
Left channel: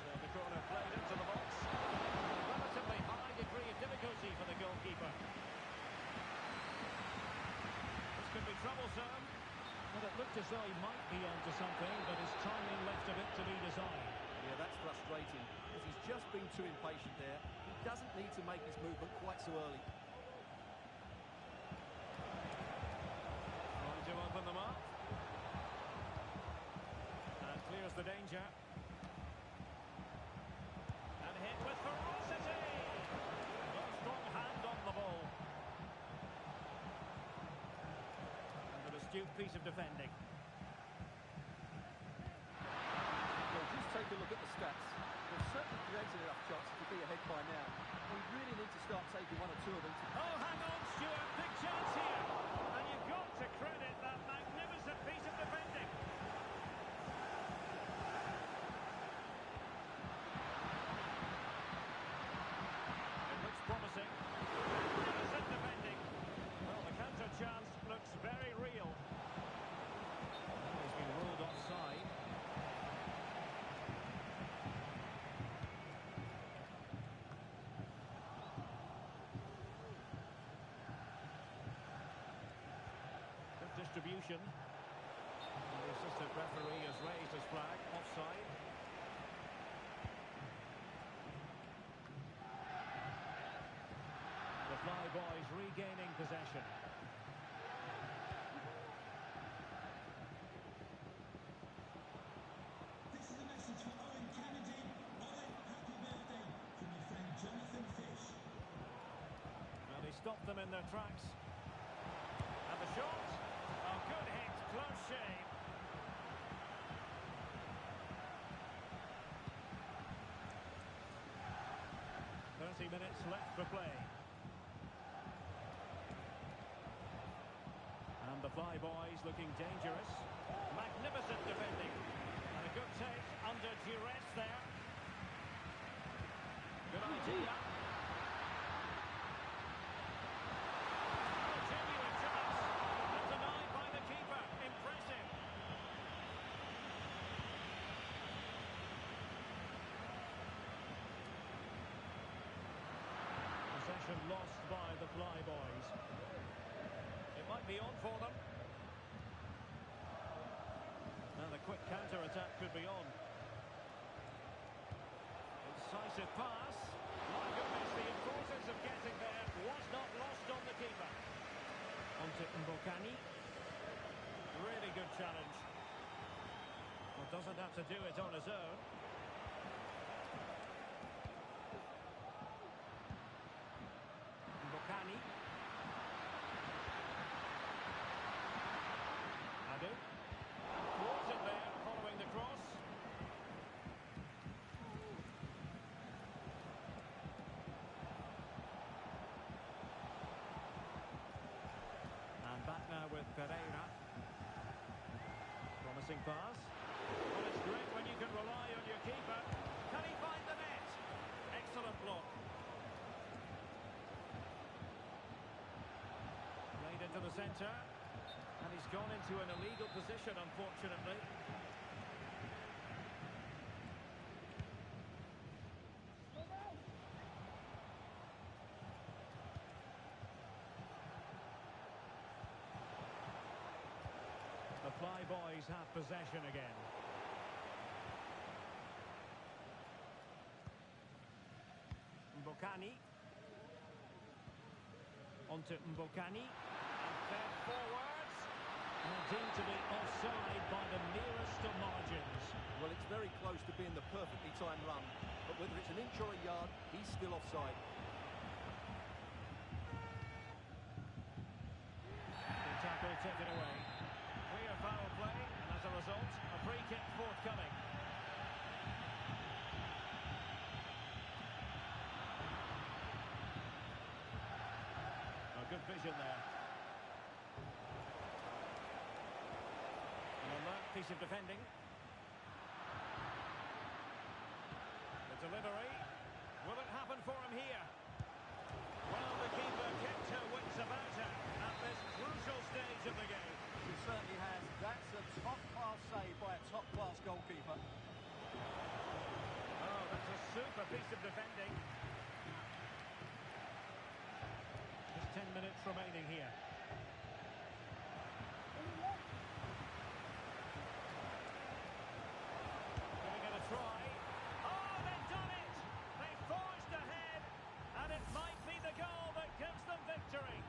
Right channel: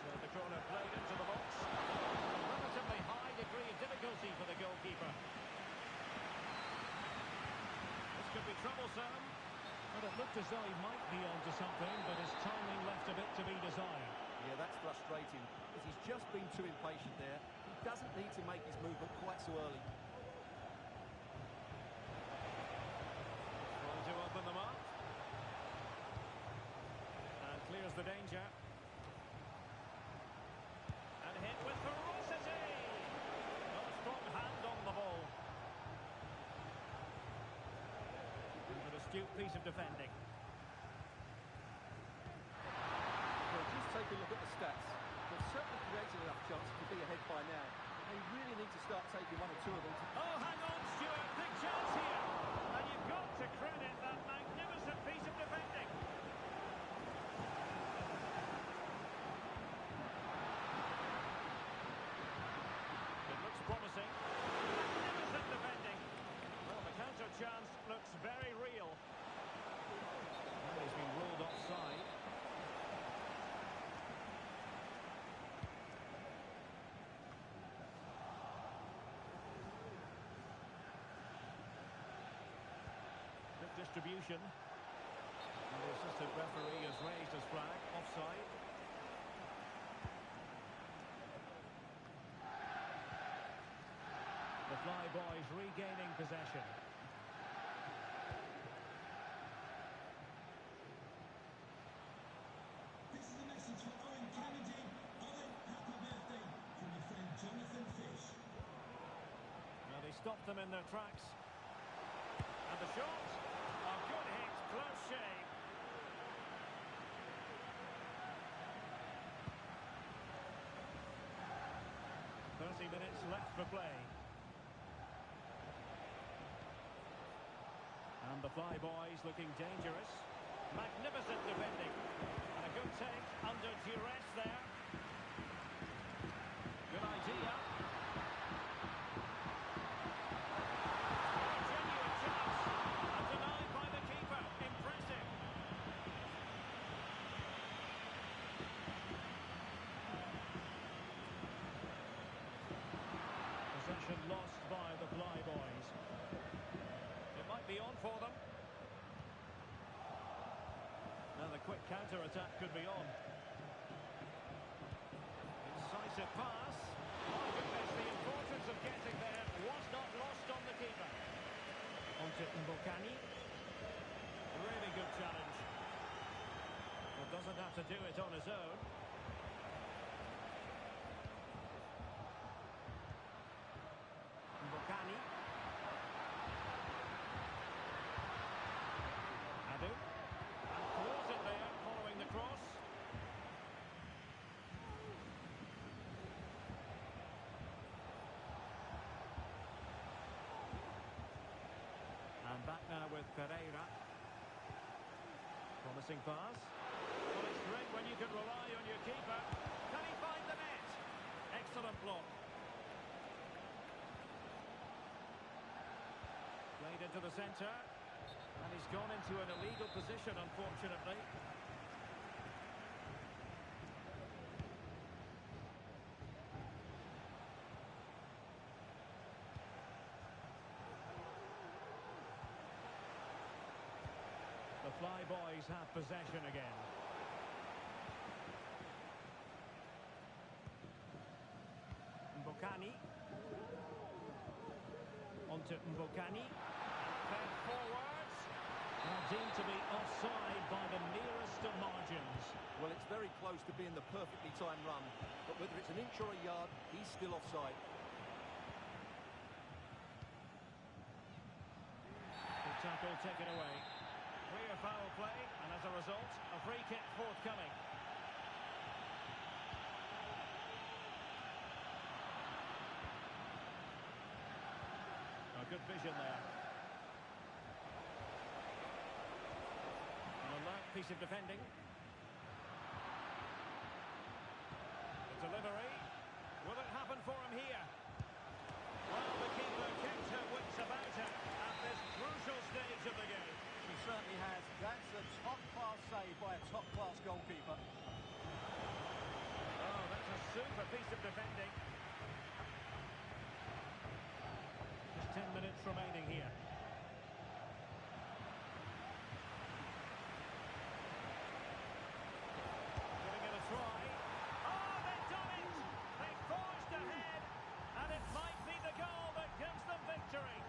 So the corner played into the box. A relatively high degree of difficulty for the goalkeeper. This could be troublesome. Well, it looked as though he might be onto something, but his timing left a bit to be desired. Yeah, that's frustrating, because he's just been too impatient there. He doesn't need to make his movement quite so early. Trying to open them up. the danger. And hit with ferocity. No strong hand on the ball. And an astute piece of defending. Well, just take a look at the stats. They've certainly created enough chances to be ahead by now. They really need to start taking one or two of them to... Oh, hang on, Stuart. Big chance here. And you've got to credit that magnificent piece of defending. It looks promising. Magnificent defending. Well, the counter chance looks very real. Well, he's been ruled offside. Distribution. And the assistant referee has raised his flag. Offside. The Flyboys regaining possession. This is a message for Owen Kennedy. Owen, happy birthday from your friend Jonathan Fish. Well, he stopped them in their tracks. And the shot. Oh, good hit. Close shave. Minutes left for play. And the Flyboys looking dangerous. Magnificent defending. And a good take under duress there. Good idea. Oh, genuine chance. And denied by the keeper. Impressive. Possession lost by the Flyboys. It might be on for them. Now the quick counter-attack could be on. Incisive pass. My goodness, the importance of getting there was not lost on the keeper. On to Mbokani. Really good challenge. Well, doesn't have to do it on his own. Mbokani. Adu. And thwarted there following the cross. And back now with Pereira. Promising pass. Well, it's great when you can rely on your keeper. Can he find the net? Excellent block. Played into the centre. And he's gone into an illegal position, unfortunately. The Flyboys have possession again. Mbokani. On to Mbokani. And fed forwards. Well, deemed to be offside by the merest of margins. Well, it's very close to being the perfectly timed run. But whether it's an inch or a yard, he's still offside. Good tackle taken away. Clear foul play, and as a result, a free kick forthcoming. A good vision there. An alert piece of defending. The delivery. Will it happen for him here? Well, the keeper kept her wits about her at this crucial stage of the game. She certainly has. That's a top-class save by a top-class goalkeeper. Oh, that's a super piece of defending. Just 10 minutes remaining here. Giving it a try. Oh, they've done it! They've forged ahead, and it might be the goal that gives them victory.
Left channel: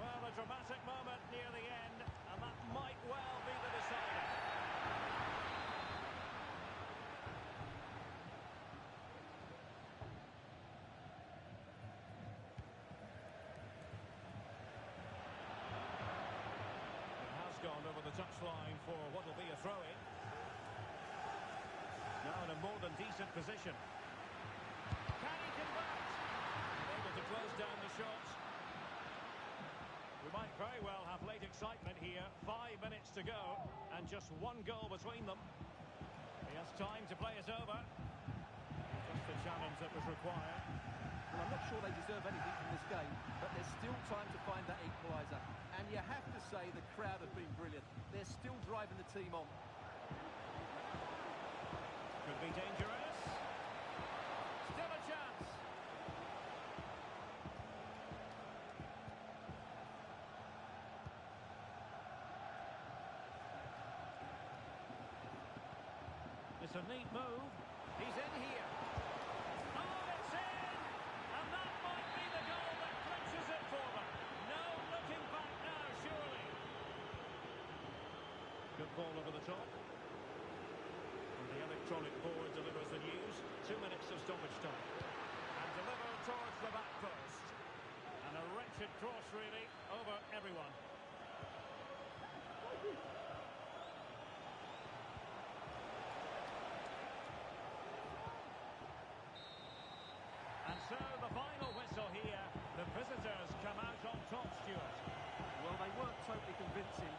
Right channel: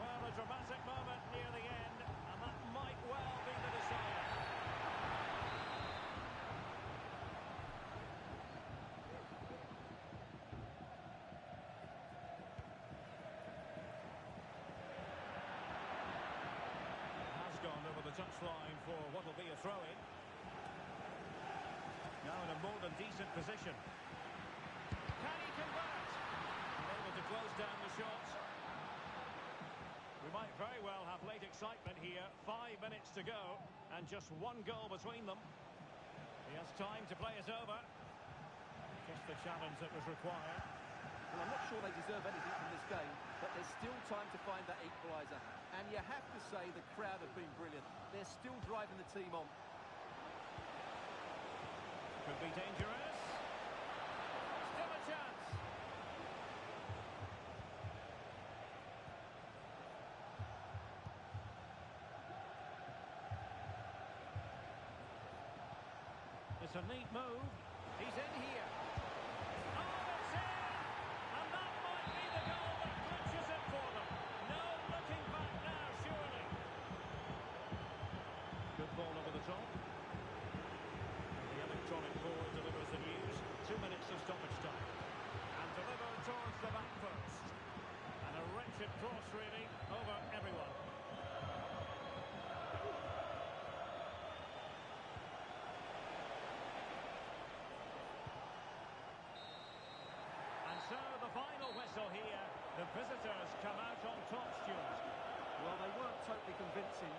Well, a dramatic moment near the end, and that might well be the decider. gone over the touchline for what will be a throw-in. Now in a more than decent position. Can he convert? And able to close down the shots. We might very well have late excitement here. 5 minutes to go, and just one goal between them. He has time to play it over. Just the challenge that was required. Well, I'm not sure they deserve anything from this game, but there's still time to find that equaliser. And you have to say the crowd have been brilliant. They're still driving the team on. Could be dangerous. Still a chance. It's a neat move. He's in here. Oh, it's in! And that might be the goal that clinches it for them. No looking back now, surely. Good ball over the top. And the electronic board delivers the news. 2 minutes of stoppage time. And delivered towards the back post. And a wretched cross, really, over everyone. And so the final whistle here. The visitors come out on top, Stuart. Well, they weren't totally convincing.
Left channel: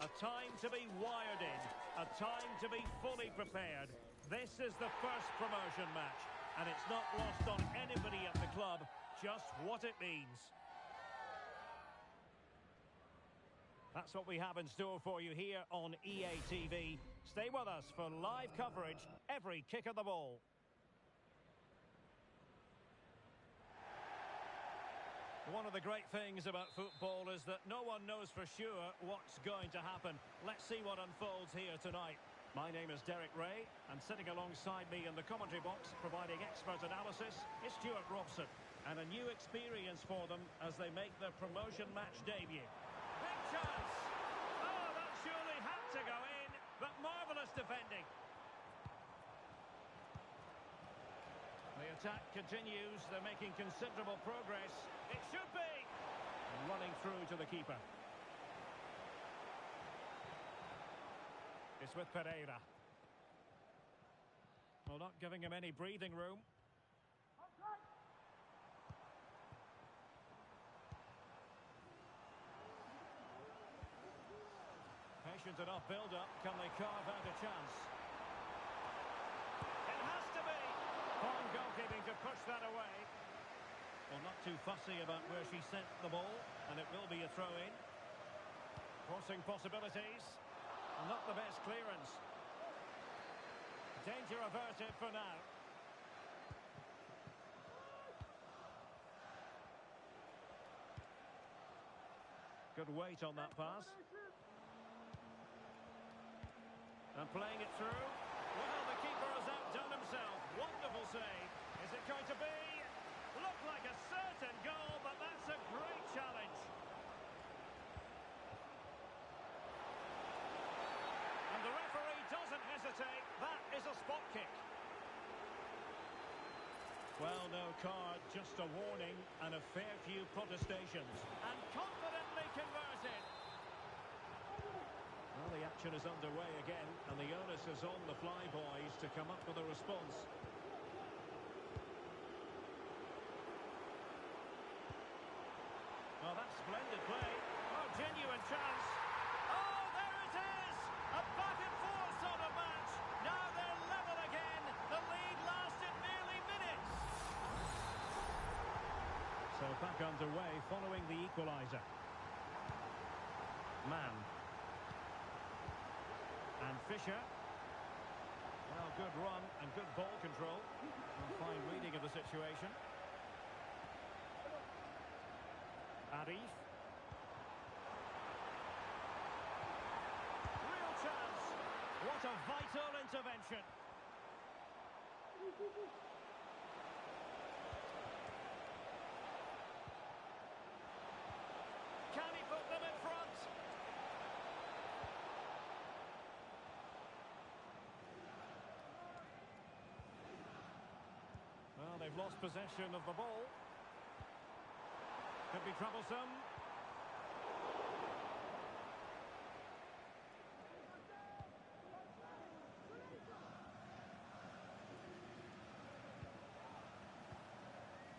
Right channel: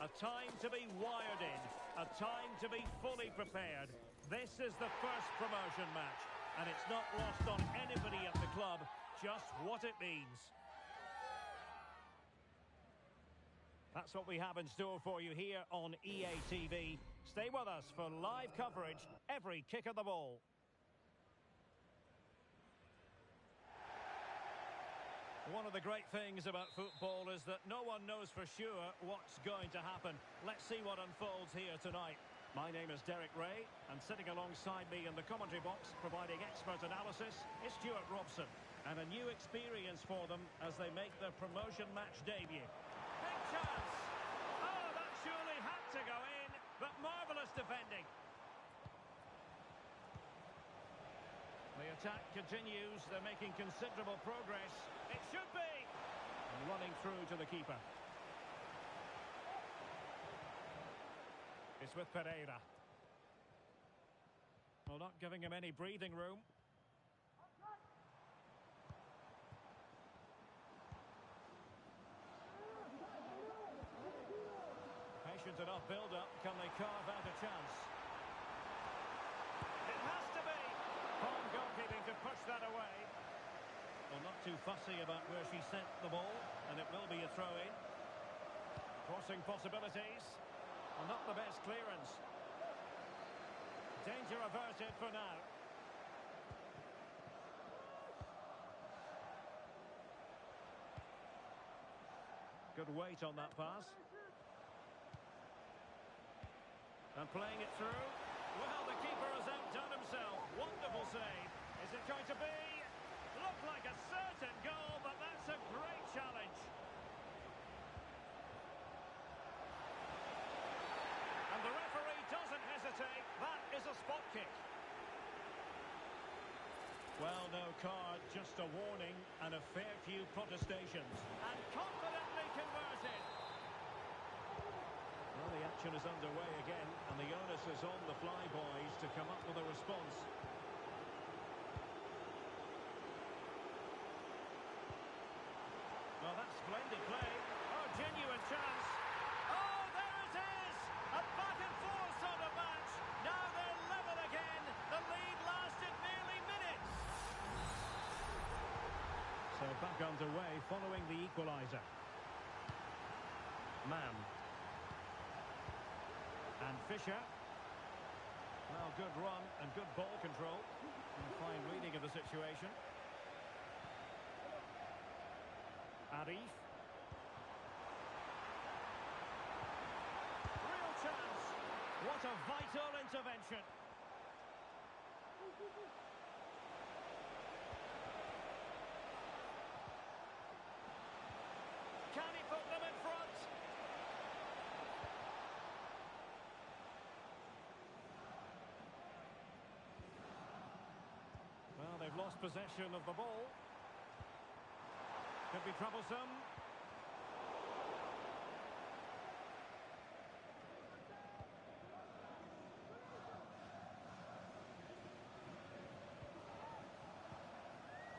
A time to be wired in, a time to be fully prepared. This is the first promotion match, and it's not lost on anybody at the club just what it means. That's what we have in store for you here on EA TV. Stay with us for live coverage every kick of the ball. One of the great things about football is that no one knows for sure what's going to happen. Let's see what unfolds here tonight. My name is Derek Ray, and sitting alongside me in the commentary box, providing expert analysis, is Stuart Robson. And a new experience for them as they make their promotion match debut. Big chance! Oh, that surely had to go in, but marvellous defending. The attack continues. They're making considerable progress. It should be. running through to the keeper. It's with Pereira. Well, not giving him any breathing room. Patient enough build-up. Can they carve out a chance? It has to be. Fine goalkeeping to push that away. Well, not too fussy about where she sent the ball, and it will be a throw-in. Crossing possibilities. Well, not the best clearance. Danger averted for now. Good weight on that pass. And playing it through. Well, the keeper has outdone himself. Wonderful save. Is it going to be? Looked like a certain goal, but that's a great challenge. And the referee doesn't hesitate. That is a spot kick. Well, no card, just a warning and a fair few protestations. And confidently converted. Well, the action is underway again, and the onus is on the Flyboys to come up with a response. Well, that's splendid play. Oh, genuine chance. Oh, there it is! A back-and-forth sort of match. Now they're level again. The lead lasted nearly minutes. So back underway following the equaliser. Mann. And Fisher. Well, good run and good ball control. A fine reading of the situation. Arif. Real chance. What a vital intervention. Can he put them in front? Well, they've lost possession of the ball. Could be troublesome.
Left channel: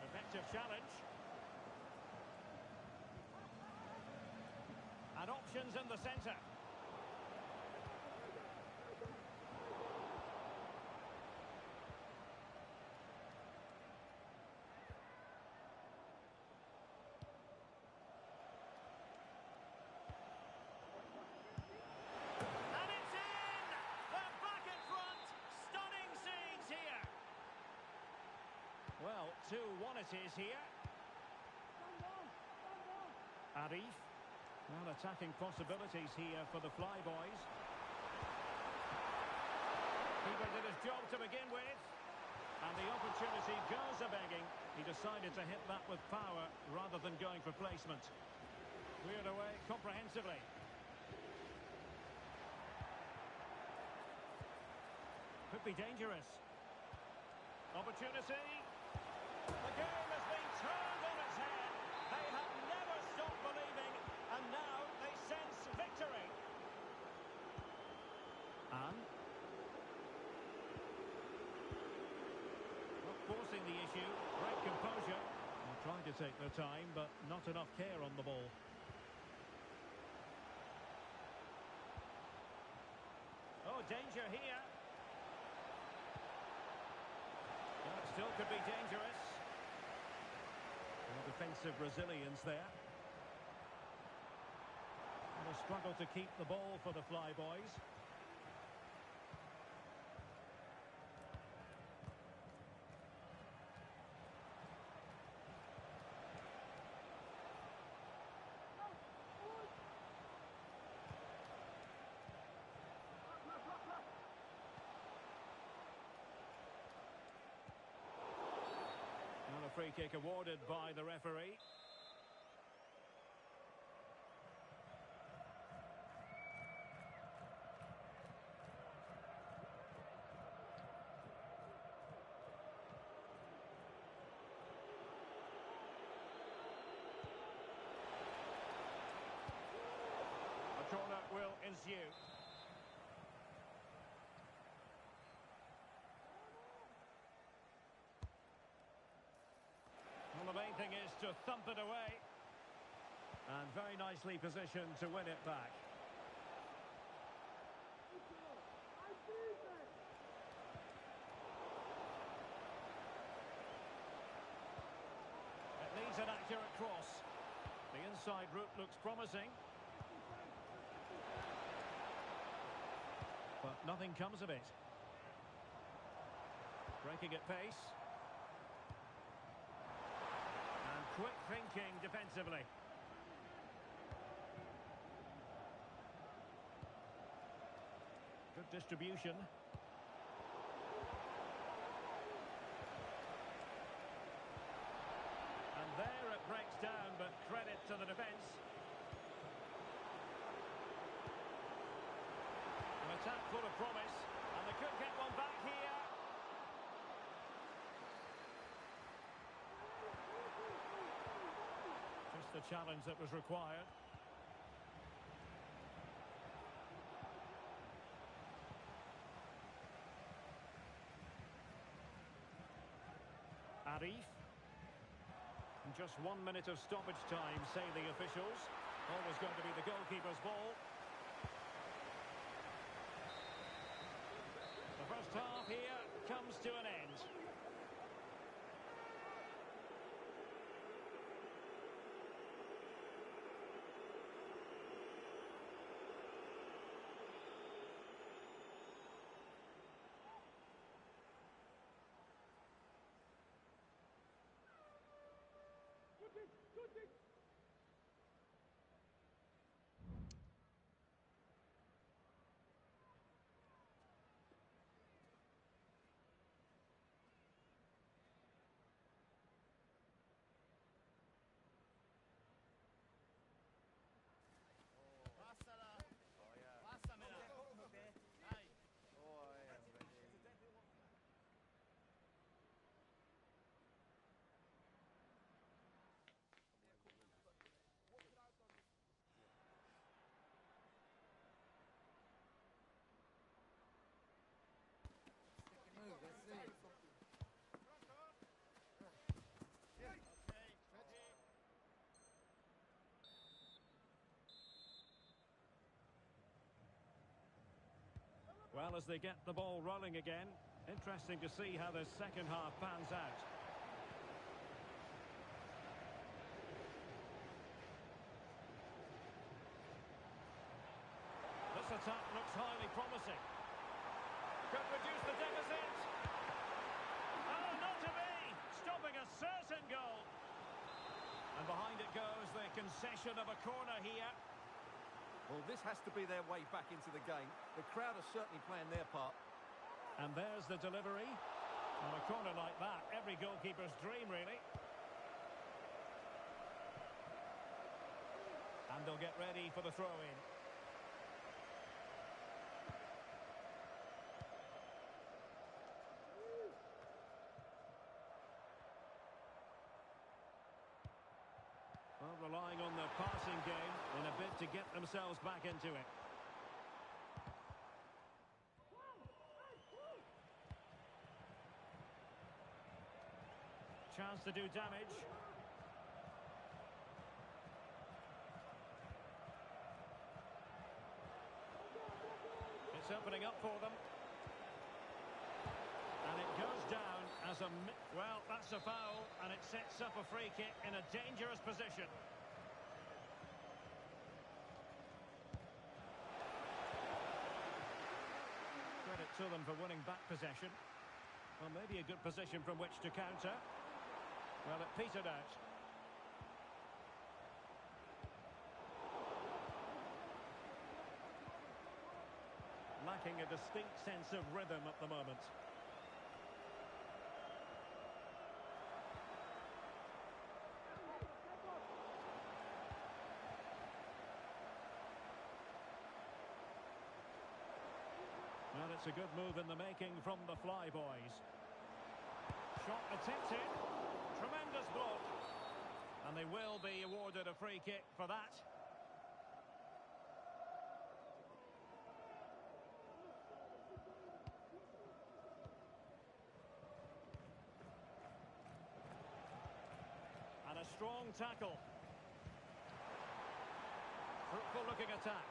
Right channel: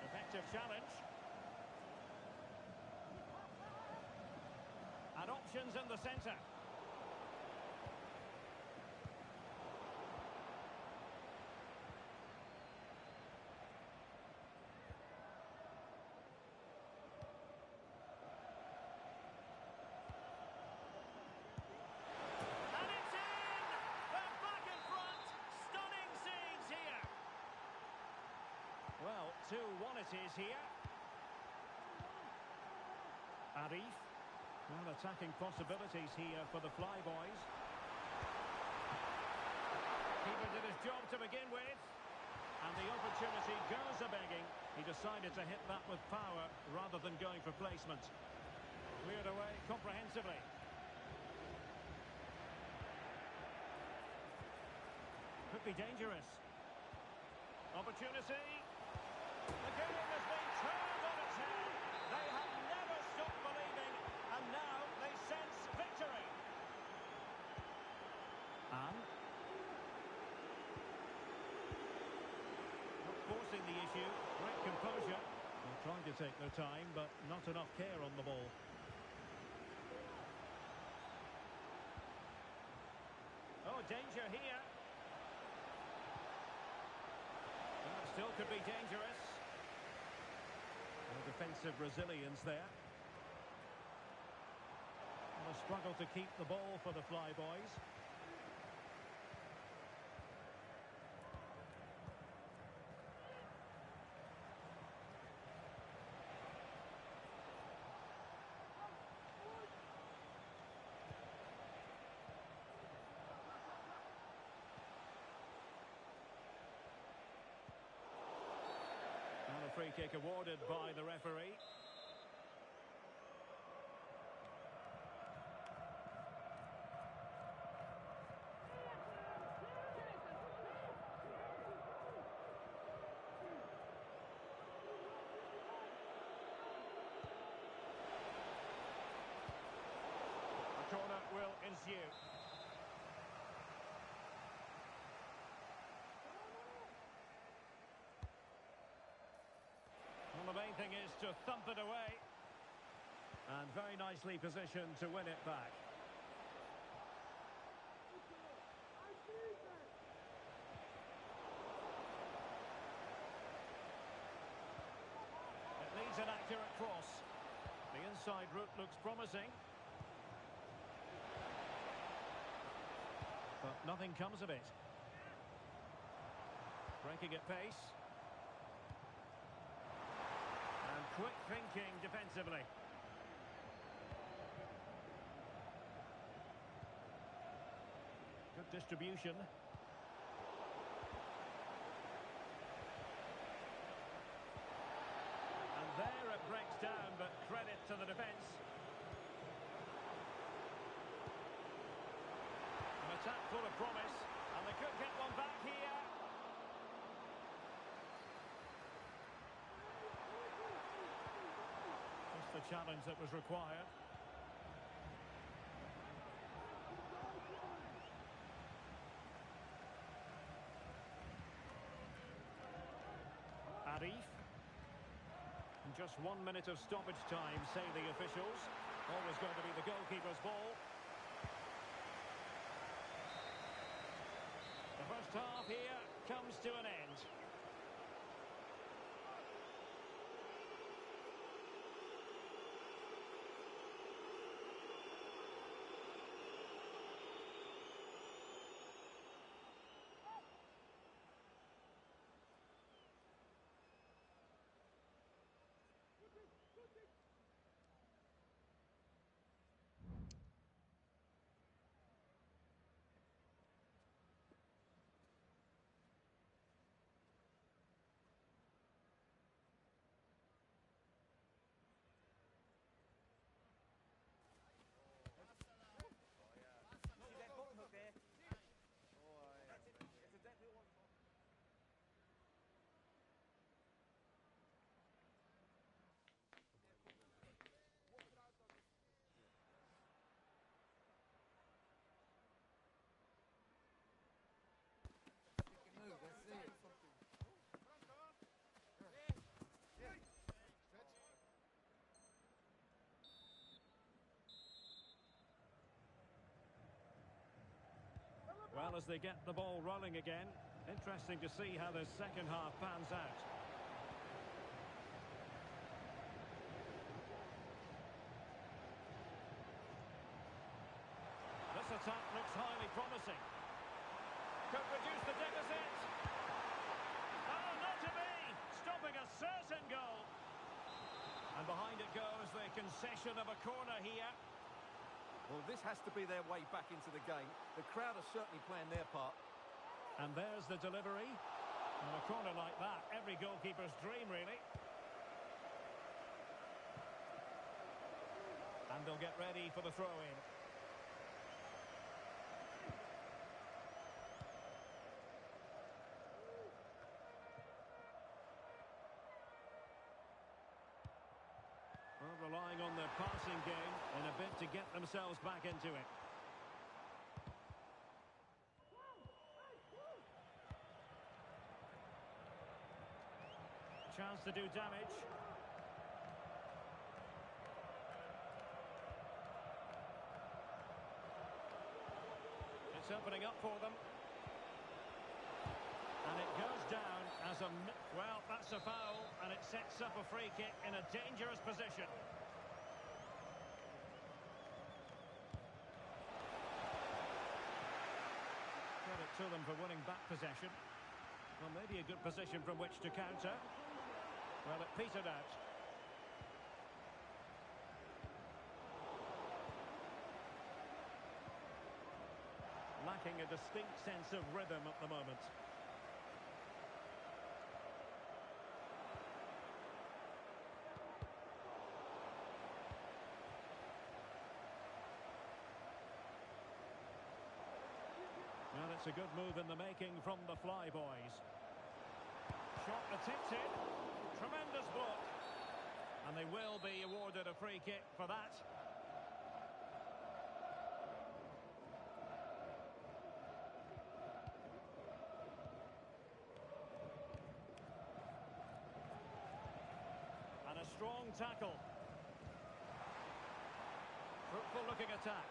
Effective challenge. And options in the centre. Well, 2-1 it is here. Arif. Well, attacking possibilities here for the Flyboys. Keeper did his job to begin with. And the opportunity goes a-begging. He decided to hit that with power rather than going for placement. Cleared away comprehensively. Could be dangerous. Opportunity. The game has been turned on its head. They have never stopped believing, and now they sense victory. And not forcing the issue. Great composure. Well, trying to take their time, but not enough care on the ball. Oh, danger here. Well, it still could be dangerous. Well, defensive resilience there. And a struggle to keep the ball for the Flyboys. And a free kick awarded by the referee. corner will ensue. Well, the main thing is to thump it away. And very nicely positioned to win it back. It needs an accurate cross. The inside route looks promising. But nothing comes of it. Breaking at pace. And quick thinking defensively. Good distribution. And there it breaks down, but credit to the defence. An attack full of promise, and they could get one back here. Just the challenge that was required. Arif. And just 1 minute of stoppage time, say the officials. Always going to be the goalkeeper's ball. The first half here comes to an end. Well, as they get the ball rolling again, interesting to see how the second half pans out. This attack looks highly promising. Could reduce the deficit. Oh, not to be! Stopping a certain goal. And behind it goes the concession of a corner here. Well, this has to be their way back into the game. The crowd are certainly playing their part. And there's the delivery. On a corner like that, every goalkeeper's dream, really. And they'll get ready for the throw-in. Well, relying on their passing game in a bid to get themselves back into it. Chance to do damage. It's opening up for them. And it goes down as a... Well, that's a foul, and it sets up a free kick in a dangerous position. Credit to them for winning back possession. Well, maybe a good position from which to counter. Well, it petered out. Lacking a distinct sense of rhythm at the moment. Well, it's a good move in the making from the Flyboys. Shot attempted. Tremendous block. And they will be awarded a free kick for that. strong tackle. Fruitful looking attack.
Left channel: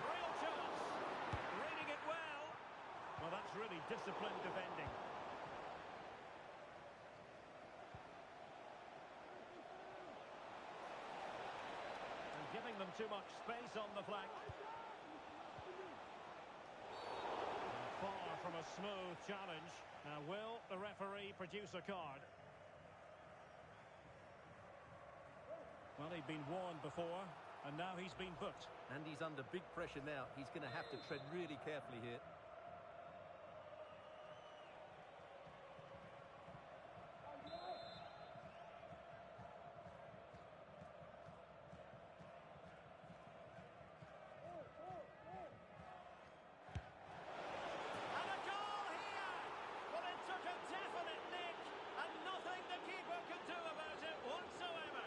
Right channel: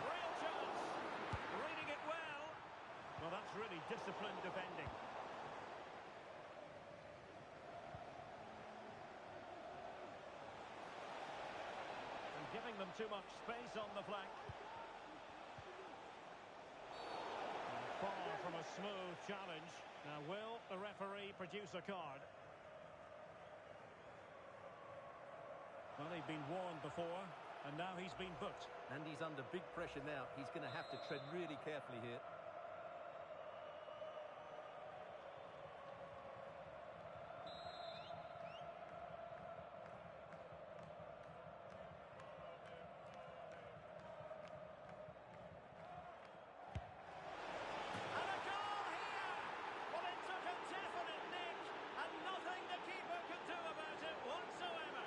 Real chance. Reading it well. Well, that's really disciplined defending. And giving them too much space on the flank. Far from a smooth challenge. Now, will the referee produce a card? Well, he'd been warned before, and now he's been booked. And he's under big pressure now. He's going to have to tread really carefully here. And a goal here! Well, it took a definite nick, and nothing the keeper could do about it whatsoever.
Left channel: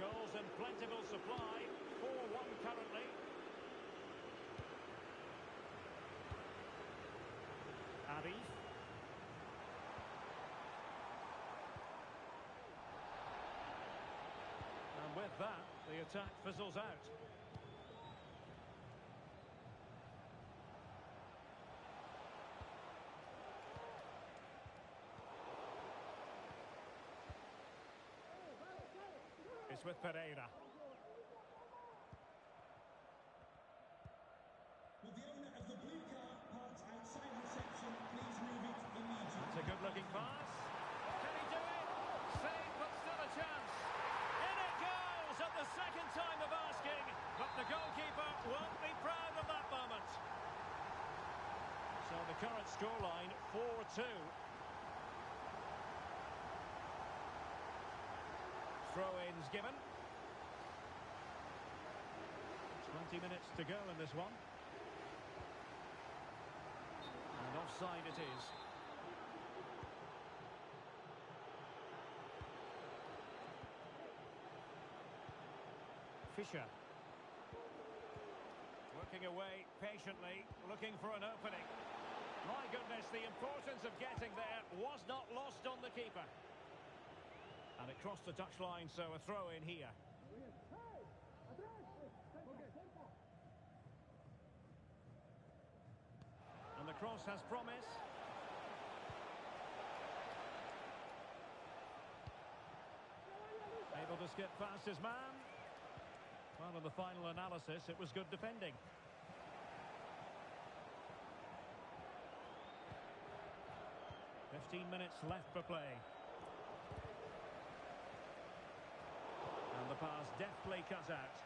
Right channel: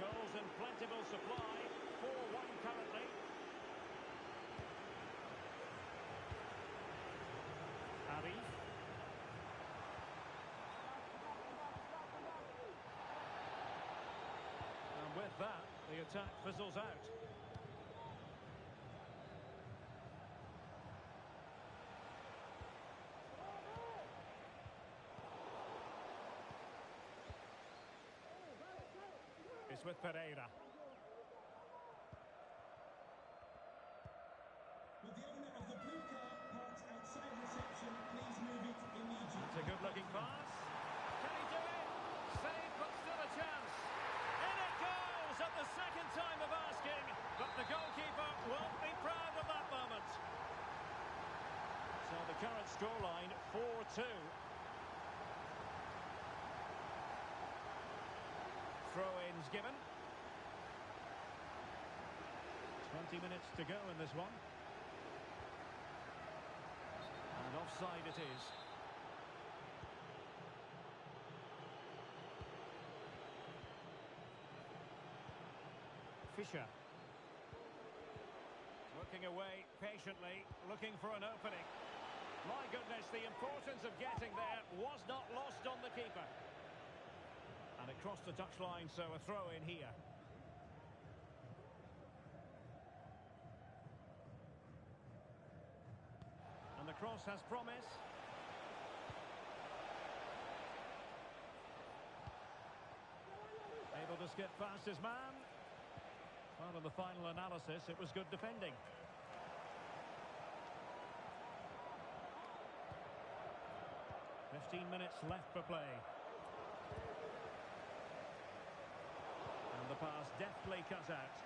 Goals in plentiful supply, 4-1 currently. Arif. And with that, the attack fizzles out. It's with Pereira. Will the owner of the blue car parked outside reception please move it immediately? That's a good-looking pass. Can he do it? Save, but still a chance. In it goes at the second time of asking, but the goalkeeper won't be proud of that moment. So the current scoreline, 4-2. Throw-ins given. 20 minutes to go in this one. And offside it is. Fisher. Working away patiently, looking for an opening. My goodness, the importance of getting there was not lost on the keeper. And it crossed the touchline, so a throw in here. And the cross has promise. Able to skip past his man. Well, in the final analysis, it was good defending. "15 minutes left for play. And the pass deftly cut out.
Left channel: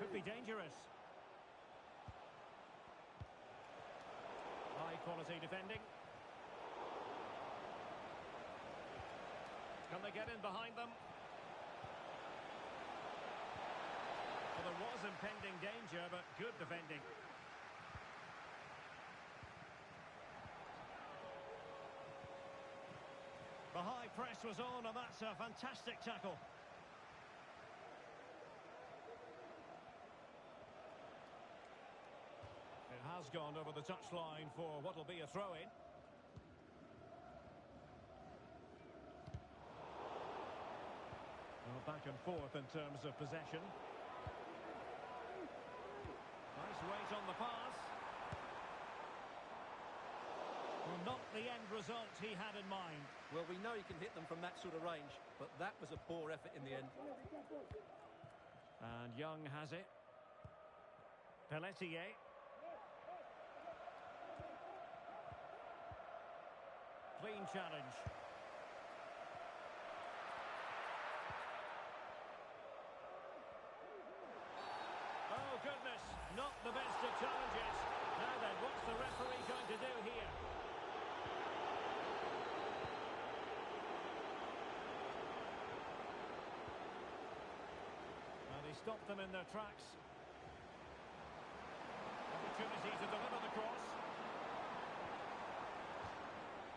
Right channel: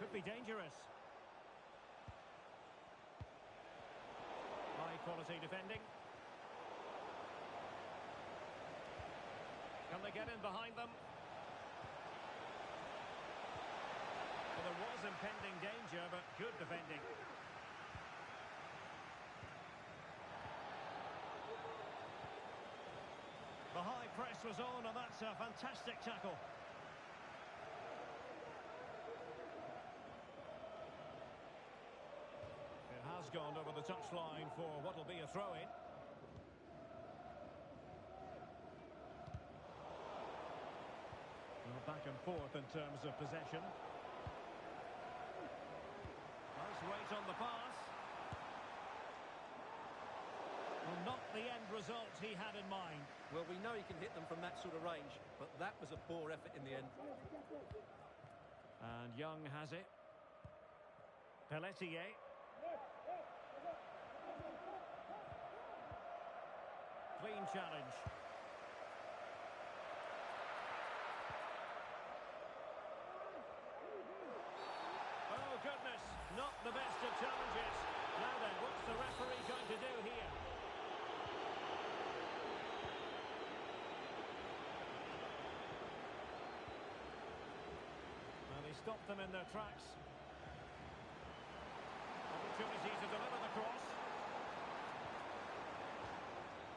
Could be dangerous. High quality defending. Can they get in behind them? Well, there was impending danger, but good defending. The high press was on, and that's a fantastic tackle. It has gone over the touchline for what will be a throw-in. Well, back and forth in terms of possession. Nice weight on the pass. Well, not the end result he had in mind. Well, we know he can hit them from that sort of range, but that was a poor effort in the end. And Young has it. Pelletier. Clean challenge. Oh, goodness. Not the best of challenges. Now then, what's the referee going to do here? Well, he stopped them in their tracks. Opportunity to deliver the cross.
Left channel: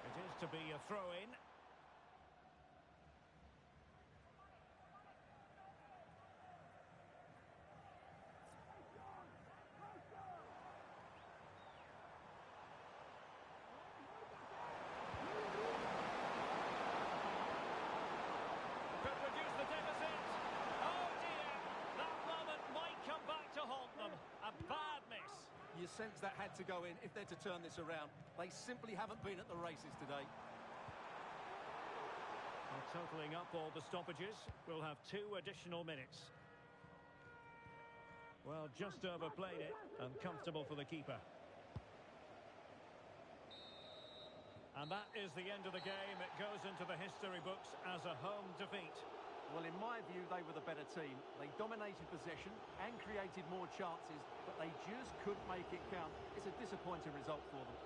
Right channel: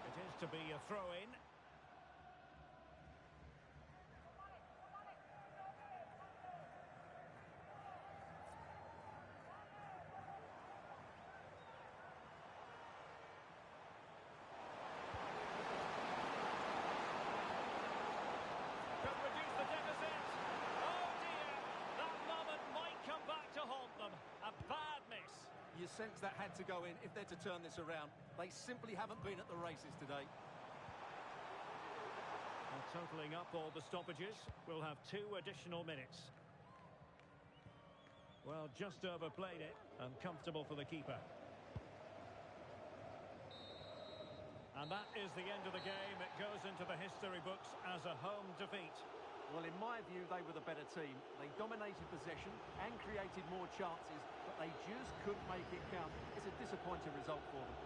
It is to be a throw-in. sense that had to go in if they're to turn this around. They simply haven't been at the races today. Well, totalling up all the stoppages, we'll have 2 additional minutes. Well, just overplayed it, and comfortable for the keeper. And that is the end of the game. It goes into the history books as a home defeat. Well, in my view, they were the better team. They dominated possession and created more chances, but they just couldn't make it count. It's a disappointing result for them.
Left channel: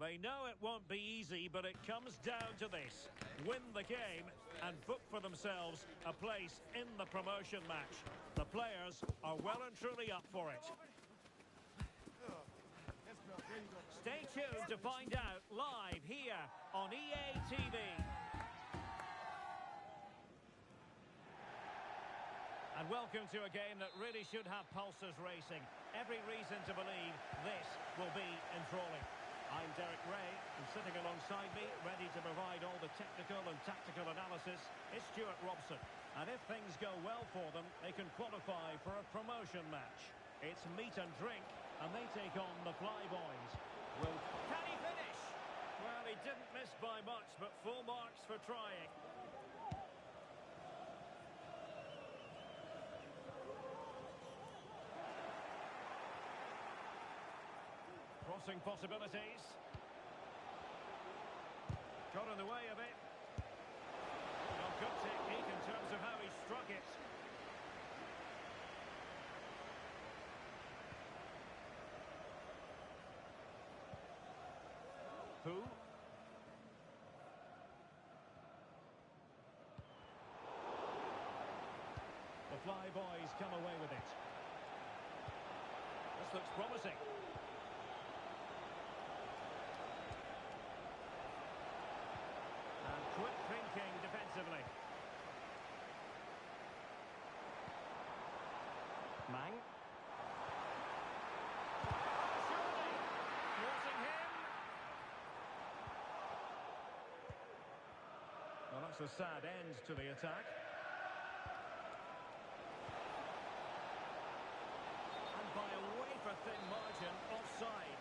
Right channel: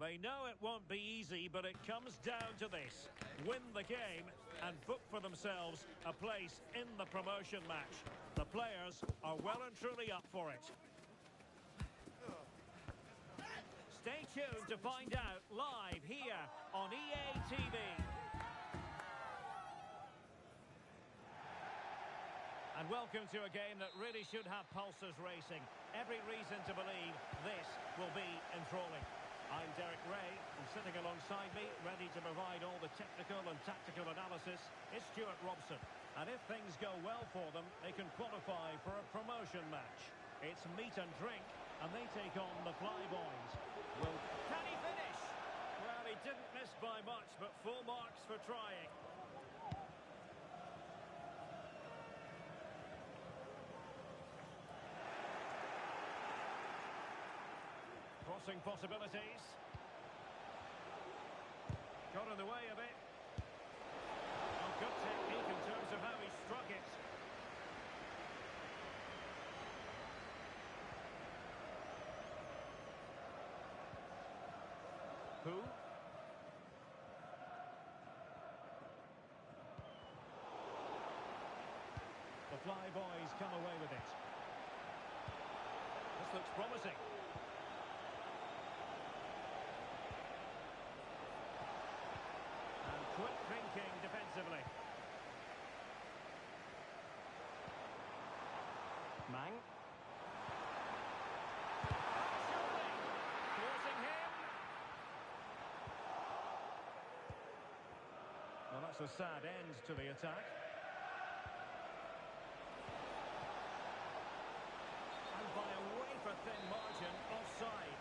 They know it won't be easy, but it comes down to this. Win the game and book for themselves a place in the promotion match. The players are well and truly up for it. Stay tuned to find out live here on EA TV. And welcome to a game that really should have pulses racing. Every reason to believe this will be enthralling. I'm Derek Ray, and sitting alongside me, ready to provide all the technical and tactical analysis, is Stuart Robson. And if things go well for them, they can qualify for a promotion match. It's meat and drink, and they take on the Flyboys. Can he finish? Well, he didn't miss by much, but full marks for trying. Crossing possibilities. Got in the way of it. Well, good technique in terms of how he struck it. Who? The Flyboys come away with it. This looks promising. Quick thinking defensively. Mang. Oh, surely! Thwarting him. Well, that's a sad end to the attack. And by a wafer-thin margin, offside.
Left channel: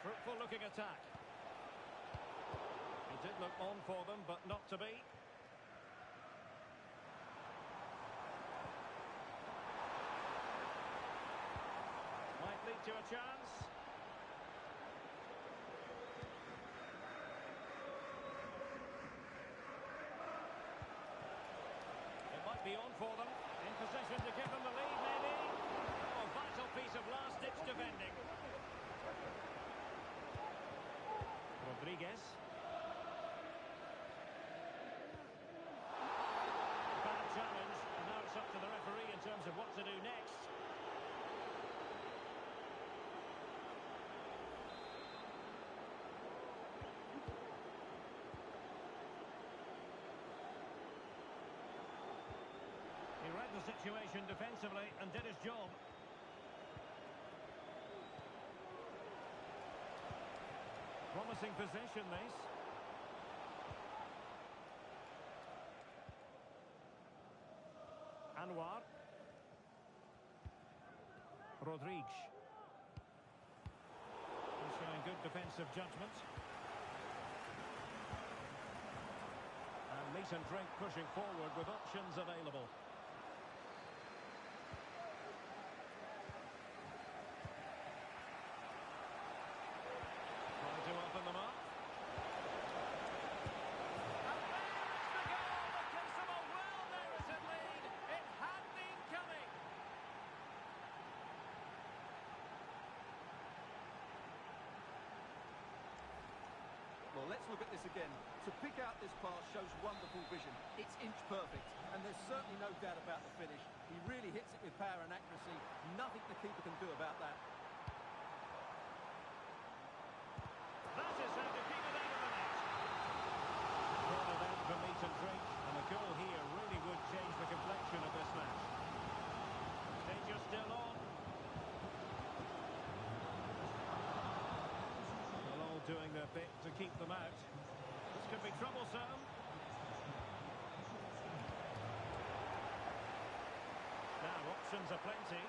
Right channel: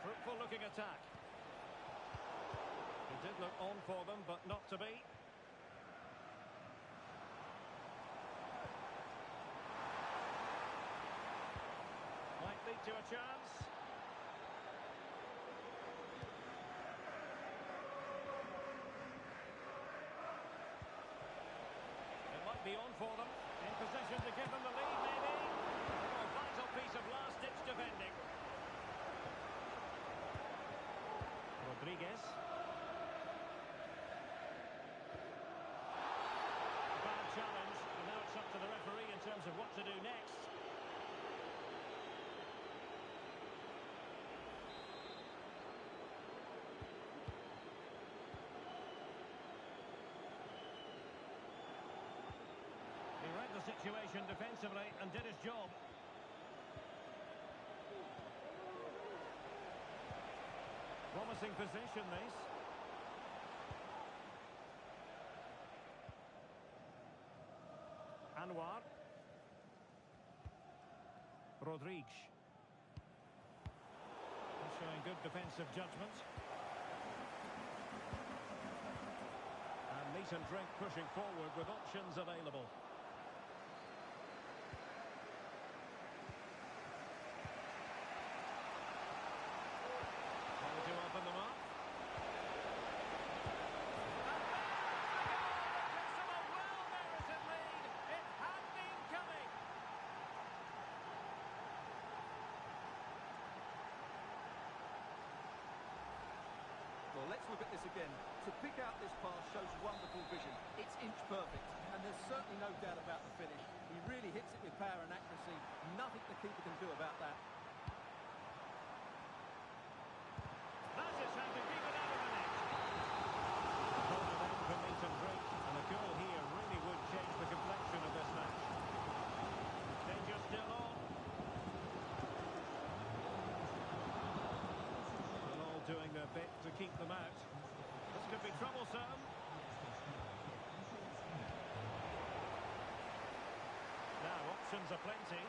Fruitful looking attack. It did look on for them, but not to be. Might lead to a chance. It might be on for them. In position to give them the lead, maybe. Oh, vital piece of last-ditch defending. Rodriguez. Bad challenge, and now it's up to the referee in terms of what to do next. situation defensively and did his job. Promising position, this. Anwar. Rodriguez. He's showing good defensive judgment. And meat and drink pushing forward with options available. Trying to open them up. And there's the goal that gives them a well-merited lead. It had been coming. Well, let's look at this again. To pick out this pass shows wonderful vision. It's inch perfect, and there's certainly no doubt about the finish. He really hits it with power and accuracy. Nothing the keeper can do about that. That is how to keep it out of the net. Corner then for meat and drink, and a goal here really would change the complexion of this match. Danger still on. They're all doing their bit to keep them out. This could be troublesome. Now options are plenty.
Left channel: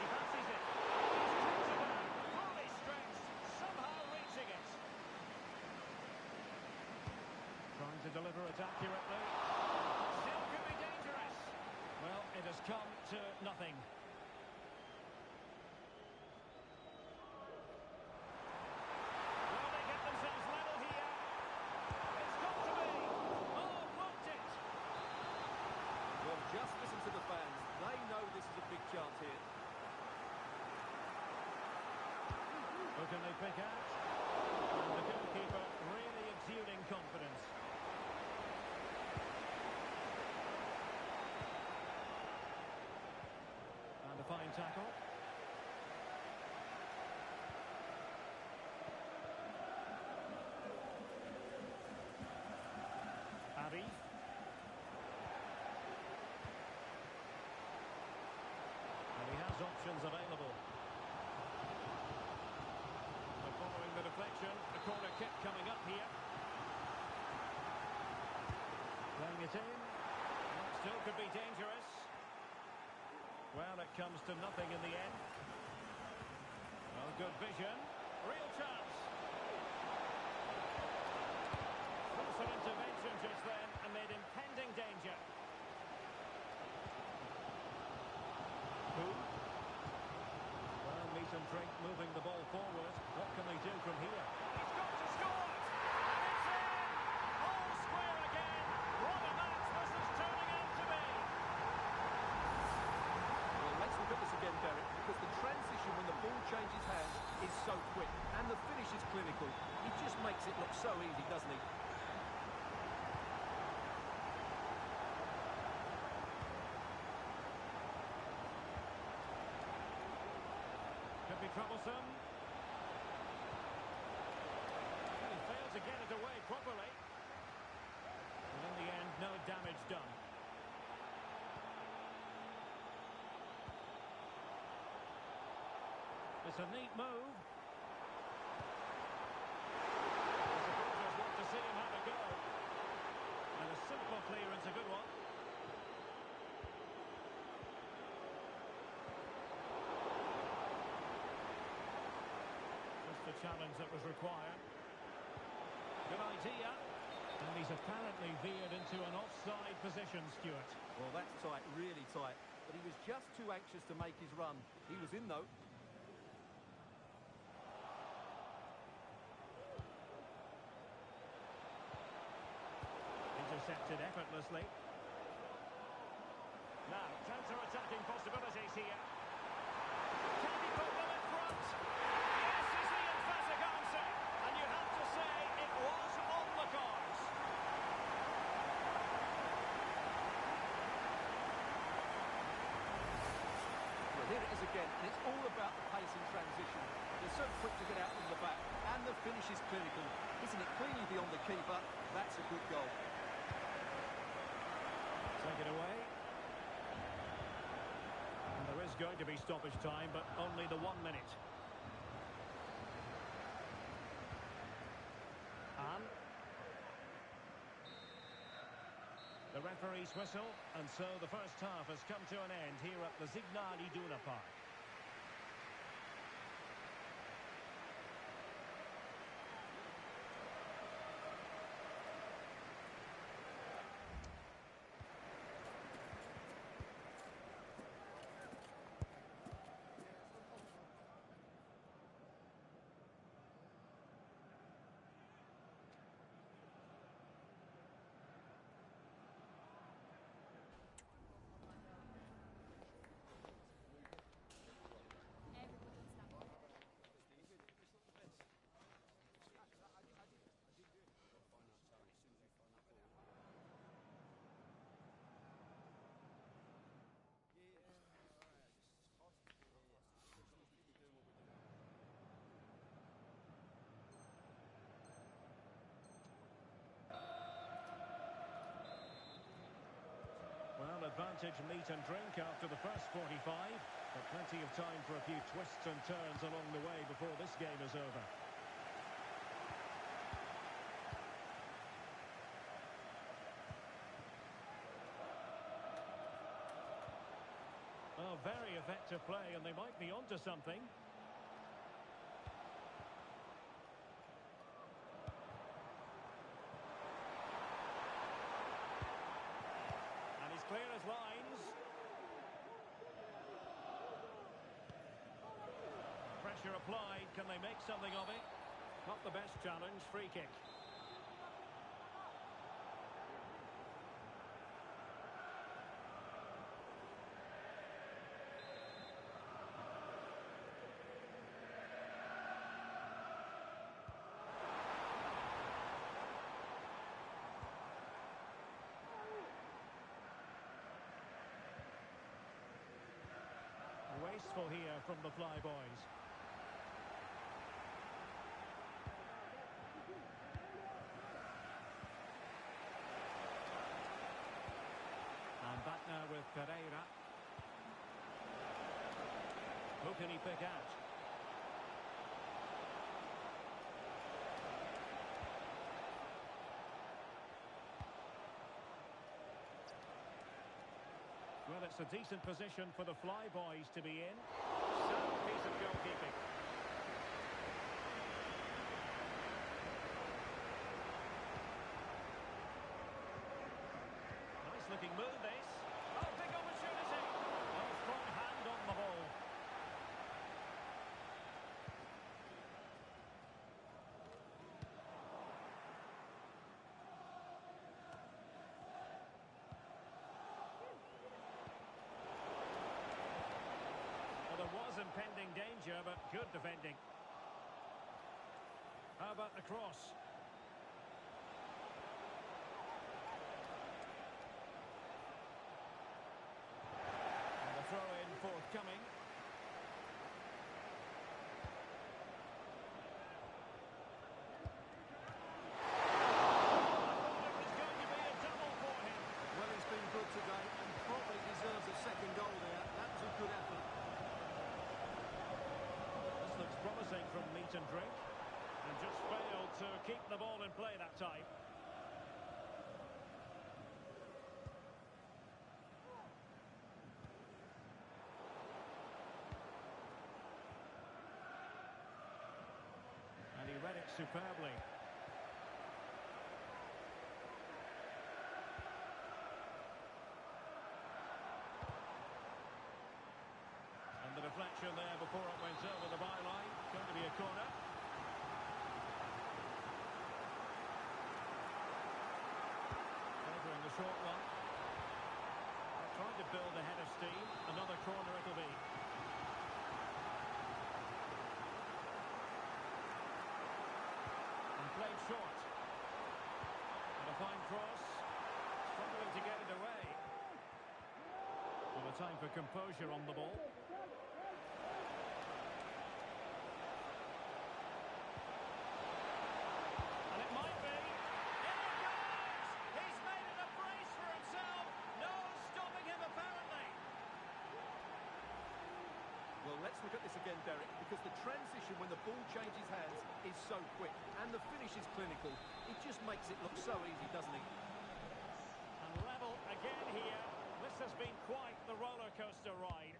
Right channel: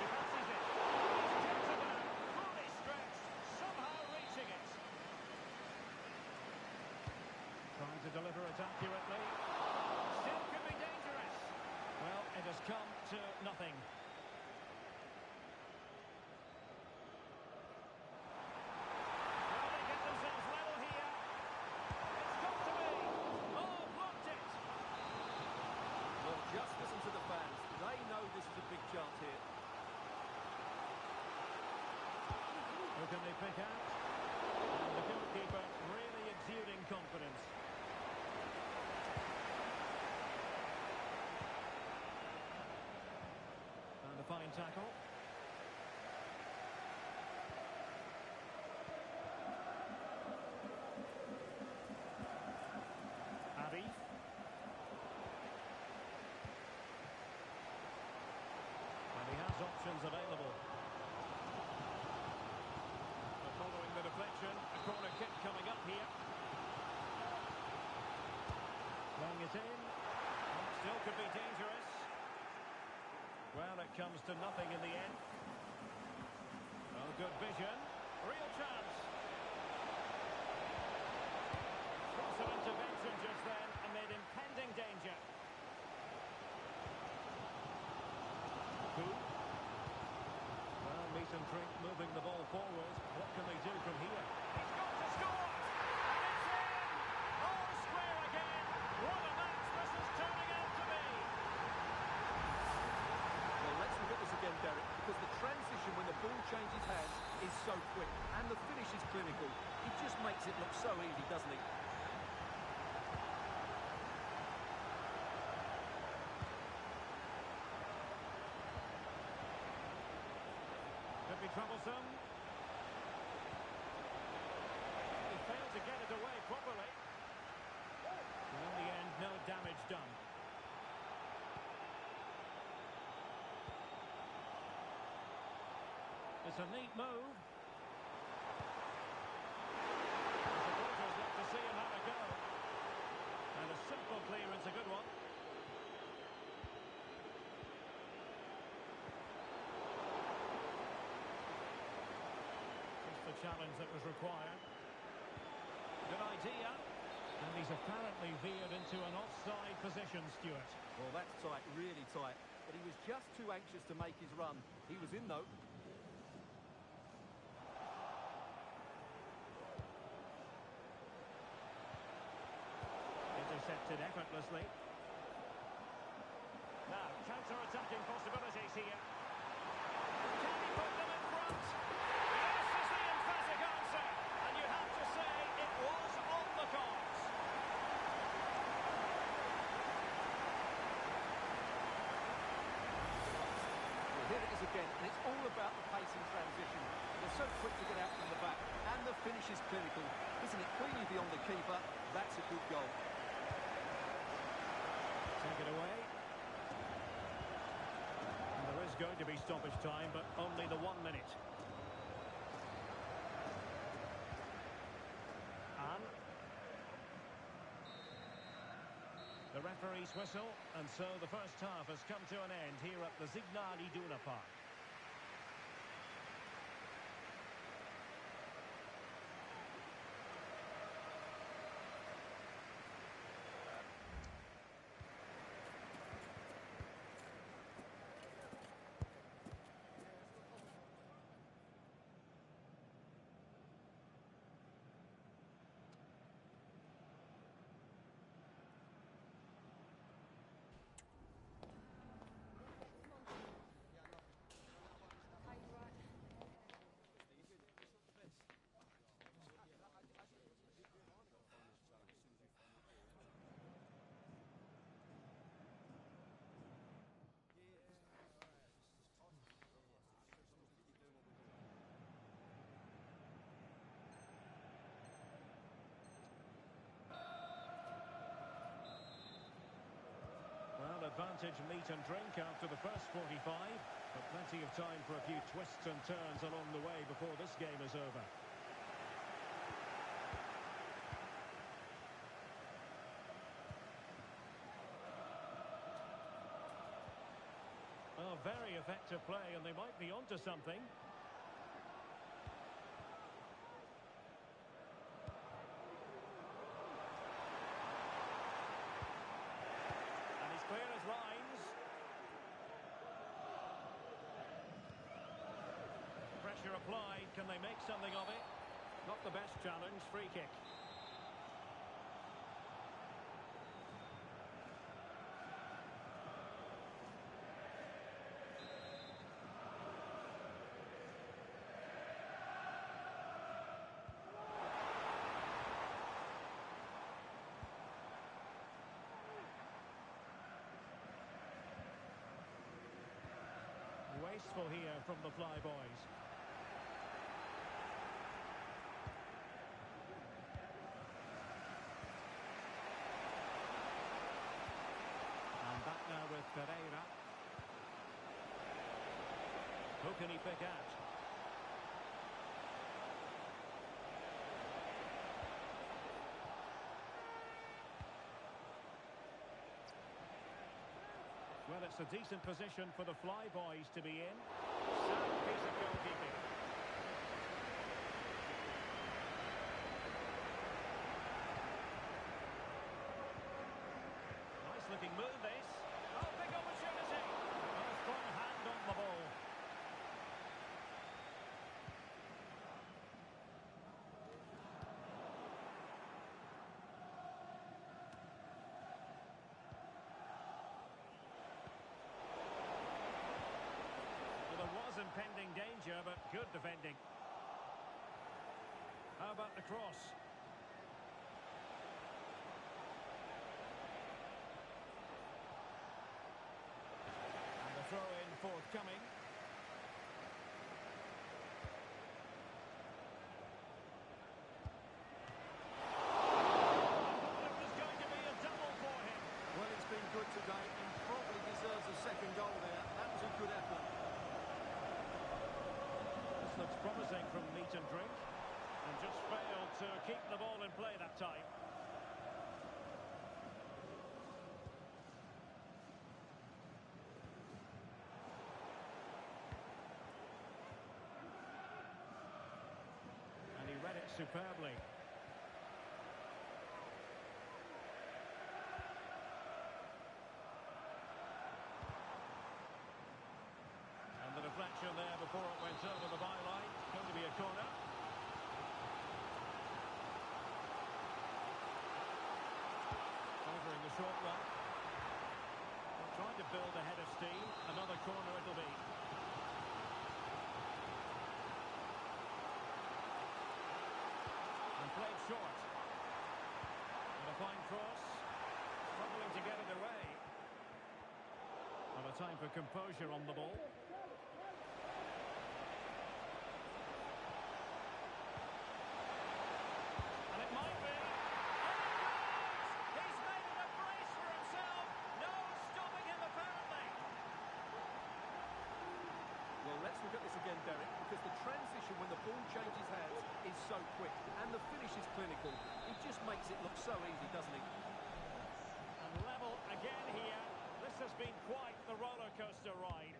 He fancies it. He's kicked it out. Fully stretched. Somehow reaching it. Trying to deliver it accurately. Still could be dangerous. Well, it has come to nothing. Well, they get themselves level here. It's got to be. Oh, blocked it. Well, just listen to the fans. They know this is a big chance here. Who can they pick out? And the goalkeeper really exuding confidence. And a fine tackle. Arif. And he has options available. Following the deflection, a corner kick coming up here. Playing it in. Well, still could be dangerous. Well, it comes to nothing in the end. Oh, good vision. Real chance. Crucial intervention just then amid impending danger. Who? Well, meat and drink moving the ball forward. What can they do from here? He's got to score! And it's in! All square again! What a match this is turning out to be! Well, let's look at this again, Derek, because the transition when the ball changes hands is so quick, and the finish is clinical. He just makes it look so easy, doesn't he? Could be troublesome. He failed to get it away properly. And in the end, no damage done. It's a neat move. The supporters want to see him have a go. And a simple clearance, a good one. The challenge that was required. Good idea. And he's apparently veered into an offside position, Stuart. Well, that's tight, really tight. But he was just too anxious to make his run. He was in, though. Intercepted effortlessly. Now, counter-attacking possibilities here. Can he put them in front? Yes is the emphatic answer. And you have to say it was on the cards. Well, here it is again, and it's all about the pace in transition. They're so quick to get out from the back, and the finish is clinical. Hitting it cleanly beyond the keeper, that's a good goal. So Take it away. And there is going to be stoppage time, but only the 1 minute. And the referee's whistle, and so the first half has come to an end here at the Signal Iduna Park. Well, advantage meat and drink after the first 45, but plenty of time for a few twists and turns along the way before this game is over. Oh, very effective play, and they might be onto something. Clear as lines. Pressure applied. Can they make something of it? Not the best challenge. Free kick. Wasteful here from the Flyboys. And back now with Pereira. Who can he pick out? Well, it's a decent position for the Flyboys to be in. Sound piece of goalkeeping. Nice looking move, this. Oh, big opportunity. Oh, strong hand on the ball. There was impending danger, but good defending. How about the cross? And the throw-in forthcoming. I thought it was going to be a double for him. Well, he's been good today and probably deserves a second goal there. That was a good effort. Looks promising from meat and drink, and just failed to keep the ball in play that time. And he read it superbly. The deflection there before it went over the byline. Going to be a corner. Favouring the short one. Well, trying to build a head of steam. Another corner it'll be. And played short. And a fine cross. Struggling to get it away. Well, a time for composure on the ball. And it might be. In it goes! He's made it a brace for himself. No Let's look at this again, Derek, because the transition when the ball changes hands is so quick, and the finish is clinical. It just makes it look so easy, doesn't it? And level again here. This has been quite the roller coaster ride.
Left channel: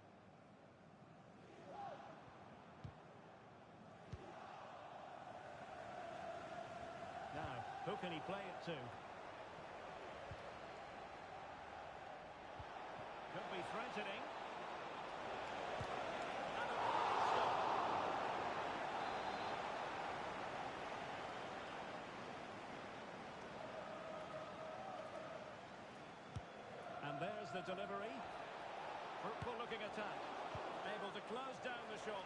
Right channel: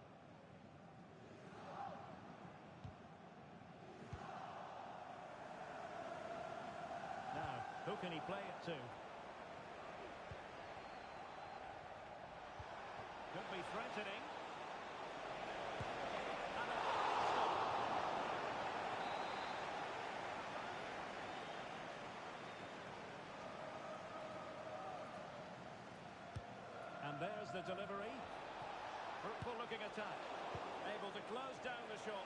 Now, who can he play it to? Could be threatening. And a fine stop. And there's the delivery. Fruitful looking attack. Able to close down the shot.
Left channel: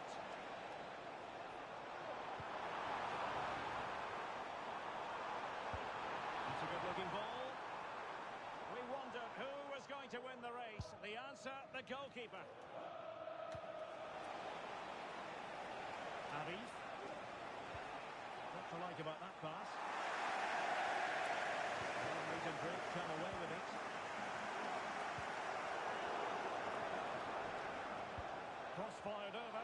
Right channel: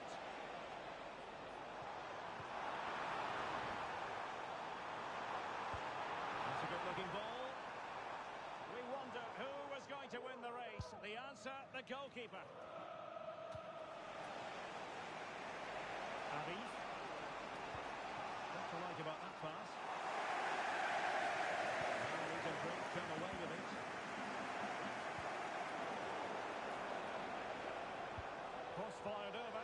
That's a good looking ball. We wondered who was going to win the race. The answer, the goalkeeper. Arif. Not to like about that pass. Well, meat and drink come away with it. Cross fired over.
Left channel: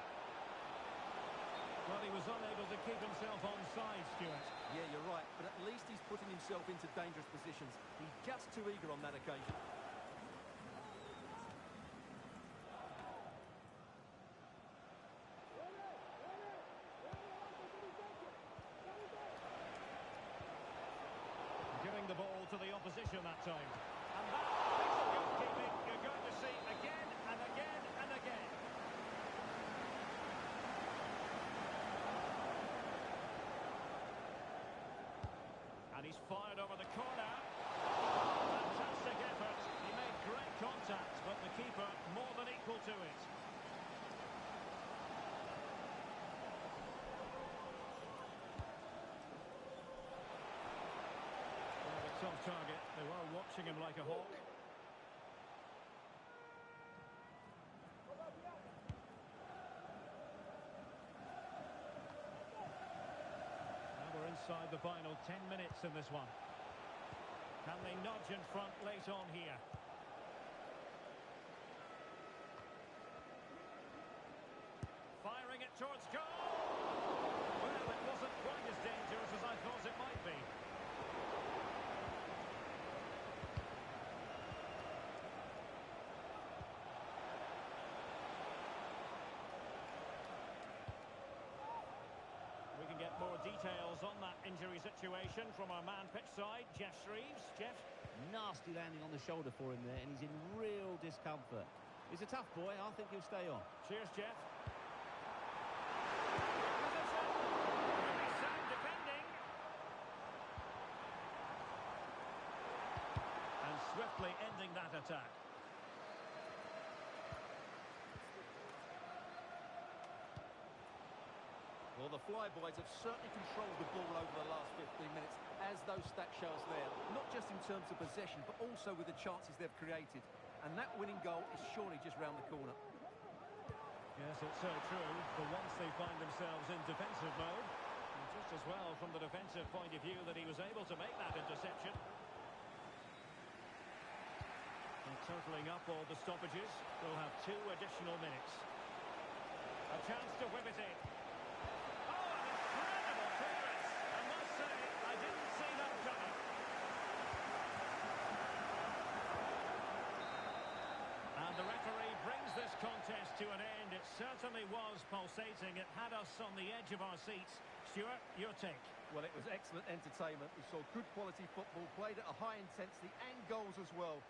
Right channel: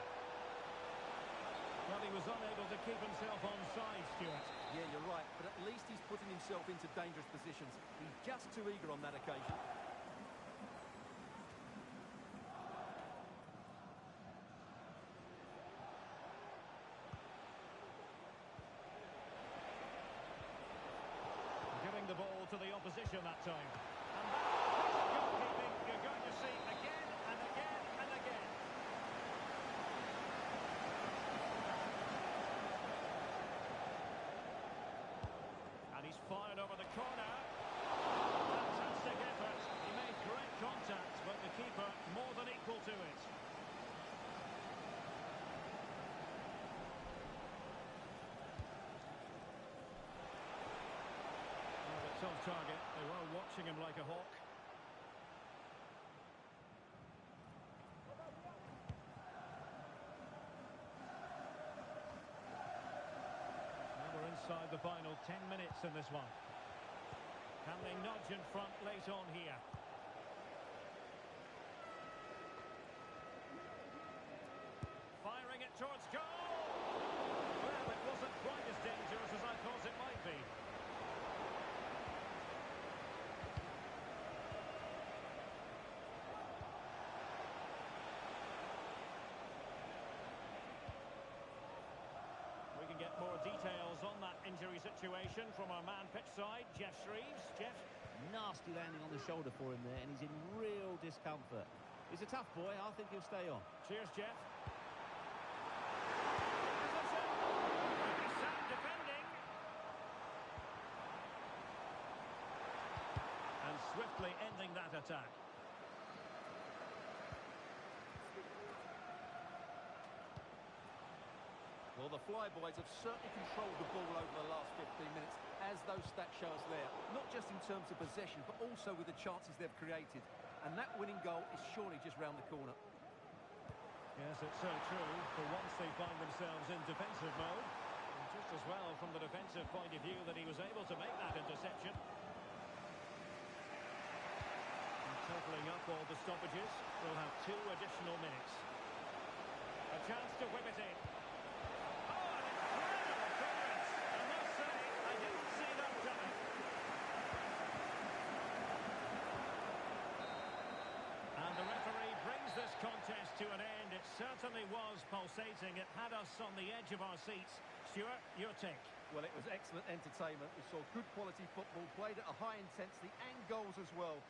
Well, he was unable to keep himself onside, Stuart. Yeah, you're right, but at least he's putting himself into dangerous positions. He's just too eager on that occasion. Giving the ball to the opposition that time. And that piece of goalkeeping you're going to see again and again and again. And he's fired over the corner. Fantastic effort. He made great contact, but the keeper more than equal to it. Well, a tough target. They were watching him like a hawk. We're inside the final 10 minutes in this one. Can they nudge in front late on here? Firing it towards goal! Well, it wasn't quite as dangerous as I thought it might be. We can get more details on that injury situation from our man pitch side, Jeff Shreves. Jeff? Nasty landing on the shoulder for him there, and he's in real discomfort. He's a tough boy. I think he'll stay on. Cheers, Jeff. Position. Really sound defending. And swiftly ending that attack. Well, the Flyboys have certainly controlled the ball over the last 15 minutes, as those stats show us there. Not just in terms of possession, but also with the chances they've created. And that winning goal is surely just round the corner. Yes, it's so true. For once they find themselves in defensive mode. And just as well from the defensive point of view that he was able to make that interception. And totalling up all the stoppages, we'll have 2 additional minutes. A chance to whip it in. And the referee brings this contest to an end. It certainly was pulsating. It had us on the edge of our seats. Stuart, your take? Well, it was excellent entertainment. We saw good quality football, played at a high intensity and goals as well.